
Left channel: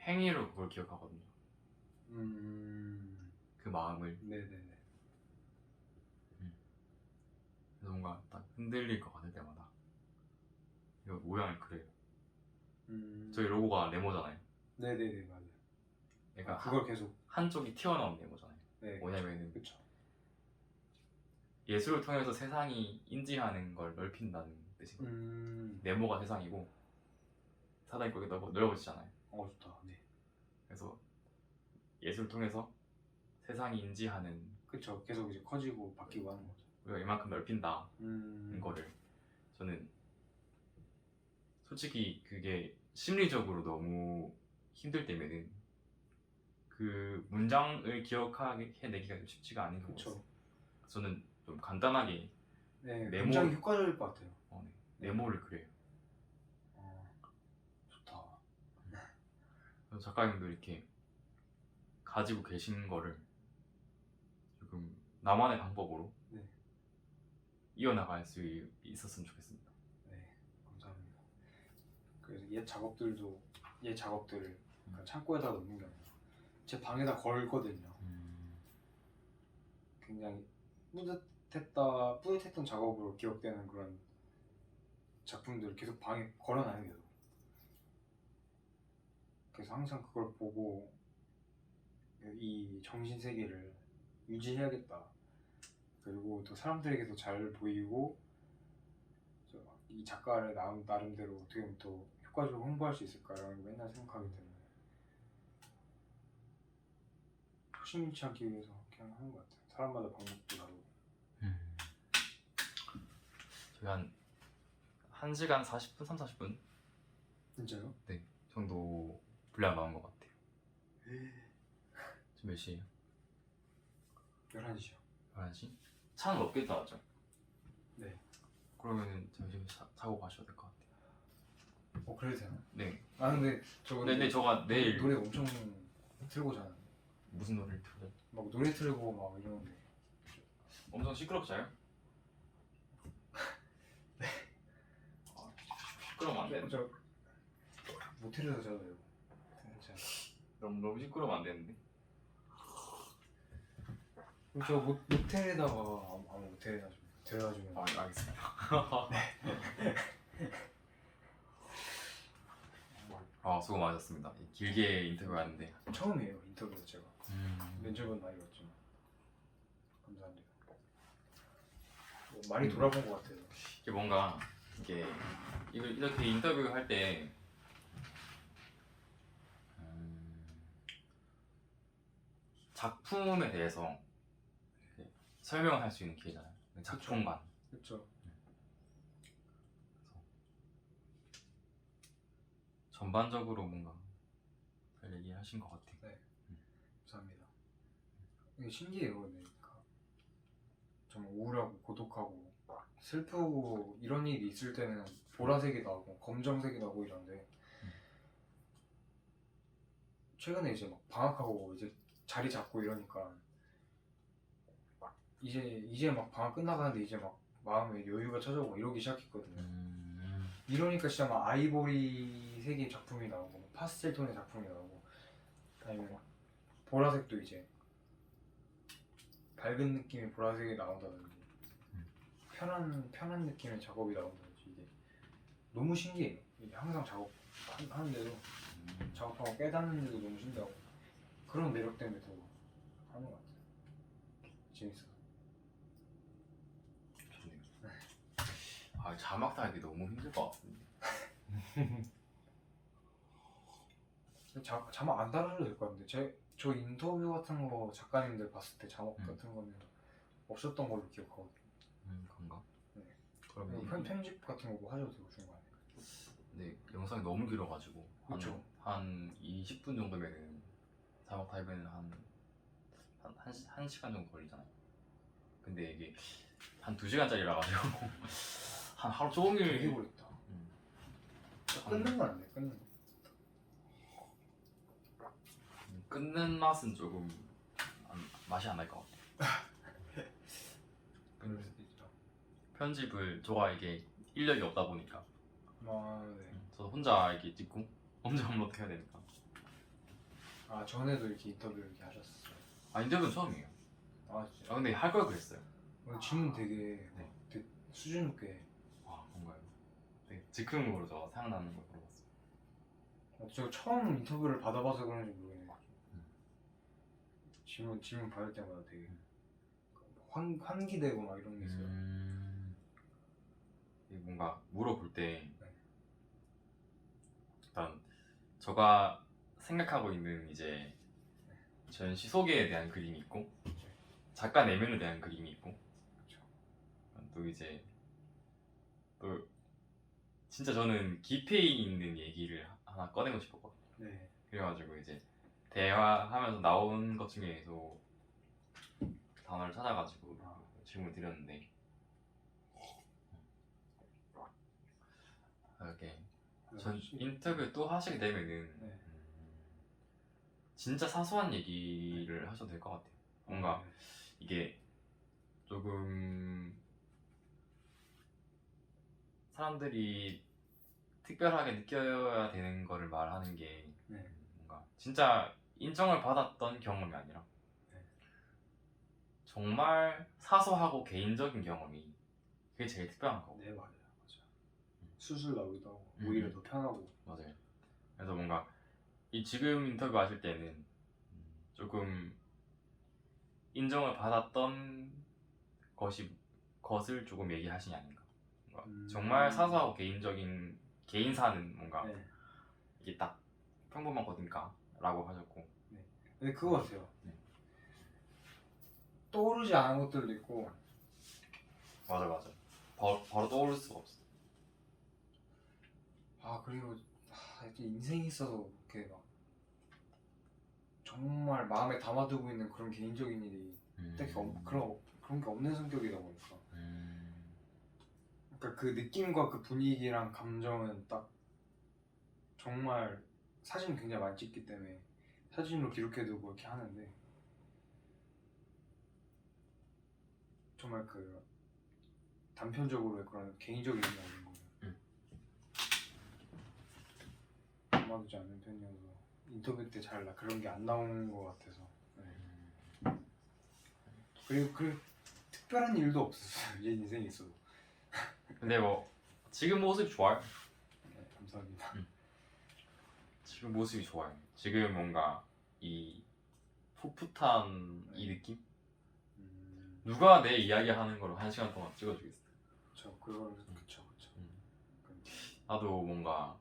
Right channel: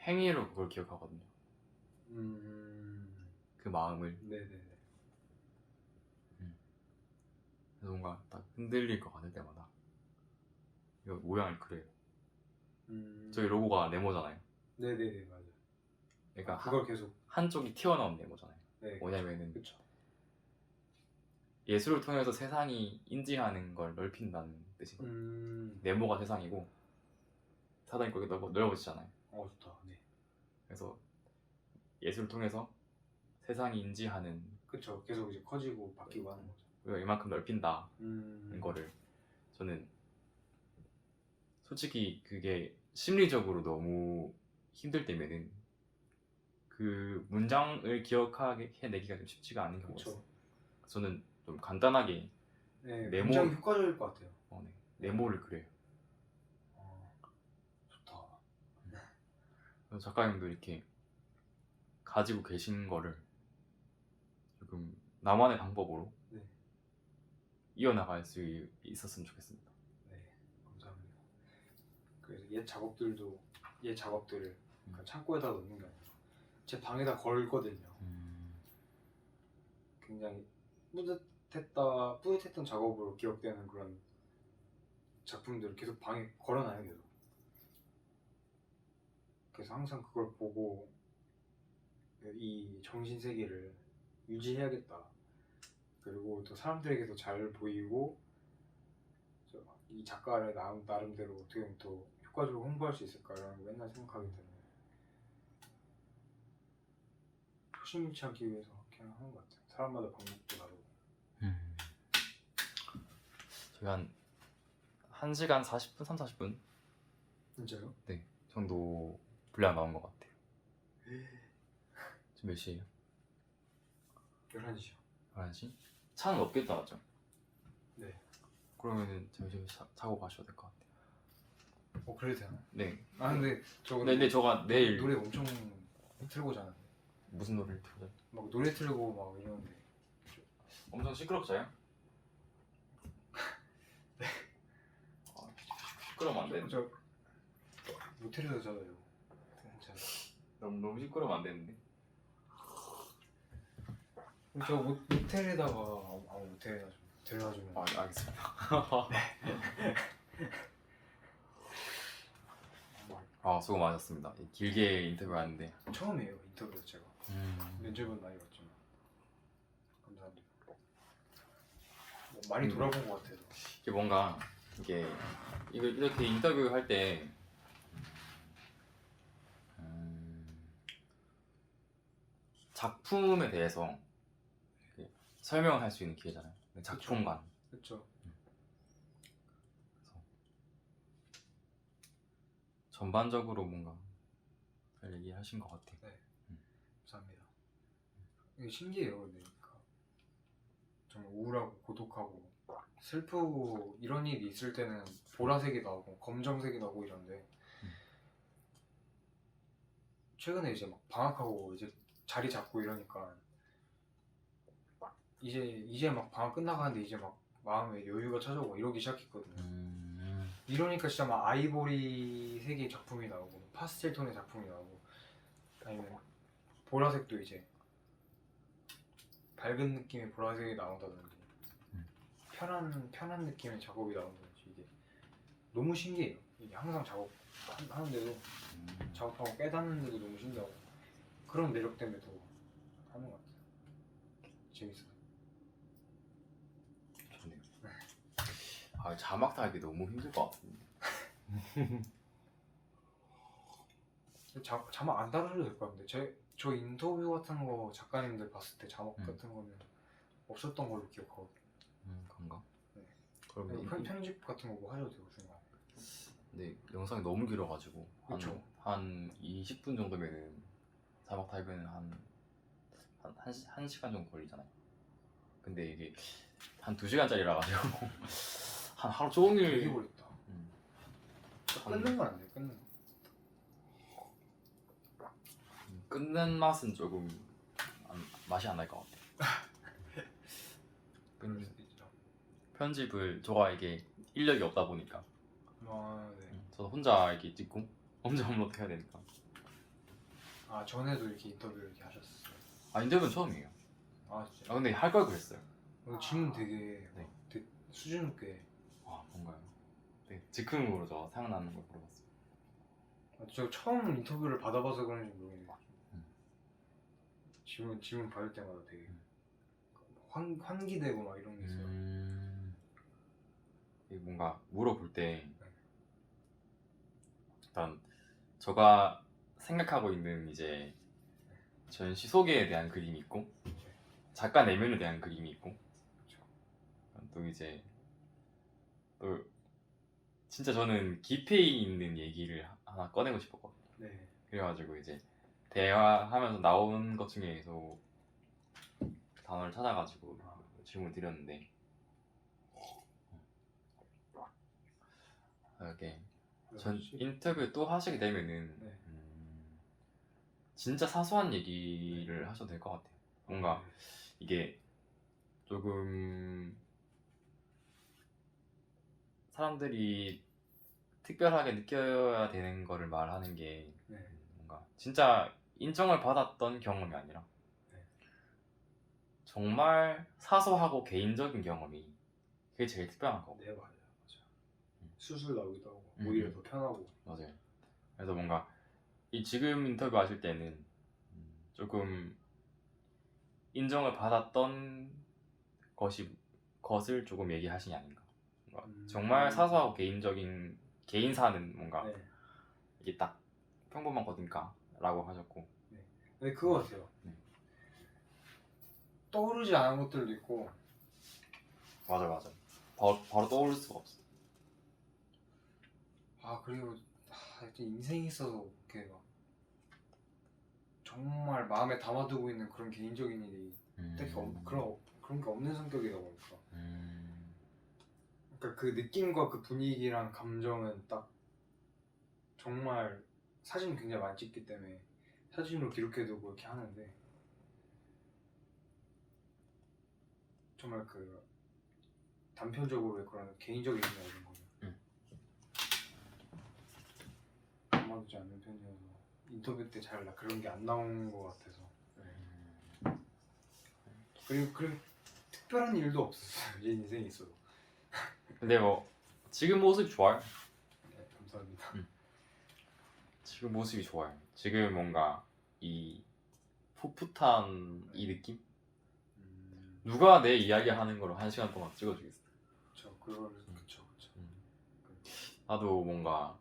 행위로 그걸 기억하거든요. 그 마음을. 네네네. 그래서 뭔가 딱 흔들릴 것 같을 때마다 이거 모양을 그려요. 저희 로고가 네모잖아요. 네네네, 맞아요. 그러니까 그걸 계속. 한쪽이 튀어나온 네모잖아요. 네, 뭐냐면은 그쵸. 예술을 통해서 세상이 인지하는 걸 넓힌다는 뜻이. 네모가 세상이고 사단이 거기 넓어지잖아요. 좋다. 네. 그래서 예술을 통해서 세상이 인지하는 그쵸. 계속 이제 커지고 바뀌고 하는 거죠. 우리가 이만큼 넓힌다는 거를 저는 솔직히 그게 심리적으로 너무 힘들 때면은 그 문장을 기억해내기가 좀 쉽지가 않은 것 그쵸. 같아요. 저는 좀 간단하게 네, 네모- 굉장히 효과적일 것 같아요. 네모를 그려요. 좋다. 그래서 작가님도 이렇게 가지고 계신 거를 조금 나만의 방법으로 네. 이어나갈 수 있었으면 좋겠습니다. 네, 감사합니다. 그래서 옛 작업들을 그냥 창고에다 넣는 게 아니라 제 방에다 걸거든요. 굉장히 뿌듯했던 작업으로 기억되는 그런 작품들을 계속 방에 걸어놔요. 계속. 그래서 항상 그걸 보고 이 정신세계를 유지해야겠다. 그리고 또 사람들에게도 잘 보이고 이 작가를 나름대로 어떻게 보면 또 효과적으로 홍보할 수 있을까라는 걸 맨날 생각하기 때문에 초심 잃지 않기 위해서 그냥 하는 것 같아요. 사람마다 방법도 다르고. 저희 한 1시간 40분, 3, 40분 진짜요? 정도 분량 나온 것 같아요. 지금 몇 시에요? 11시요. 11시? 차는 몇 개 나왔죠? 네. 그러면은 잠시 자고 가셔야 될 것 같아요. 그래도 되나? 네. 근데 저 근데 저가 내일 노래 엄청 틀고 자는데 무슨 노래를 틀죠? 막 노래 틀고 막 이러는데 엄청 시끄럽잖아요? 네. 시끄러우면 안 되는데. 저 모텔에서 자요. 괜찮아요. 너무 시끄러우면 안 되는데. 저 모텔에다가 모텔에다 좀 데려다주면. 알겠습니다. 수고 많으셨습니다. 길게 인터뷰하는데 처음이에요 인터뷰 제가. 면접은 많이 봤지만 감사합니다. 많이 돌아본 것 같아요. 이게 뭔가 이렇게 인터뷰 할 때 작품에 대해서 설명할 수 있는 기회잖아요. 작품관. 그렇죠. 전반적으로 뭔가 잘 얘기하신 것 같아요. 네. 감사합니다. 이게 신기해요. 그러니까 정말 우울하고 고독하고 슬프고 이런 일이 있을 때는 보라색이 나오고 검정색이 나오고 이런데 최근에 이제 막 방학하고 이제 자리 잡고 이러니까 이제 막 방학 끝나가는데 이제 막 마음에 여유가 찾아오고 이러기 시작했거든요. 이러니까 진짜 막 아이보리 색의 작품이 나오고 파스텔 톤의 작품이 나오고 아니면 보라색도 이제 밝은 느낌의 보라색이 나온다든지 편한 느낌의 작업이 나온다든지 이게 너무 신기해요. 이게 항상 작업하는데도 작업하고 깨닫는데도 너무 신기하고 그런 매력 때문에 더 하는 것 같아요. 재밌어. 좋네요. 아 자막 달기 너무 힘들 것 같은데. 자막 안 달아도 될 것 같은데 저 인터뷰 같은 거 작가님들 봤을 때 자막 같은 거는 없었던 걸로 기억하거든요. 그런가? 네. 그러면 그리고 편집 같은 거 뭐 하셔도 되고 중간에. 근데 영상이 너무 길어가지고 그쵸. 한 20분 정도면은 자막 달면은 한 시간 정도 걸리잖아요. 근데 이게 한 2시간짜리라 가지고 한 하루 종일 되게 걸렸다. 끊는 거 아니에요? 끊는 거. 끊는 맛은 조금 맛이 안 날 것 같아. 그럴 수도 있죠. 편집을 저가 이게 인력이 없다 보니까 아 네. 저 혼자 이렇게 찍고 혼자 업로드해야 되니까. 아 전에도 이렇게 인터뷰를 이렇게 하셨어요. 아 인터뷰는 처음이에요. 아 아 진짜. 근데 할 걸 그랬어요. 질문 되게, 네. 되게 수준 있게. 아 뭔가요? 네, 즉흥으로 저 생각나는 걸 물어봤어요. 저 처음 인터뷰를 받아봐서 그런지 모르겠네요. 음. 질문 받을 때마다 되게 환기되고 막 이런 게 있어요. 이게 뭔가 물어볼 때 네. 일단 제가 생각하고 있는 이제 전시 소개에 대한 그림이 있고 작가 내면에 대한 그림이 있고 그쵸. 또 이제 또 진짜 저는 깊이 있는 얘기를 하나 꺼내고 싶었거든요. 네. 그래가지고 이제 대화하면서 나온 것 중에서 단어를 찾아가지고 질문을 드렸는데 이렇게 전 인터뷰 또 하시게 되면은 네. 진짜 사소한 얘기를 하셔도 될 것 같아요. 뭔가 네. 이게 조금 사람들이 특별하게 느껴야 되는 거를 말하는 게 네. 뭔가 진짜 인정을 받았던 경험이 아니라 네. 정말 사소하고 개인적인 경험이 그게 제일 특별한 거고. 네 맞아요. 수술 나오기도 하고 오히려 더 편하고. 맞아요. 그래서 뭔가 이 지금 인터뷰 하실 때는 조금 인정을 받았던 것을 조금 얘기하시니 아닌가. 뭔가 정말 사소하고 개인적인 개인사는 뭔가 네. 이게 딱 평범한 거니까라고 하셨고. 근데 그거 같아요. 떠오르지 않은 것들도 있고. 맞아. 바로 떠오를 수가 없어. 아 그리고 이렇게 인생이 있어서 이렇게 막 정말 마음에 담아두고 있는 그런 개인적인 일이 딱히 그런 게 없는 성격이다 보니까. 그러니까 그 느낌과 그 분위기랑 감정은 딱 정말 사진 굉장히 많이 찍기 때문에 사진으로 기록해두고 이렇게 하는데 정말 그 단편적으로 그런 개인적인 의미나 이런 거는 담아두지 않는 편이어서 인터뷰 때 잘 그런 게 안 나오는 것 같아서. 네. 그리고 특별한 일도 없었어요. 제 인생에 있어도. 근데 뭐 지금 모습이 좋아요. 네, 감사합니다. 지금 모습이 좋아요. 지금 뭔가 이 풋풋한 이 느낌? 누가 내 이야기 하는 걸 1시간 동안 찍어주겠어. 그쵸. 나도 뭔가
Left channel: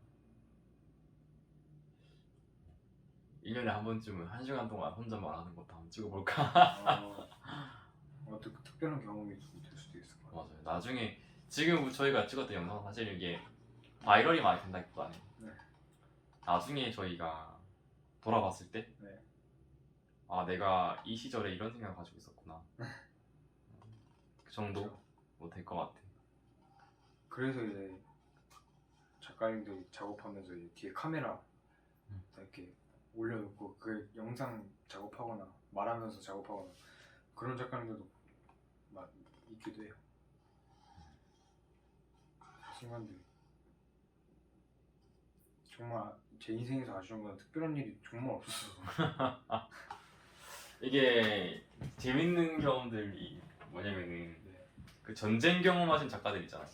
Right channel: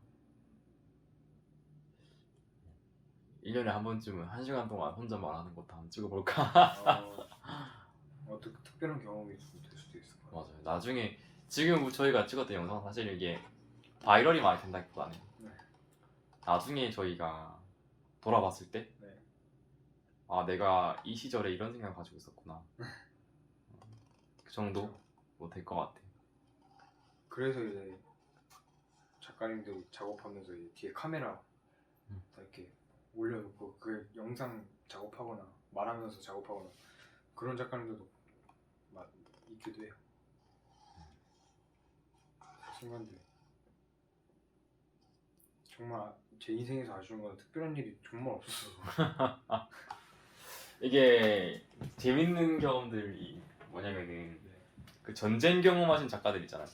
1년에 한 번쯤은 1시간 동안 혼자 말하는 것도 한번 찍어볼까? 어떻게 특별한 경험이 좀 될 수도 있을 것 같아요. 맞아요. 나중에 지금 저희가 찍었던 영상 사실 이게 바이럴이 많이 된다기보다는 나중에 저희가 돌아봤을 때 네. 아 내가 이 시절에 이런 생각을 가지고 있었구나. 그 정도 될 것 같아. 그래서 이제 작가님들이 작업하면서 이 뒤에 카메라 다 이렇게 올려놓고 그 영상 작업하거나 말하면서 작업하거나 그런 작가님들도 막 있기도 해요. 순간들이 정말 제 인생에서 아쉬운 건 특별한 일이 정말 없었어서. 이게 재밌는 경험들이 뭐냐면은 그 전쟁 경험하신 작가들 있잖아요.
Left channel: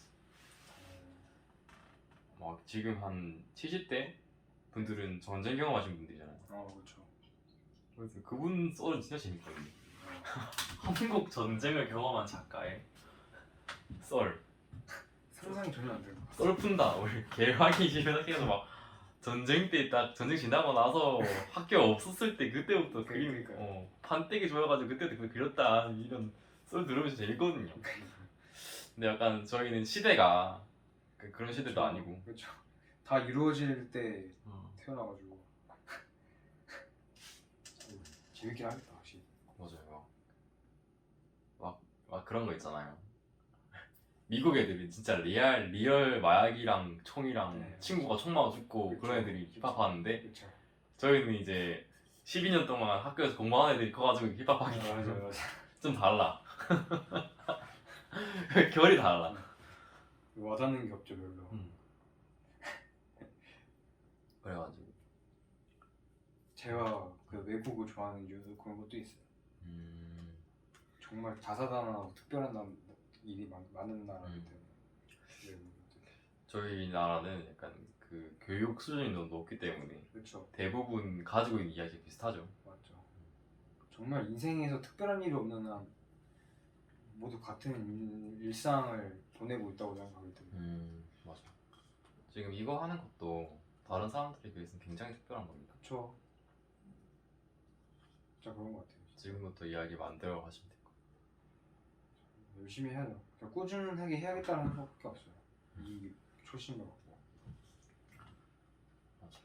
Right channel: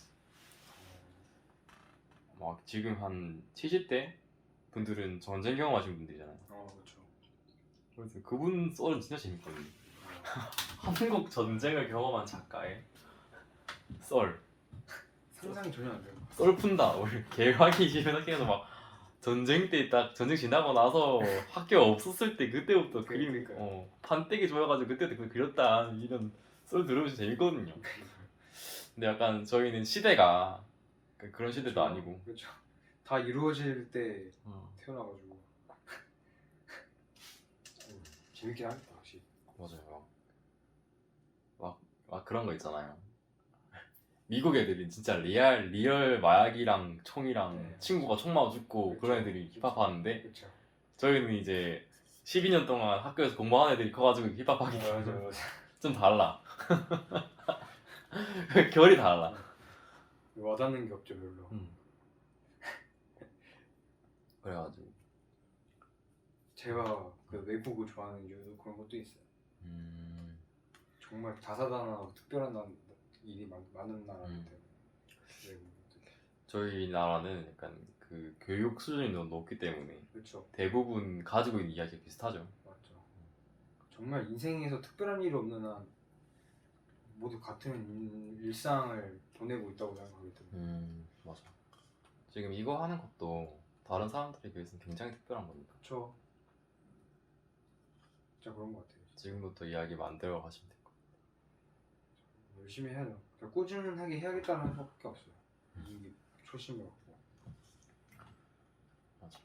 막 지금 한 70대 분들은 전쟁 경험하신 분들이잖아요. 그렇죠. 그래서 그분 썰은 진짜 재밌거든요. 어, 한국 전쟁을 경험한 작가의 썰. 상상이 전혀 안 되는 것 썰 푼다. 우리 개화기 시작해서 막 전쟁 때 딱 전쟁 지나고 나서 학교 없었을 때 그때부터 그림 그러니까요. 판때기 좋아가지고 그때부터 그걸 그렸다 이런 썰 들으면서 재밌거든요. 근데 약간 저희는 시대가 그런 시대도 아니고 그렇죠. 다 이루어질 때 어, 태어나가지고 재밌긴 하겠다 확실히. 맞아요. 막 그런 거 있잖아요. 미국 애들이 진짜 리얼 마약이랑 총이랑 네, 친구가 총 맞아 죽고 그쵸. 그런 애들이 힙합 하는데 그렇죠. 저희는 이제 12년 동안 학교에서 공부하는 애들이 커가지고 힙합하기 맞아. 좀 달라. 결이 달라. 와닿는 게 없죠 별로. 그래가지고 제가 그 외국을 좋아하는 이유도 그런 것도 있어요. 정말 다사다난하고 특별한 일이 많은 나라이기 때문에. 외국은. 저희 나라는 약간 그 교육 수준이 너무 높기 때문에 그렇죠. 대부분 가지고 있는 이야기가 비슷하죠. 맞죠. 정말 인생에서 특별한 일이 없는 한 모두 같은 일상을 보내고 있다고 생각하기 때문에. 맞아. 지금 이거 하는 것도 다른 사람들에 비해서는 굉장히 특별한 겁니다. 그렇죠. 진짜 그런 것 같아요. 지금부터 이야기 만들어 가시면 될 거예요. 열심히 해야죠. 그러니까 꾸준하게 해야겠다는 생각밖에 없어요. 이 초심을 갖고. 맞아.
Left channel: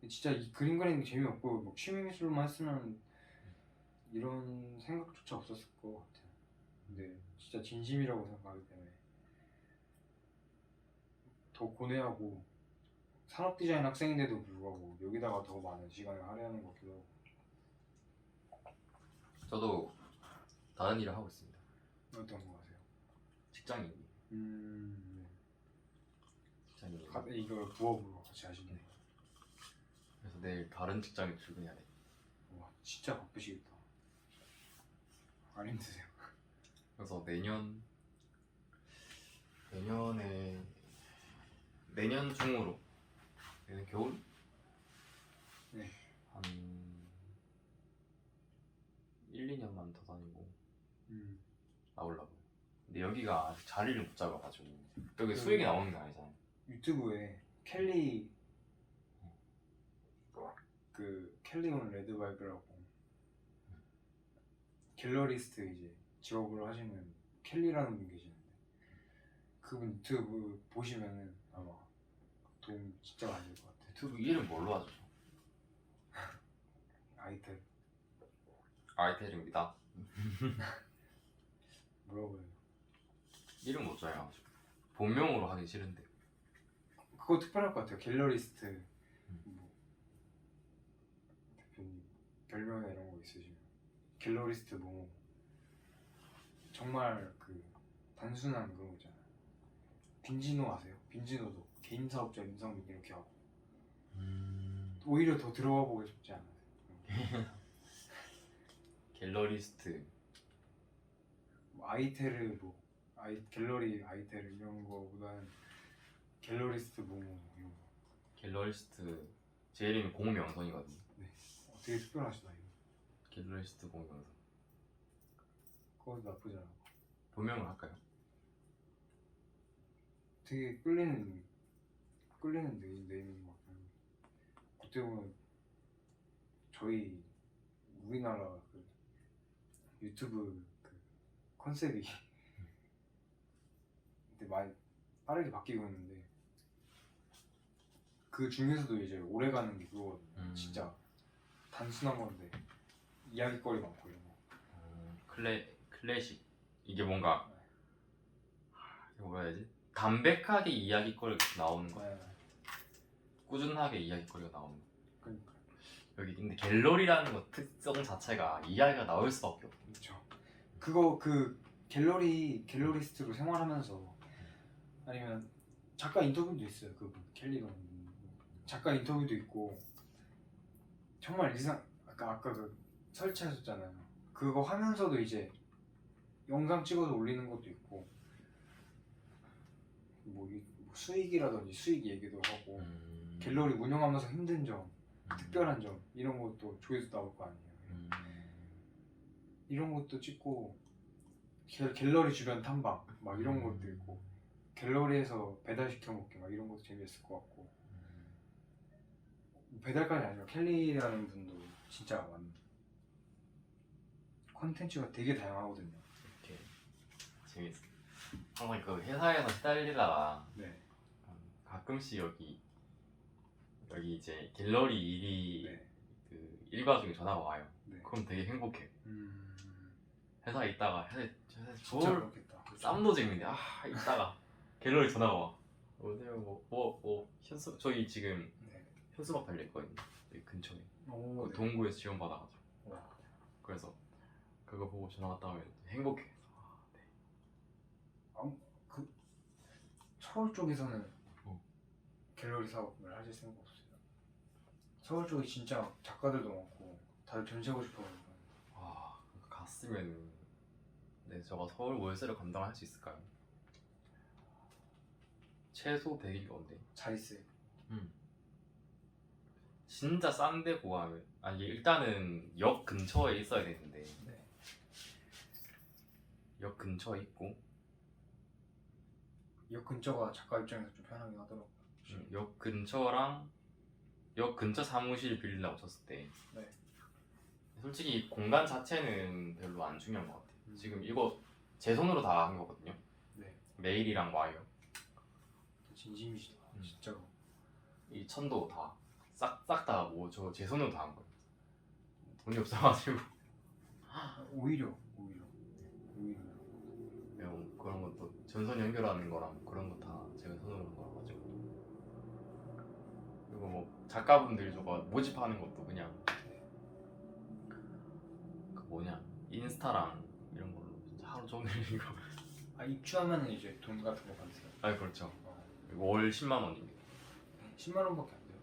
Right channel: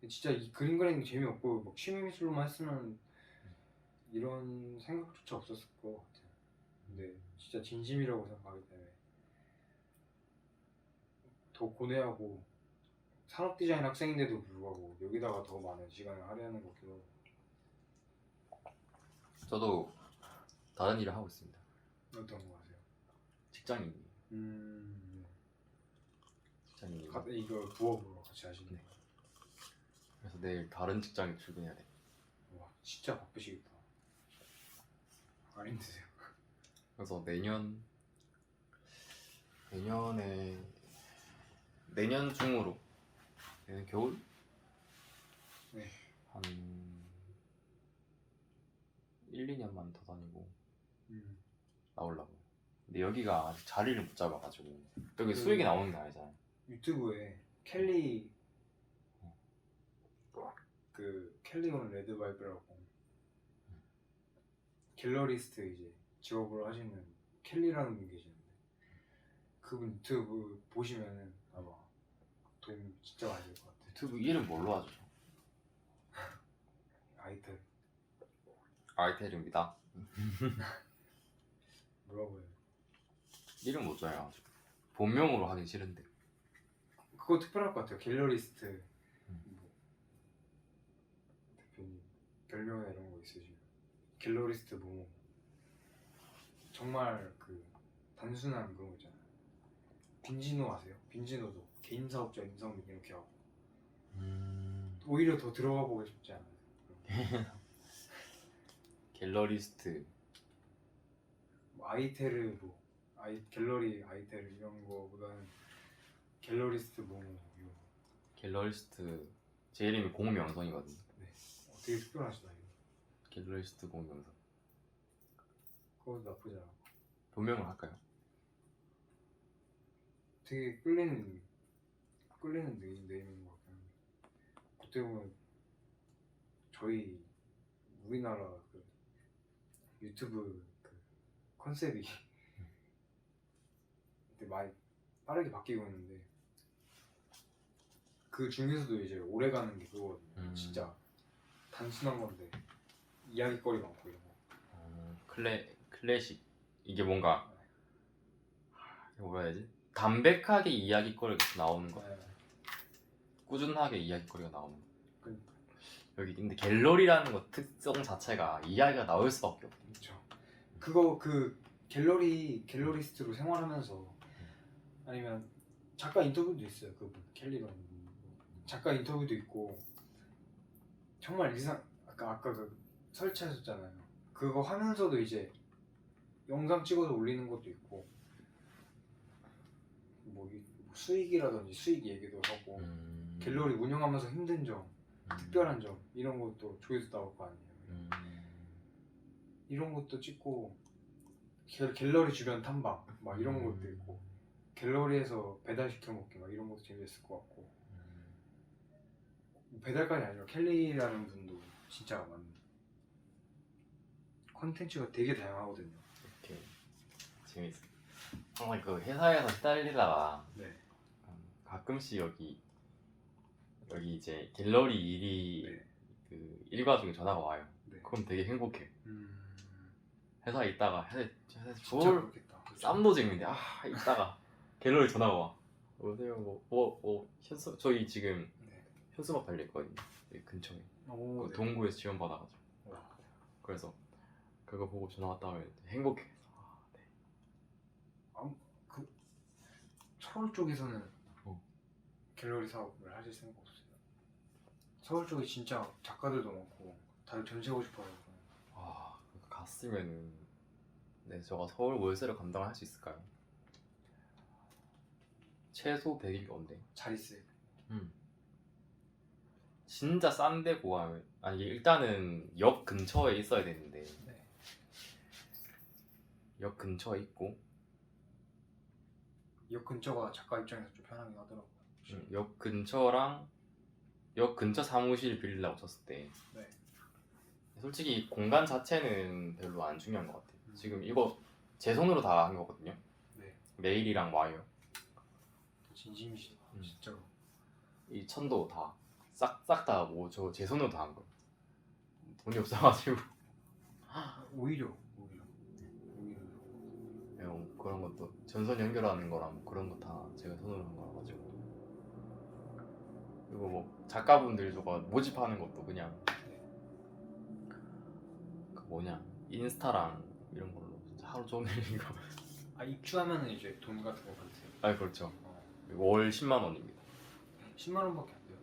근데 진짜 이 그림 그리는 게 재미없고 막 취미 미술로만 했으면 이런 생각조차 없었을 것 같아요. 근데 진짜 진심이라고 생각하기 때문에 더 고뇌하고 산업 디자인 학생인데도 불구하고 여기다가 더 많은 시간을 할애하는 것 같기도 하고. 저도 다른 일을 하고 있습니다. 어떤 거 하세요? 직장인. 네. 직장인. 이걸 부업으로 같이 하시는 네. 거예요? 그래서 내일 다른 직장에 출근해야 돼. 와 진짜 바쁘시겠다. 안 힘드세요? 그래서 내년 중으로 내년 겨울 네. 한 1, 2년만 더 다니고 나오려고. 근데 여기가 아직 자리를 못 잡아가지고 여기 수익이 나오는 게 아니잖아요. 유튜브에 켈리 켈리온 레드바이브라고 갤러리스트 이제 직업으로 하시는 켈리라는 분 계시는데 그분 유튜브 보시면은 아마 도움 진짜 많이 될 것 같아요. 유튜브 이름 뭘로 하죠? 아이템 아이텔입니다. 뭐라고 해요? 이름 못 정해가지고 본명으로 하긴 싫은데. 그거 특별할 것 같아요. 갤러리스트 뭐 대표님 별명이나 이런 거 있으시면 갤러리스트 뭐 정말 그 단순한 그런 거 있잖아요. 빈지노 아세요? 빈지노도 개인 사업자 임성빈 이렇게 하고 오히려 더 들어가 보고 싶지 않아요. 갤러리스트. 뭐 아이테르 뭐 갤러리 아이테르 이런 거보다는 갤러리스트 뭐 이런 거. 갤러리스트 제 이름이 공명성이거든요. 네. 되게 특별하시다 이거. 갤러리스트 공명성. 그것도 나쁘지 않아. 본명을 할까요? 되게 끌리는 네임인 것 같아요. 그때 보면 저희 우리나라 그 유튜브 그 컨셉이 근데 많이 빠르게 바뀌고 있는데 그 중에서도 이제 오래 가는 게 그거거든요. 진짜 단순한 건데 이야기거리 많고 이런 거. 클래식. 이게 뭔가 이거 뭐라 해야 되지? 담백하게 이야기거리가 나오는 거. 네. 꾸준하게 이야기거리가 나오는 거. 그러니까 여기 근데 갤러리라는 거 특성 자체가 이야기가 나올 수밖에 없어. 그렇죠. 그거 그 갤러리스트로 생활하면서 아니면 작가 인터뷰도 있어요. 그분 켈리런 작가 인터뷰도 있고 정말 아까 그 설치하셨잖아요. 그거 하면서도 이제 영상 찍어서 올리는 것도 있고 뭐 수익이라든지 수익 얘기도 하고 갤러리 운영하면서 힘든 점, 특별한 점 이런 것도 조회수 나올 거 아니에요. 이런 것도 찍고 갤러리 주변 탐방 막 이런 것도 있고 갤러리에서 배달시켜 먹기 막 이런 것도 재밌을 것 같고 배달까지 아니라 켈리라는 분도 진짜 컨텐츠가 되게 다양하거든요. 이렇게 재밌어. 항상 그 회사에서 시달리다가 네. 가끔씩 여기 이제 갤러리 일이 네. 그 일과 중에 전화가 와요. 네. 그럼 되게 행복해. 회사에 있다가 회사에 진짜 뭘 그렇겠다. 쌈도 재밌는데 있다가 갤러리 전화가 와. 어때요? 현수 저희 지금 네. 현수막 달렸거든요. 여기 근처에 오, 네. 동구에서 지원 받아가지고. 와. 그래서 그거 보고 전화 왔다 하면 행복해. 그 서울 쪽에서는 어. 갤러리 사업을 하실 생각 없어요? 서울 쪽에 진짜 작가들도 많고 다들 전시하고 싶어서 갔으면은 저가 서울 월세를 감당할 수 있을까요? 최소 100일 건데. 자리세. 진짜 싼데 구하면 일단은 역 근처에 있어야 되는데 네. 역 근처에 있고 역 근처가 작가 입장에서 좀 편하긴 하더라고요. 역 근처 사무실 빌리려고 쳤을 때 네. 솔직히 공간 자체는 별로 안 중요한 것 같아요. 지금 이거 제 손으로 다 한 거거든요. 네. 메일이랑 와이어 진심이시다. 진짜로. 이 천도 다 싹 다 뭐 저 제 손으로 다 한 거예요. 돈이 없어가지고 오히려 그런 것도 전선 연결하는 거랑 그런 거 다 제가 손으로 한 거라 가지고 그리고 뭐 작가분들 저거 모집하는 것도 그냥 그 뭐냐 인스타랑 이런 걸로 진짜 하루 종일 이거 입주하면은 이제 돈 같은 거 받으세요? 그렇죠. 이거 월 10만 원입니다. 10만 원밖에 안 돼요.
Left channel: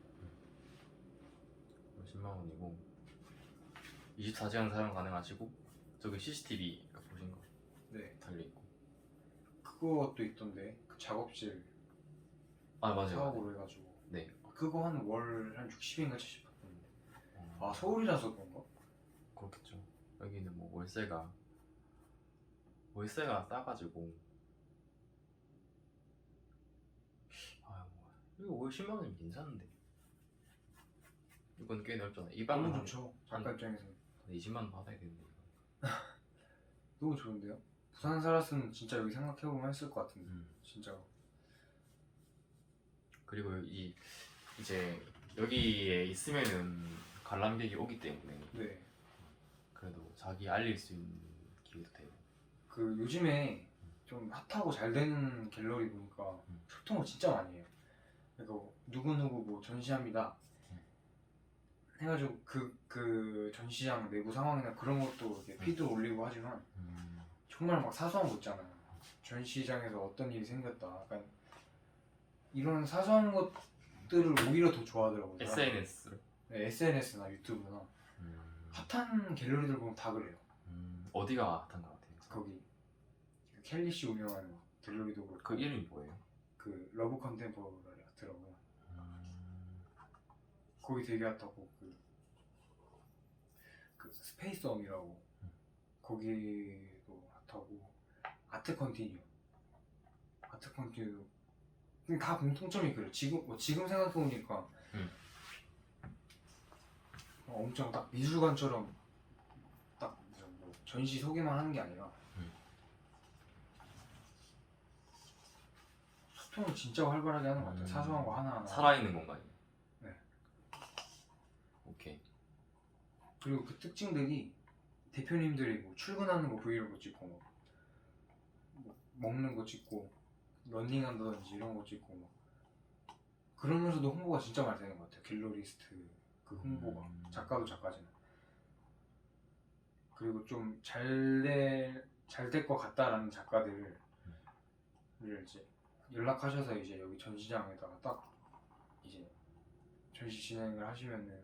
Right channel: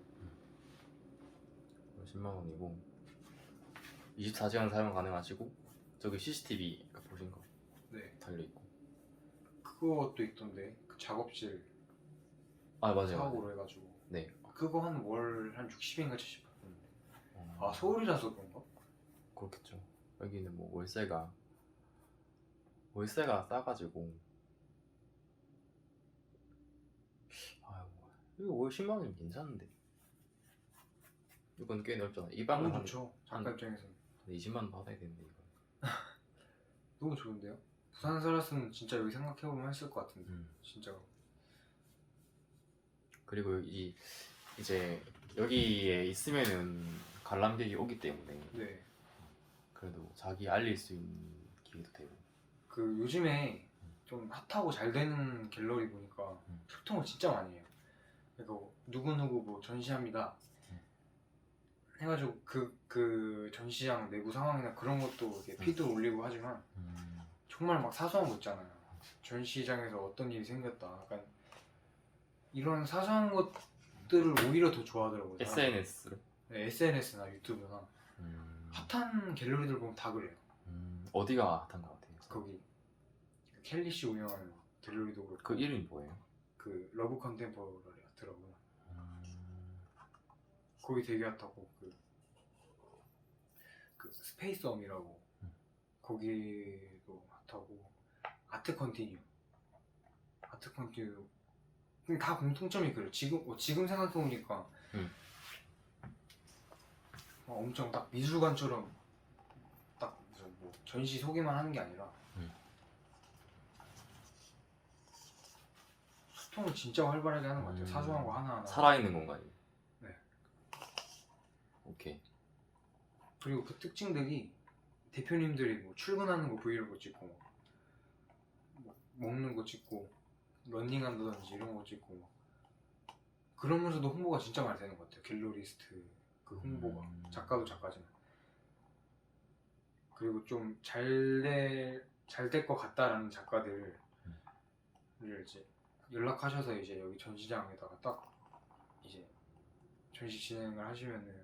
10만 원이고 24시간 사용 가능하시고 저기 CCTV 보신 거 네. 달려 있고 그것도 있던데 그 작업실 맞아요. 사업으로 해가지고 네. 그거 한 월 한 60인가 70 받던데. 서울이라서 그런가? 그렇겠죠. 여기는 뭐 월세가 싸가지고 이거 월 10만 원이면 괜찮은데 이건 꽤 넓잖아. 이 너무 방은 좋죠. 작가 입장에서 20만 원 받아야 되는데 너무 좋은데요? 부산 살았으면 진짜 여기 생각해보면 했을 것 같은데 진짜. 그리고 이제 여기에 있으면은 관람객이 오기 때문에 네. 그래도 자기 알릴 수 있는 기회도 되고 그 요즘에 좀 핫하고 잘 되는 갤러리 보니까 소통을 진짜 많이 해요. 그러니까 누구누구 뭐 전시합니다 해가지고 그 전시장 내부 상황이나 그런 것도 이렇게 피드로 올리고 하지만 정말 막 사소한 거 있잖아요. 전시장에서 어떤 일이 생겼다. 약간 이런 사소한 것들을 오히려 더 좋아하더라고요. SNS로? 네, SNS나 유튜브나 핫한 갤러리들 보면 다 그래요. 어디가 핫한 것 같아요? 거기 켈리 씨 운영하는 갤러리도 그렇고 그 이름이 뭐예요? 그 러브 컨템포러리 같더라고요. 거기 되게 핫하고 그 스페이스엄이라고 거기도 핫하고 아트 컨티뉴 그냥 다 공통점이 그래요. 지금 생각해보니까 엄청 딱 미술관처럼 딱 무슨 뭐 전시 소개만 하는 게 아니라 소통을 진짜 활발하게 하는 것 같아요. 사소한 거 하나하나 살아있는 공간이요? 네. 오케이. 그리고 그 특징들이 대표님들이 뭐 출근하는 거 브이로그 찍고 뭐 먹는 거 찍고 런닝한다든지 이런 거 찍고 막 그러면서도 홍보가 진짜 많이 되는 것 같아요. 갤러리스트 그 홍보가 작가도 작가지만 그리고 좀 잘 될 것 같다라는 작가들을 이제 연락하셔서 이제 여기 전시장에다가 딱 이제 전시 진행을 하시면은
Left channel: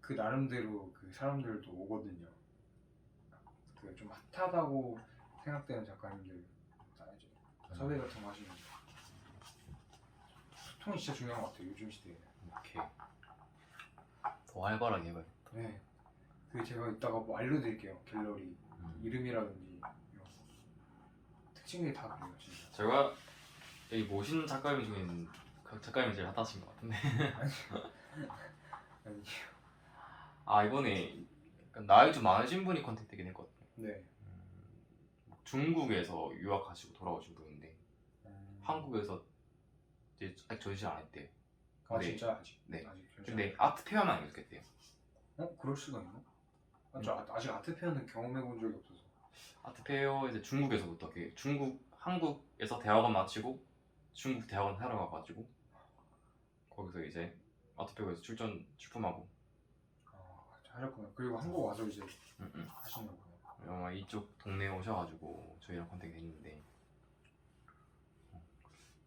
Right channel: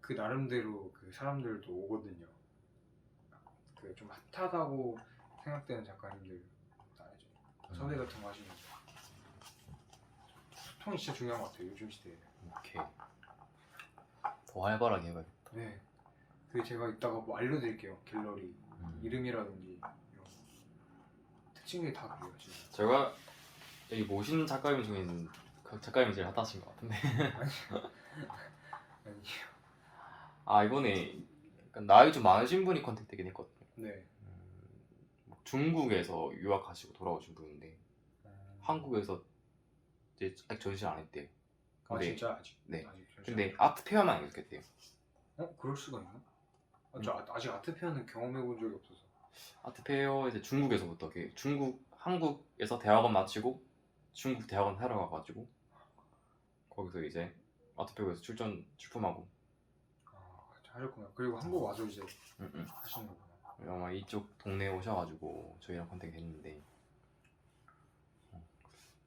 그 나름대로 그 사람들도 오거든요. 그 좀 핫하다고 생각되는 작가님들 다 이제 섭외 같은 거 하시면 소통이 진짜 중요한 것 같아요. 요즘 시대에. 이렇게 더 활발하게 해봐요. 네. 그 제가 이따가 뭐 알려드릴게요. 갤러리 이름이라든지 이런 거. 특징들이 다 그래요, 진짜. 제가 여기 모신 작가님 중에는 그 작가님 제일 핫하신 것 같은데. 아니, 아 이번에 약간 나이 좀 많으신 분이 컨택되긴 했거든요. 네. 중국에서 유학하시고 돌아오신 분인데 음. 한국에서 이제 아직 전시를 안 했대요. 아 근데- 진짜 아직. 네. 아직 근데 아트 페어만 안 했겠대요. 그럴 수가 있나? 저 아직 아트페어는 경험해 본 적이 없어서. 아트 페어 이제 중국에서부터 한국에서 대학원 마치고 중국 대학원 하러 가가지고 거기서 이제 아트 페어에서 출품하고. 하셨구나. 그리고 한국 와서 이제 음. 하신 거구나. 아마 이쪽 동네에 오셔가지고 저희랑 컨택이 됐는데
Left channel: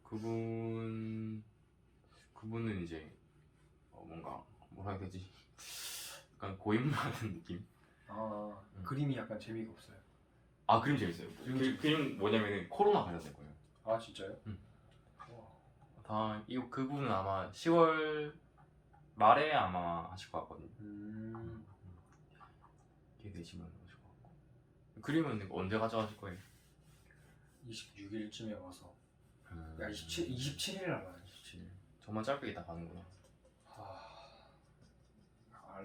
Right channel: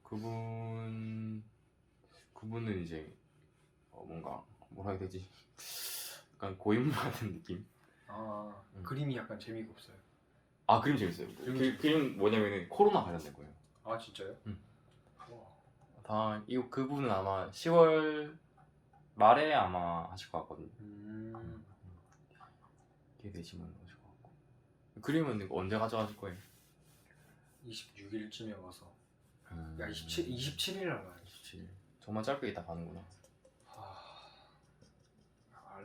그분은 이제 뭔가 뭐라 해야 되지? 약간 고인물 같은 느낌? 그림이 약간 재미가 없어요. 아 그림 재밌어요. 그림 뭐냐면은 코로나 관련된 거예요. 아 진짜요? 와. 그분은 아마 10월 말에 아마 하실 것 같거든요. 이게 되시면 오실 것 같고. 그림은 언제 가져가실 거예요? 26일쯤에 와서. 야 27일 날 와야지. 27일. 정말 짧게 있다 가는구나.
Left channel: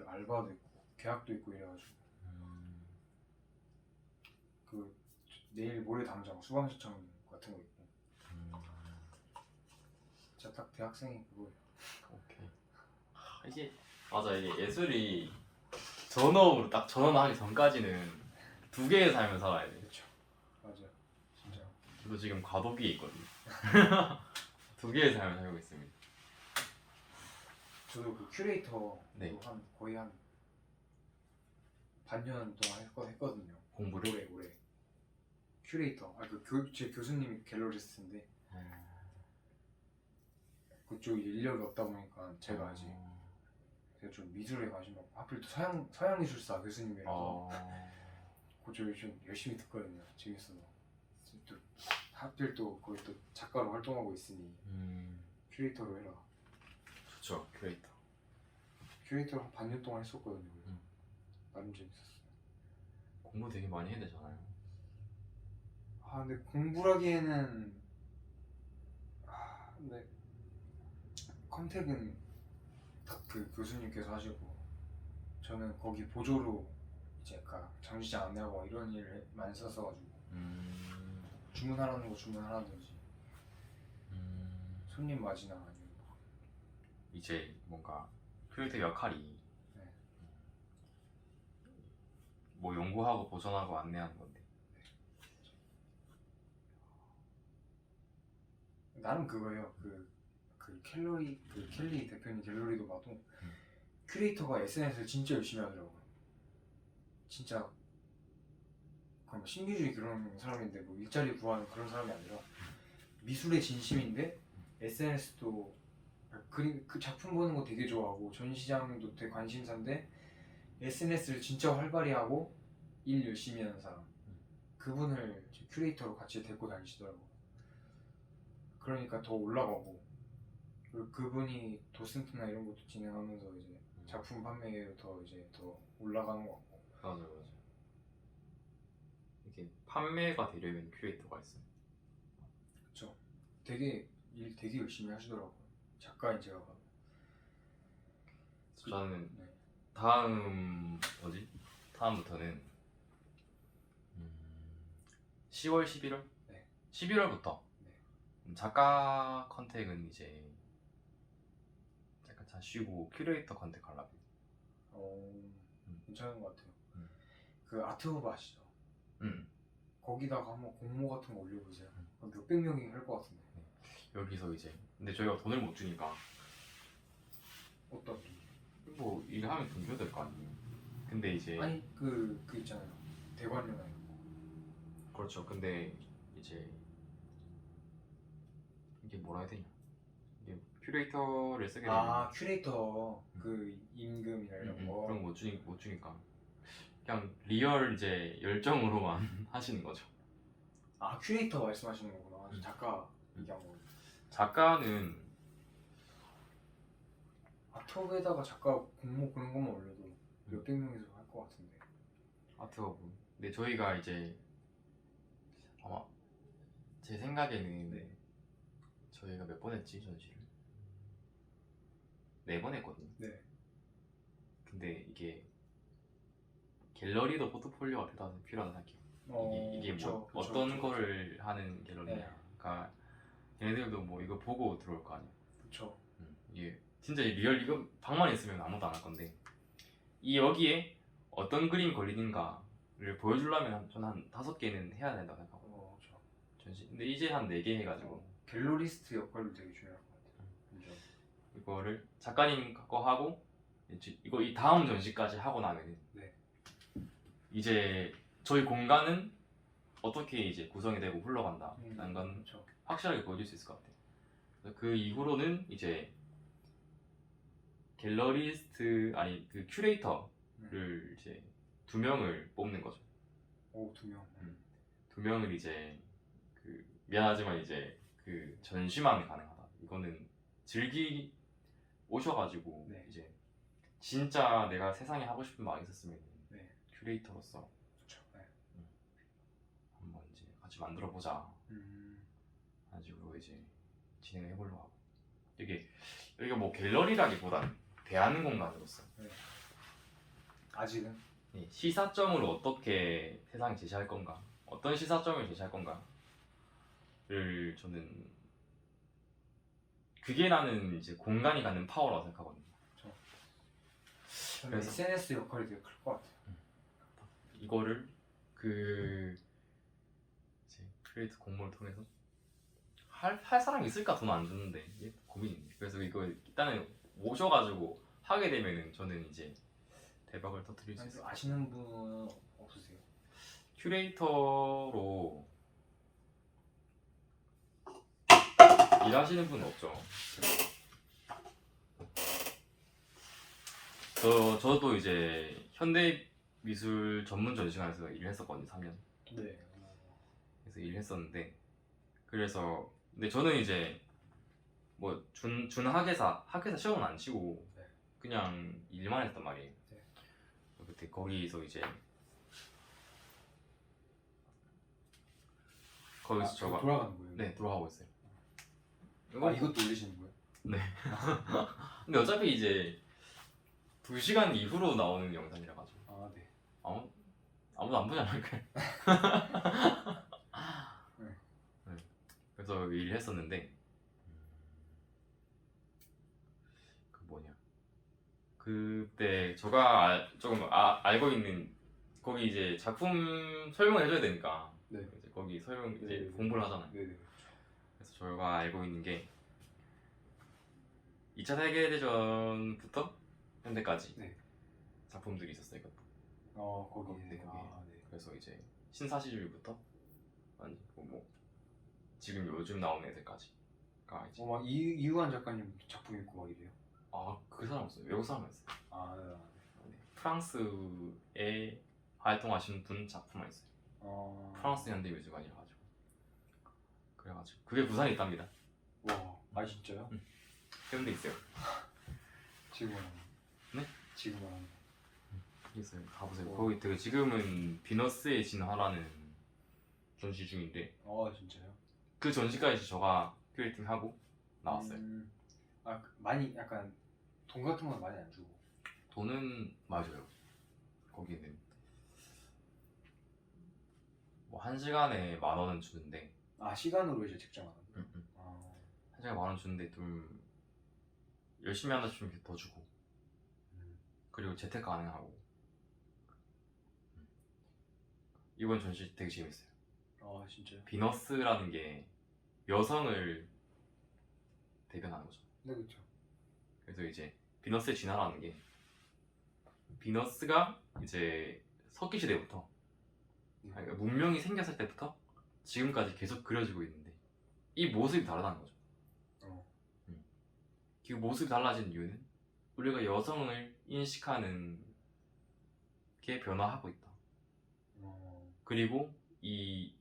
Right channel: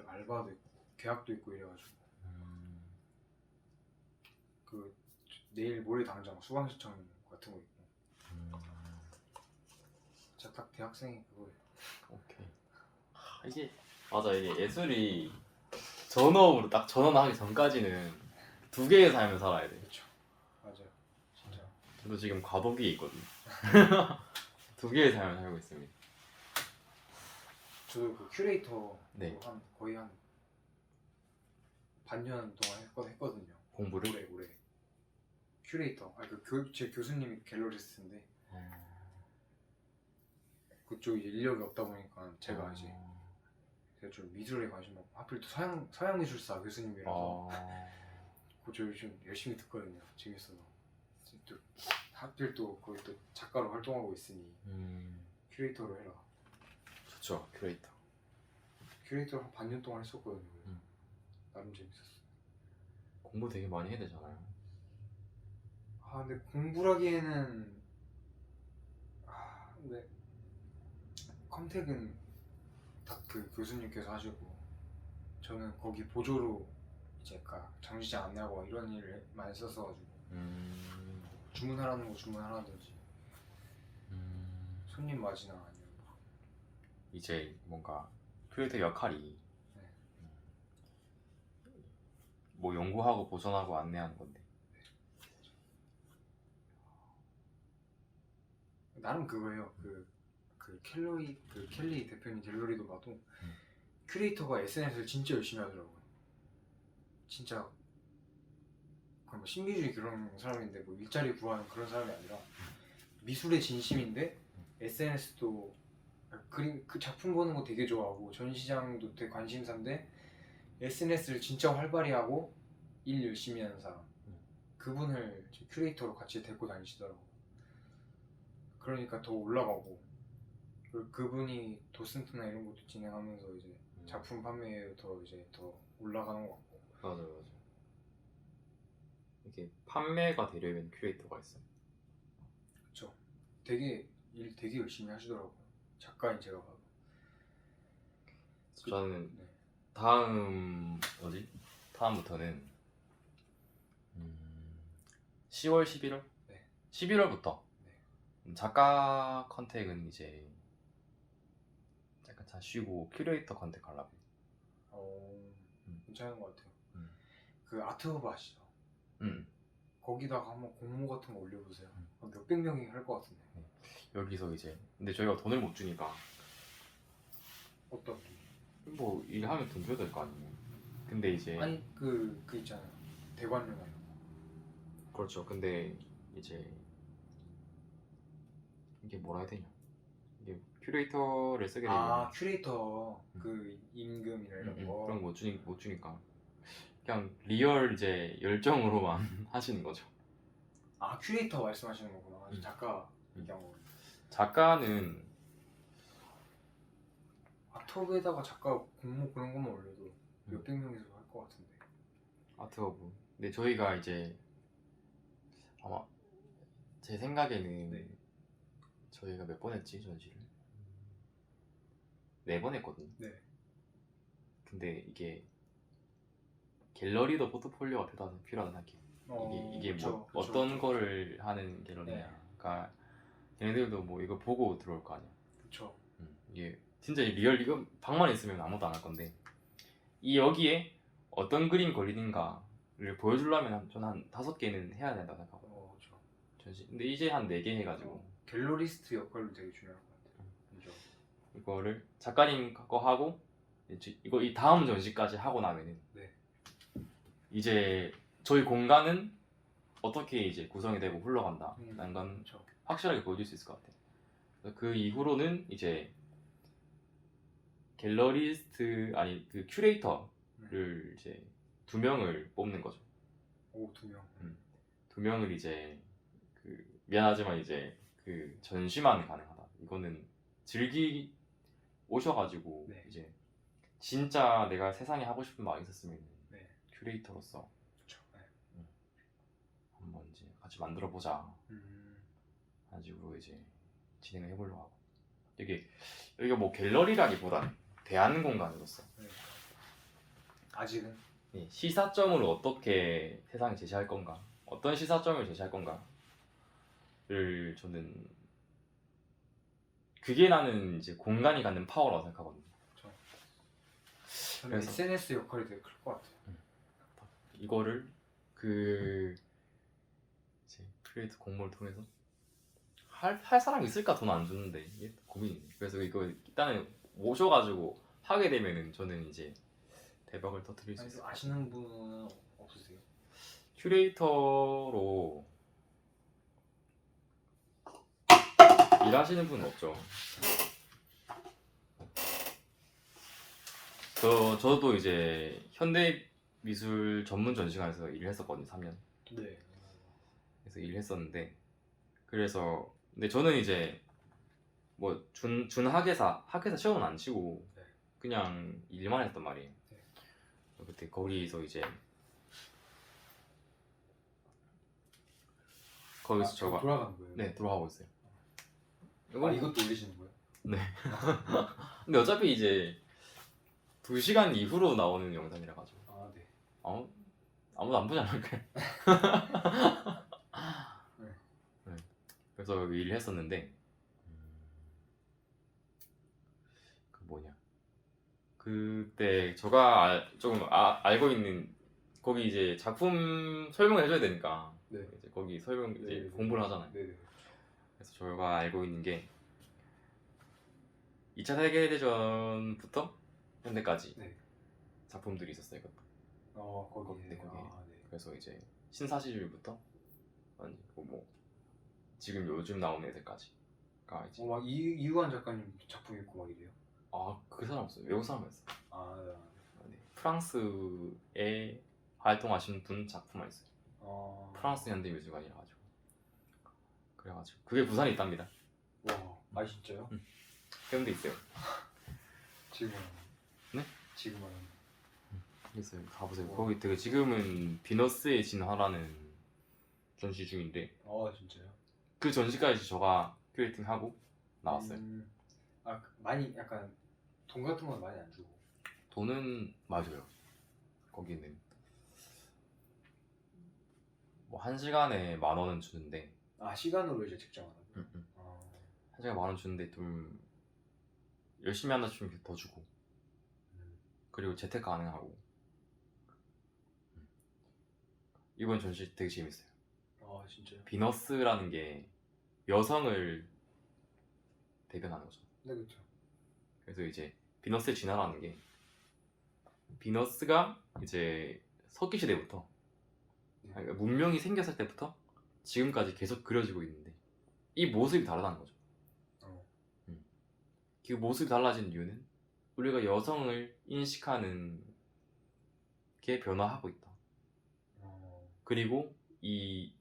알바도 있고 계약도 있고 이래가지고 그 내일 모레 당장 수강 신청 같은 거 있고. 진짜 딱 대학생이 그거예요. 오케이. 이게 맞아, 이게 예술이 전업만 하기 전까지는 두 개의 삶을 살아야 돼. 그렇죠. 맞아요. 진짜. 저도 지금 과도기에 있거든요. 두 개의 삶을 살고 있습니다. 저도 그 큐레이터 네. 거의 한 반년 동안 했거든요. 공부를? 올해 큐레이터. 제 교수님이 갤러리스트인데 그쪽 이제 인력이 없다 보니까 제가 이제 좀 미술에 관심 많고 하필 또 서양 미술사 교수님이라서 그쪽 좀 열심히 듣거든요. 재밌어서. 또 하필 또 거기 또 작가로 활동하고 있으니 큐레이터로 해라. 좋죠, 큐레이터. 큐레이터를 한 반년 동안 했었거든요. 나름 재밌었어요. 공부 되게 많이 해야 되잖아요. 근데 공부라기에는 근데 컨택은 딱 그 교수님께서 하시고 저는 거기 보조로 이제 아까 장시장 안내하고 이런 일을 많이 썼어가지고 주문하라는 거 주문하라든지 손님 맞이나 아니면 이제 뭔가 큐레이터 역할이 네. 뭐 연구하고 보존하고 안내하는 건데. 나름 그거예요. 켈리 대표님 갤러리도 봐도 큐레이터가 SNS를 진짜 열심히 하더라고요. 진짜 그냥 뭐 신비주의 그런 사람인데 뭐 일자리 구하는 그런 사람이 아니라 미술의 진심인데 SNS도 그 작품 보는 거 되게 좋아하고 전시장도 되게 관심사인데 SNS를 진짜 활발히 하고 일 열심히 하는 사람. 그분을 큐레이터로 같이 데리고 다니시더라고요. 그러니까 더 올라가고 그리고 그분이 도슨트나 이런 것도 진행하면서 이제 작품 판매에 더 올라가는 것 같고. 맞아요. 이게 판매가 되려면 큐레이터가 있어요. 그쵸. 되게 일 되게 열심히 하시더라고요. 작가인 제가 봐도. 저는 네. 다음부터는 10월, 11월? 네. 11월부터 네. 작가 컨택은 이제 약간 잘 쉬고 큐레이터 컨택 하려고. 괜찮은 것 같아요. 그 아트허브 아시죠? 거기다가 한번 공모 같은 거 올려보세요. 한 몇백 명이 할 것 같은데. 여기서 이제 근데 저희가 돈을 못 주니까 어떤? 뭐 일하면 돈 줘야 될 거 아니에요. 근데 이제 아니 그 있잖아요. 대관료나 이런 거. 그렇죠. 근데 이제 이게 뭐라 해야 되냐? 이게 큐레이터를 쓰게 되면 큐레이터 그 임금이나 이런 거. 그런 거 못 주니까 그냥 리얼 이제 열정으로만 하시는 거죠. 큐레이터 말씀하시는 거구나. 작가 얘기한 거. 작가는 유튜브에다가 작가 공모 그런 것만 올려도 몇백 명이서 할 것 같은데. 아트워브. 근데 저희가 이제 아마 제 생각에는 네. 저희가 몇 번 했지 전시를? 4번 했거든요. 네. 근데 이게 갤러리도 포트폴리오가 필요하다 생각해요. 이게 그쵸, 뭐 그쵸, 어떤 그쵸, 거를 하는 갤러리인가. 얘네들도 뭐 이거 보고 들어올 거 아니야. 그쵸. 이게 진짜 리얼 이거 방만 있으면 아무도 안 할 건데 이 여기에 어떤 그림 그리는가를 보여주려면 저는 한 5개는 해야 된다고 생각하고 그쵸. 전시. 근데 이제 한 4개 해가지고 갤러리스트 역할도 되게 중요할 것 같아요. 그죠. 이거를 작가님 거 하고 이거 이 다음 전시까지 하고 나면은 네. 이제 저희 공간은 어떻게 이제 구성이 되고 흘러간다라는 건 그쵸. 확실하게 보여줄 수 있을 것 같아요. 그래서 그 이후로는 이제 갤러리스트 아니 그 큐레이터를 이제 2명을 뽑는 거죠. 오, 2명. 2명을 이제 그 미안하지만 이제 그 전시만 가능하다. 이거는 즐기 오셔가지고 네. 이제 진짜 내가 세상에 하고 싶은 말 있었으면 네. 큐레이터로서 그쵸. 네. 한번 이제 같이 만들어 보자. 가지고 이제 진행을 해보려고 하고 여기가 뭐 갤러리라기보다 대안 공간으로서 아직은 시사점을 어떻게 세상에 제시할 건가, 어떤 시사점을 제시할 건가를 저는 그게 나는 이제 공간이 갖는 파워라고 생각하거든요. 저는 그래서- SNS 역할이 되게 클 것 같아요. 이거를 그 이제 크리에이터 공모를 통해서 할 사람이 있을까? 돈 안 주는데 이게 고민이에요. 그래서 이거 일단은 오셔가지고 하게 되면은 저는 이제 대박을 터뜨릴 수 아니, 있어요. 좀 아시는 분은 없으세요? 큐레이터로 일하시는 분은 없죠. 저도 이제 현대미술 전문 전시관에서 일을 했었거든요. 3년. 네. 그래서 일을 했었는데 근데 저는 이제 뭐 학예사 시험은 안 치고 네. 그냥 일만 했단 말이에요. 네. 그때 거기서 이제 거기서 저 돌아가는 거예요? 네, 돌아가고 있어요. 이것도 올리시는 거예요? 근데 어차피 이제 2시간 이후로 나오는 영상이라 가지고 네. 아무도 안 보지 않을까요? 네. 그래서 일을 했었는데 그 뭐냐 그때 제가 조금 알고 있는 거기 이제 작품 설명을 해줘야 되니까 네. 이제 거기 설명 이제 네. 공부를 하잖아요. 네. 그래서 저희가 알고 있는 게 2차 세계대전부터 현대까지 네. 작품들이 있었어요. 거기. 네, 거기. 네. 그래서 이제 신사시류부터 아니 뭐 지금 요즘 나오는 애들까지가 이제 막 이유한 작가님 작품 있고 막 이래요. 그 사람 없어요. 외국 사람이었어요. 네. 네. 프랑스에 활동하시는 분 작품만 있어요. 프랑스 현대미술관이라 가지고 그래가지고 그게 부산에 있답니다. 와, 진짜요? 해운대 있어요. 지금 말하는. 네? 지금 말하는. 있어요. 가보세요. 와. 거기 되게 지금은 비너스의 진화라는 전시 중인데 진짜요? 그 전시까지 저가 큐레이팅하고 나왔어요. 많이 약간 돈 같은 건 많이 안 주고. 돈은 맞아요. 거기는 뭐 1시간에 10,000원은 주는데 시간으로 이제 책정하는 거예요? 1시간에 10,000원 주는데 좀 열심히 한다 싶으면 더 주고 그리고 재택 가능하고 이번 전시 되게 재밌어요. 진짜요? 비너스라는 게 여성을 대변하는 거죠. 네, 그렇죠. 그래서 이제 비너스의 진화라는 게 비너스가 이제 석기 시대부터 그러니까 문명이 생겼을 때부터 지금까지 계속 그려지고 있는데 이 모습이 다르다는 거죠. 그 모습이 달라진 이유는 우리가 여성을 인식하는 게 변화하고 있다. 그리고 이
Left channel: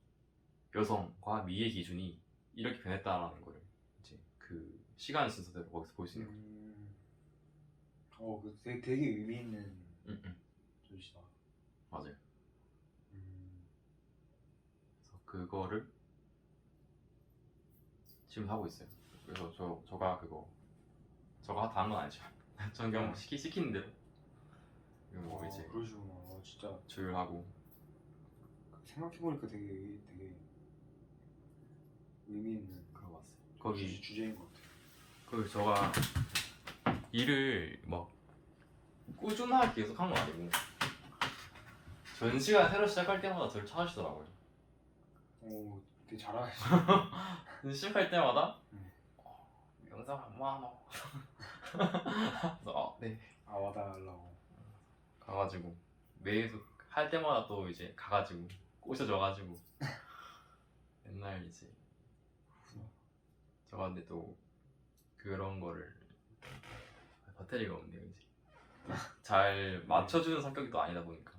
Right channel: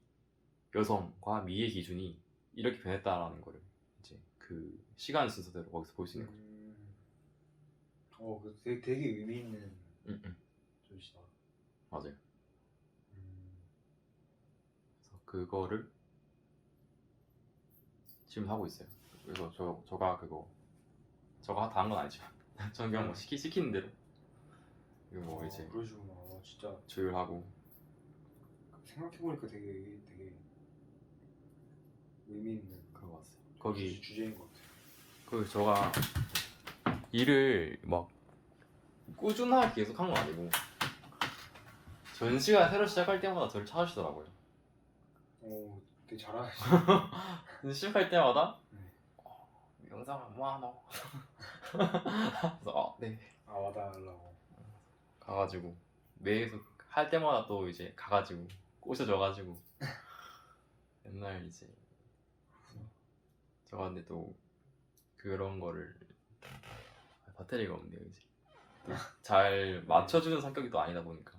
여성과 미의 기준이 이렇게 변했다라는 거를 이제 그 시간 순서대로 거기서 볼 수 있는 거죠. 그 되게 의미 있는 응. 전시다. 맞아요. 음, 그래서 그거를 지금 하고 있어요. 그래서 저가 다 한 건 아니죠. 저는 그냥 시키는 대로 그리고 뭐 이제 그러시구나. 진짜 조율하고. 생각해보니까 되게 의미 있는 그런 것 같아요. 거기 주제인 것 같아요. 그 저가 일을 막 꾸준하게 계속 한 건 아니고 전시가 새로 시작할 때마다 저를 찾아주더라고요. 되게 잘하시. 시작할 때마다 네. 영상 뭐 하나 그래서 네 와달라고. 가가지고 매일 할 때마다 또 이제 가가지고 꼬셔져가지고 맨날 이제 저가 근데 또 그런 거를 배터리가 없네요 이제 잘 맞춰주는 성격이 또 아니다 보니까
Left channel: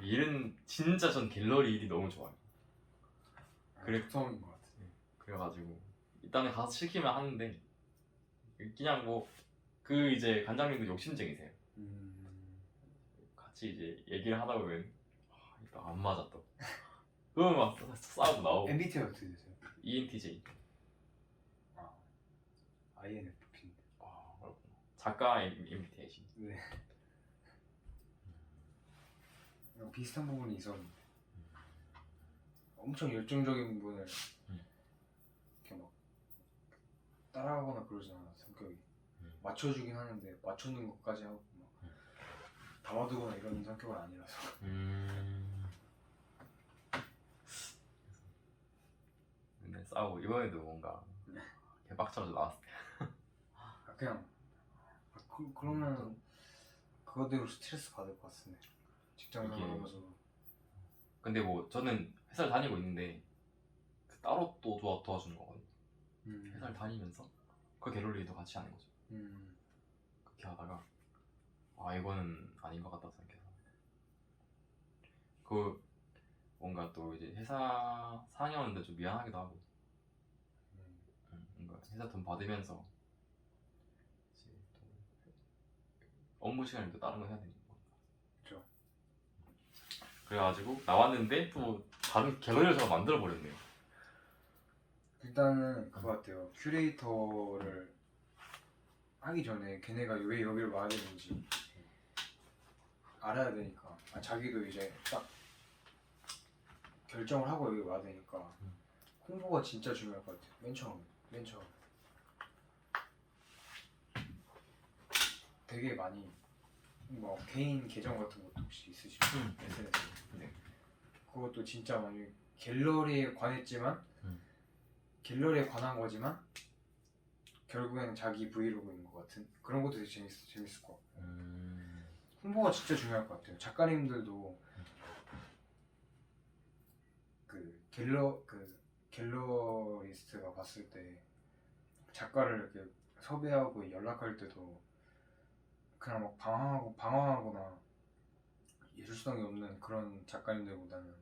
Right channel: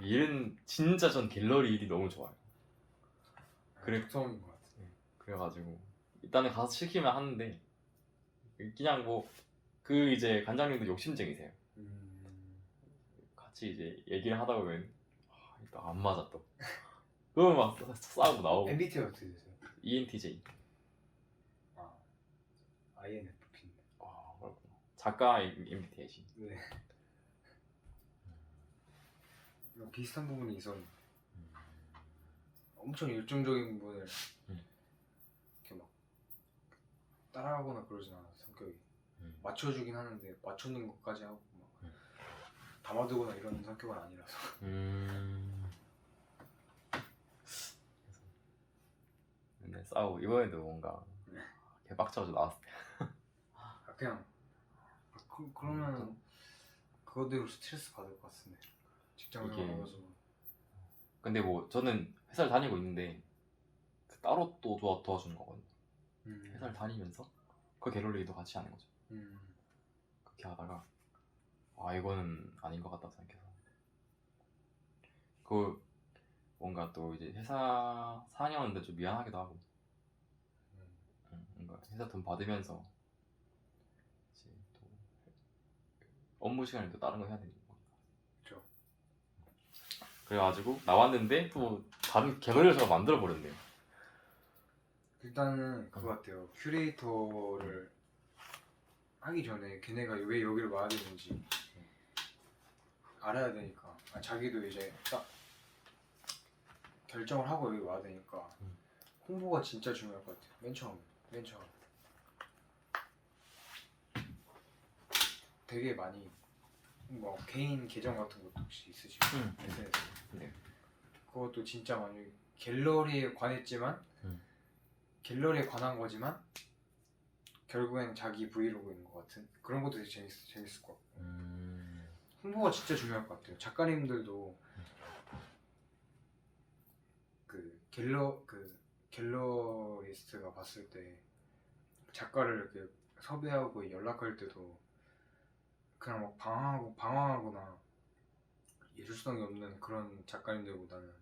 일은 진짜 전 갤러리 일이 너무 좋아요. 그래. 특성인 것 같아. 그래가지고 일단은 가서 시키면 하는데 그냥 뭐 그 이제 관장님도 욕심쟁이세요. 같이 이제 얘기를 하다 보면 일단 안 맞아 또 그러면 막 싸우고 나오고. MBTI 어떻게 되세요? ENTJ. INFP. 그렇구나. 작가 MBTI시. 네. 비슷한 부분이 있었는데 엄청 열정적인 부분을 이렇게 막 따라하거나 그러진 않아. 성격이 맞춰주긴 하는데 맞추는 것까지 하고 막 담아두거나 이런 성격은 아니라서. 근데 싸우고 이번에도 뭔가 개빡쳐서 나왔을 때 그냥 그러면 그거대로 스트레스 받을 것 같은데 직장 이게- 생활하면서. 근데 뭐 저는 회사를 다니고 있는데 따로 또 도와주는 거거든요. 회사를 다니면서 그 갤러리도 같이 하는 거죠. 그렇게 하다가 이거는 아닌 것 같다 생각해서 그 뭔가 또 이제 회사 4년인데 좀 미안하기도 하고 뭔가 회사 돈 받으면서 이제 또 업무 시간에 또 다른 거 해야 되니까. 그렇죠. 그래가지고 나왔는데 또 다른 갤러리를 제가 만들어 버렸네요. 일단은 그거 같아요. 큐레이터를 하기 전에 걔네가 왜 여기를 와야 되는지 알아야 되니까. 자기도 이제 딱 결정을 하고 여기 와야 되니까 홍보가 진짜 중요할 것 같아요. 맨 처음 되게 많이 뭐 개인 계정 같은 것도 혹시 있으시고 SNS 네. 그것도 진짜 많이 갤러리에 관했지만 갤러리에 관한 거지만 결국엔 자기 브이로그인 것 같은 그런 것도 되게 재밌을 것 같고. 홍보가 진짜 중요할 것 같아요. 작가님들도 그 갤러리스트가 봤을 때 작가를 이렇게 섭외하고 연락할 때도 그냥 막 방황하거나 예술성이 없는 그런 작가님들보다는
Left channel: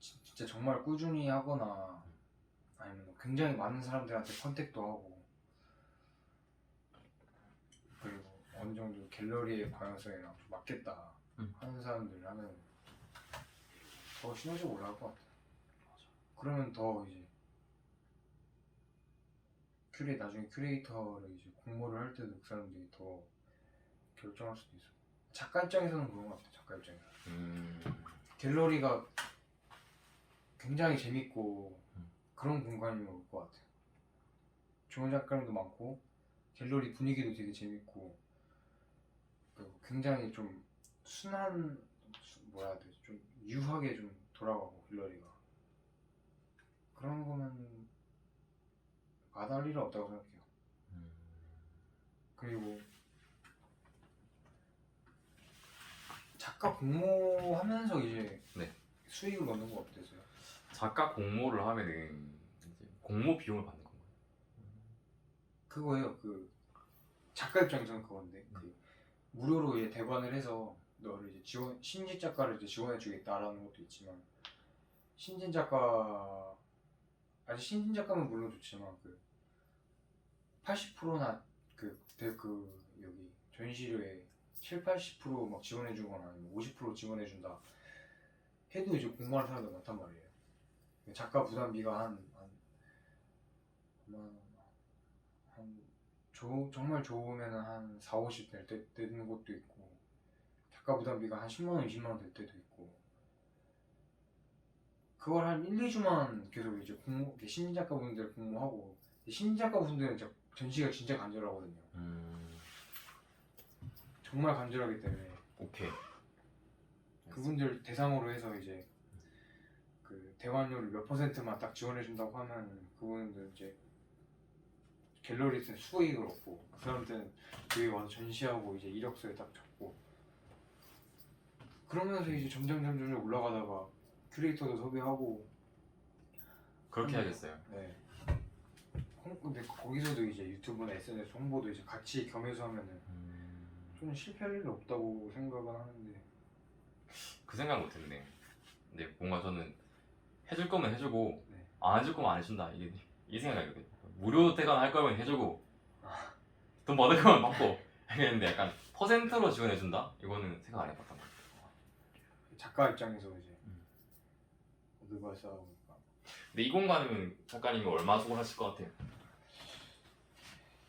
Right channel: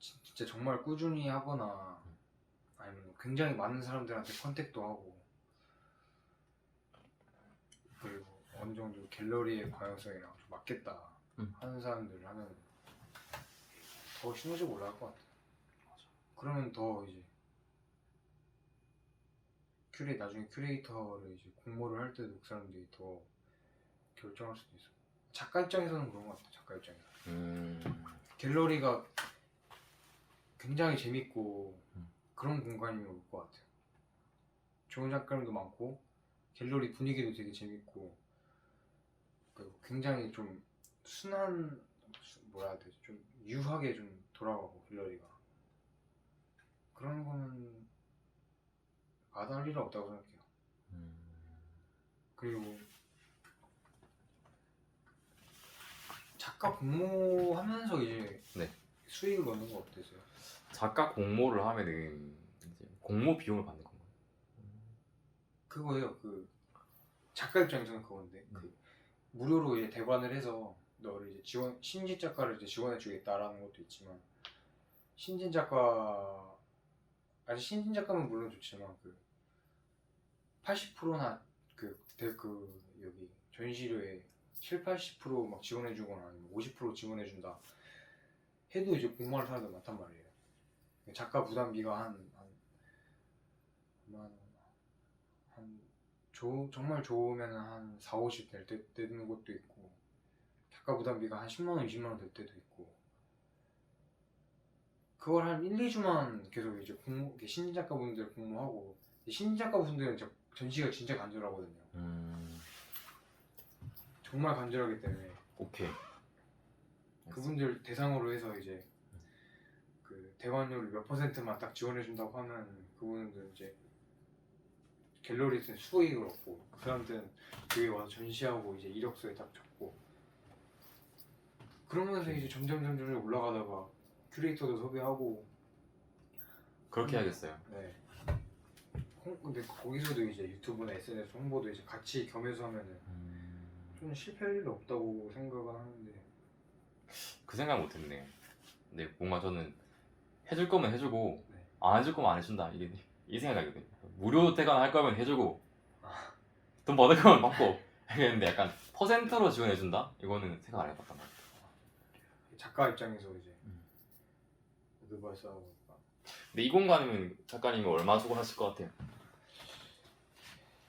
진짜 정말 꾸준히 하거나 아니면 굉장히 많은 사람들한테 컨택도 하고 그리고 어느 정도 갤러리의 방향성이랑 좀 맞겠다 하는 사람들 하면 더 시너지가 올라갈 것 같아요. 그러면 더 이제 나중에 큐레이터를 이제 공모를 할 때도 그 사람들이 더 결정할 수도 있어. 작가 입장에서는 그런 것 같아. 작가 입장에서 갤러리가 굉장히 재밌고 그런 공간이면 올 것 같아요. 좋은 작가님도 많고 갤러리 분위기도 되게 재밌고 그리고 굉장히 좀 순한 뭐라 해야 되지? 좀 유하게 좀 돌아가고 갤러리가 그런 거는 안 할 일은 없다고 생각해요. 그리고 작가 공모하면서 이제 수익을 넣는 거 어떠세요? 작가 공모를 하면은 이제 공모 비용을 받는 건가요? 그거예요. 그 작가 입장에서는 그건데 그 무료로 이제 대관을 해서 너를 이제 신진 작가를 이제 지원해 주겠다라는 것도 있지만 신진 작가면 물론 좋지만 그 80%나 그 여기 전시료에 70~80%막 지원해주거나 아니면 50% 지원해준다 해도 이제 공부하는 사람들 많단 말이에요. 작가 부담비가 정말 좋으면은 한 4~50 되는 것도 있고, 작가 부담비가 한 10만 원, 20만 원 될 때도 있고, 그걸 한 1~2주만 계속 이제 신진 작가분들 공부하고, 신진 작가분들은 전시가 진짜 간절하거든요. 정말 간절하기 때문에 오케이. 그분들 대상으로 해서 이제 그 대관료를 몇 %만 딱 지원해준다고 하면 그분들 이제 갤러리한테 수익을 얻고, 그 사람들은 여기 와서 전시하고 이제 이력서에 딱 적고, 그러면서 이제 점점 올라가다가 큐레이터도 섭외하고. 그렇게 해야겠어요. 네. 근데 거기서도 이제 유튜브나 SNS 홍보도 이제 같이 겸해서 하면은 좀 실패할 일은 없다고 생각을 하는데. 그 생각 못했네요. 근데 뭔가 저는 해줄 거면 해주고 네. 안 해줄 거면 안 해준다 이 생각이거든요. 무료 대관 할 거면 해주고 돈 받을 거면 받고 했는데 약간 퍼센트로 지원해준다? 이거는 생각 안 해봤단 말이에요. 작가 입장에서 이제 누가 싸우니까. 근데 이 공간이면 작가님이 얼마 주고 하실 것 같아요?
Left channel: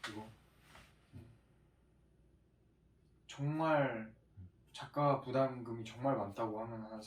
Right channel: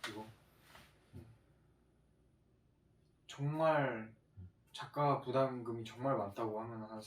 이거 정말 작가 부담금이 정말 많다고 하면 한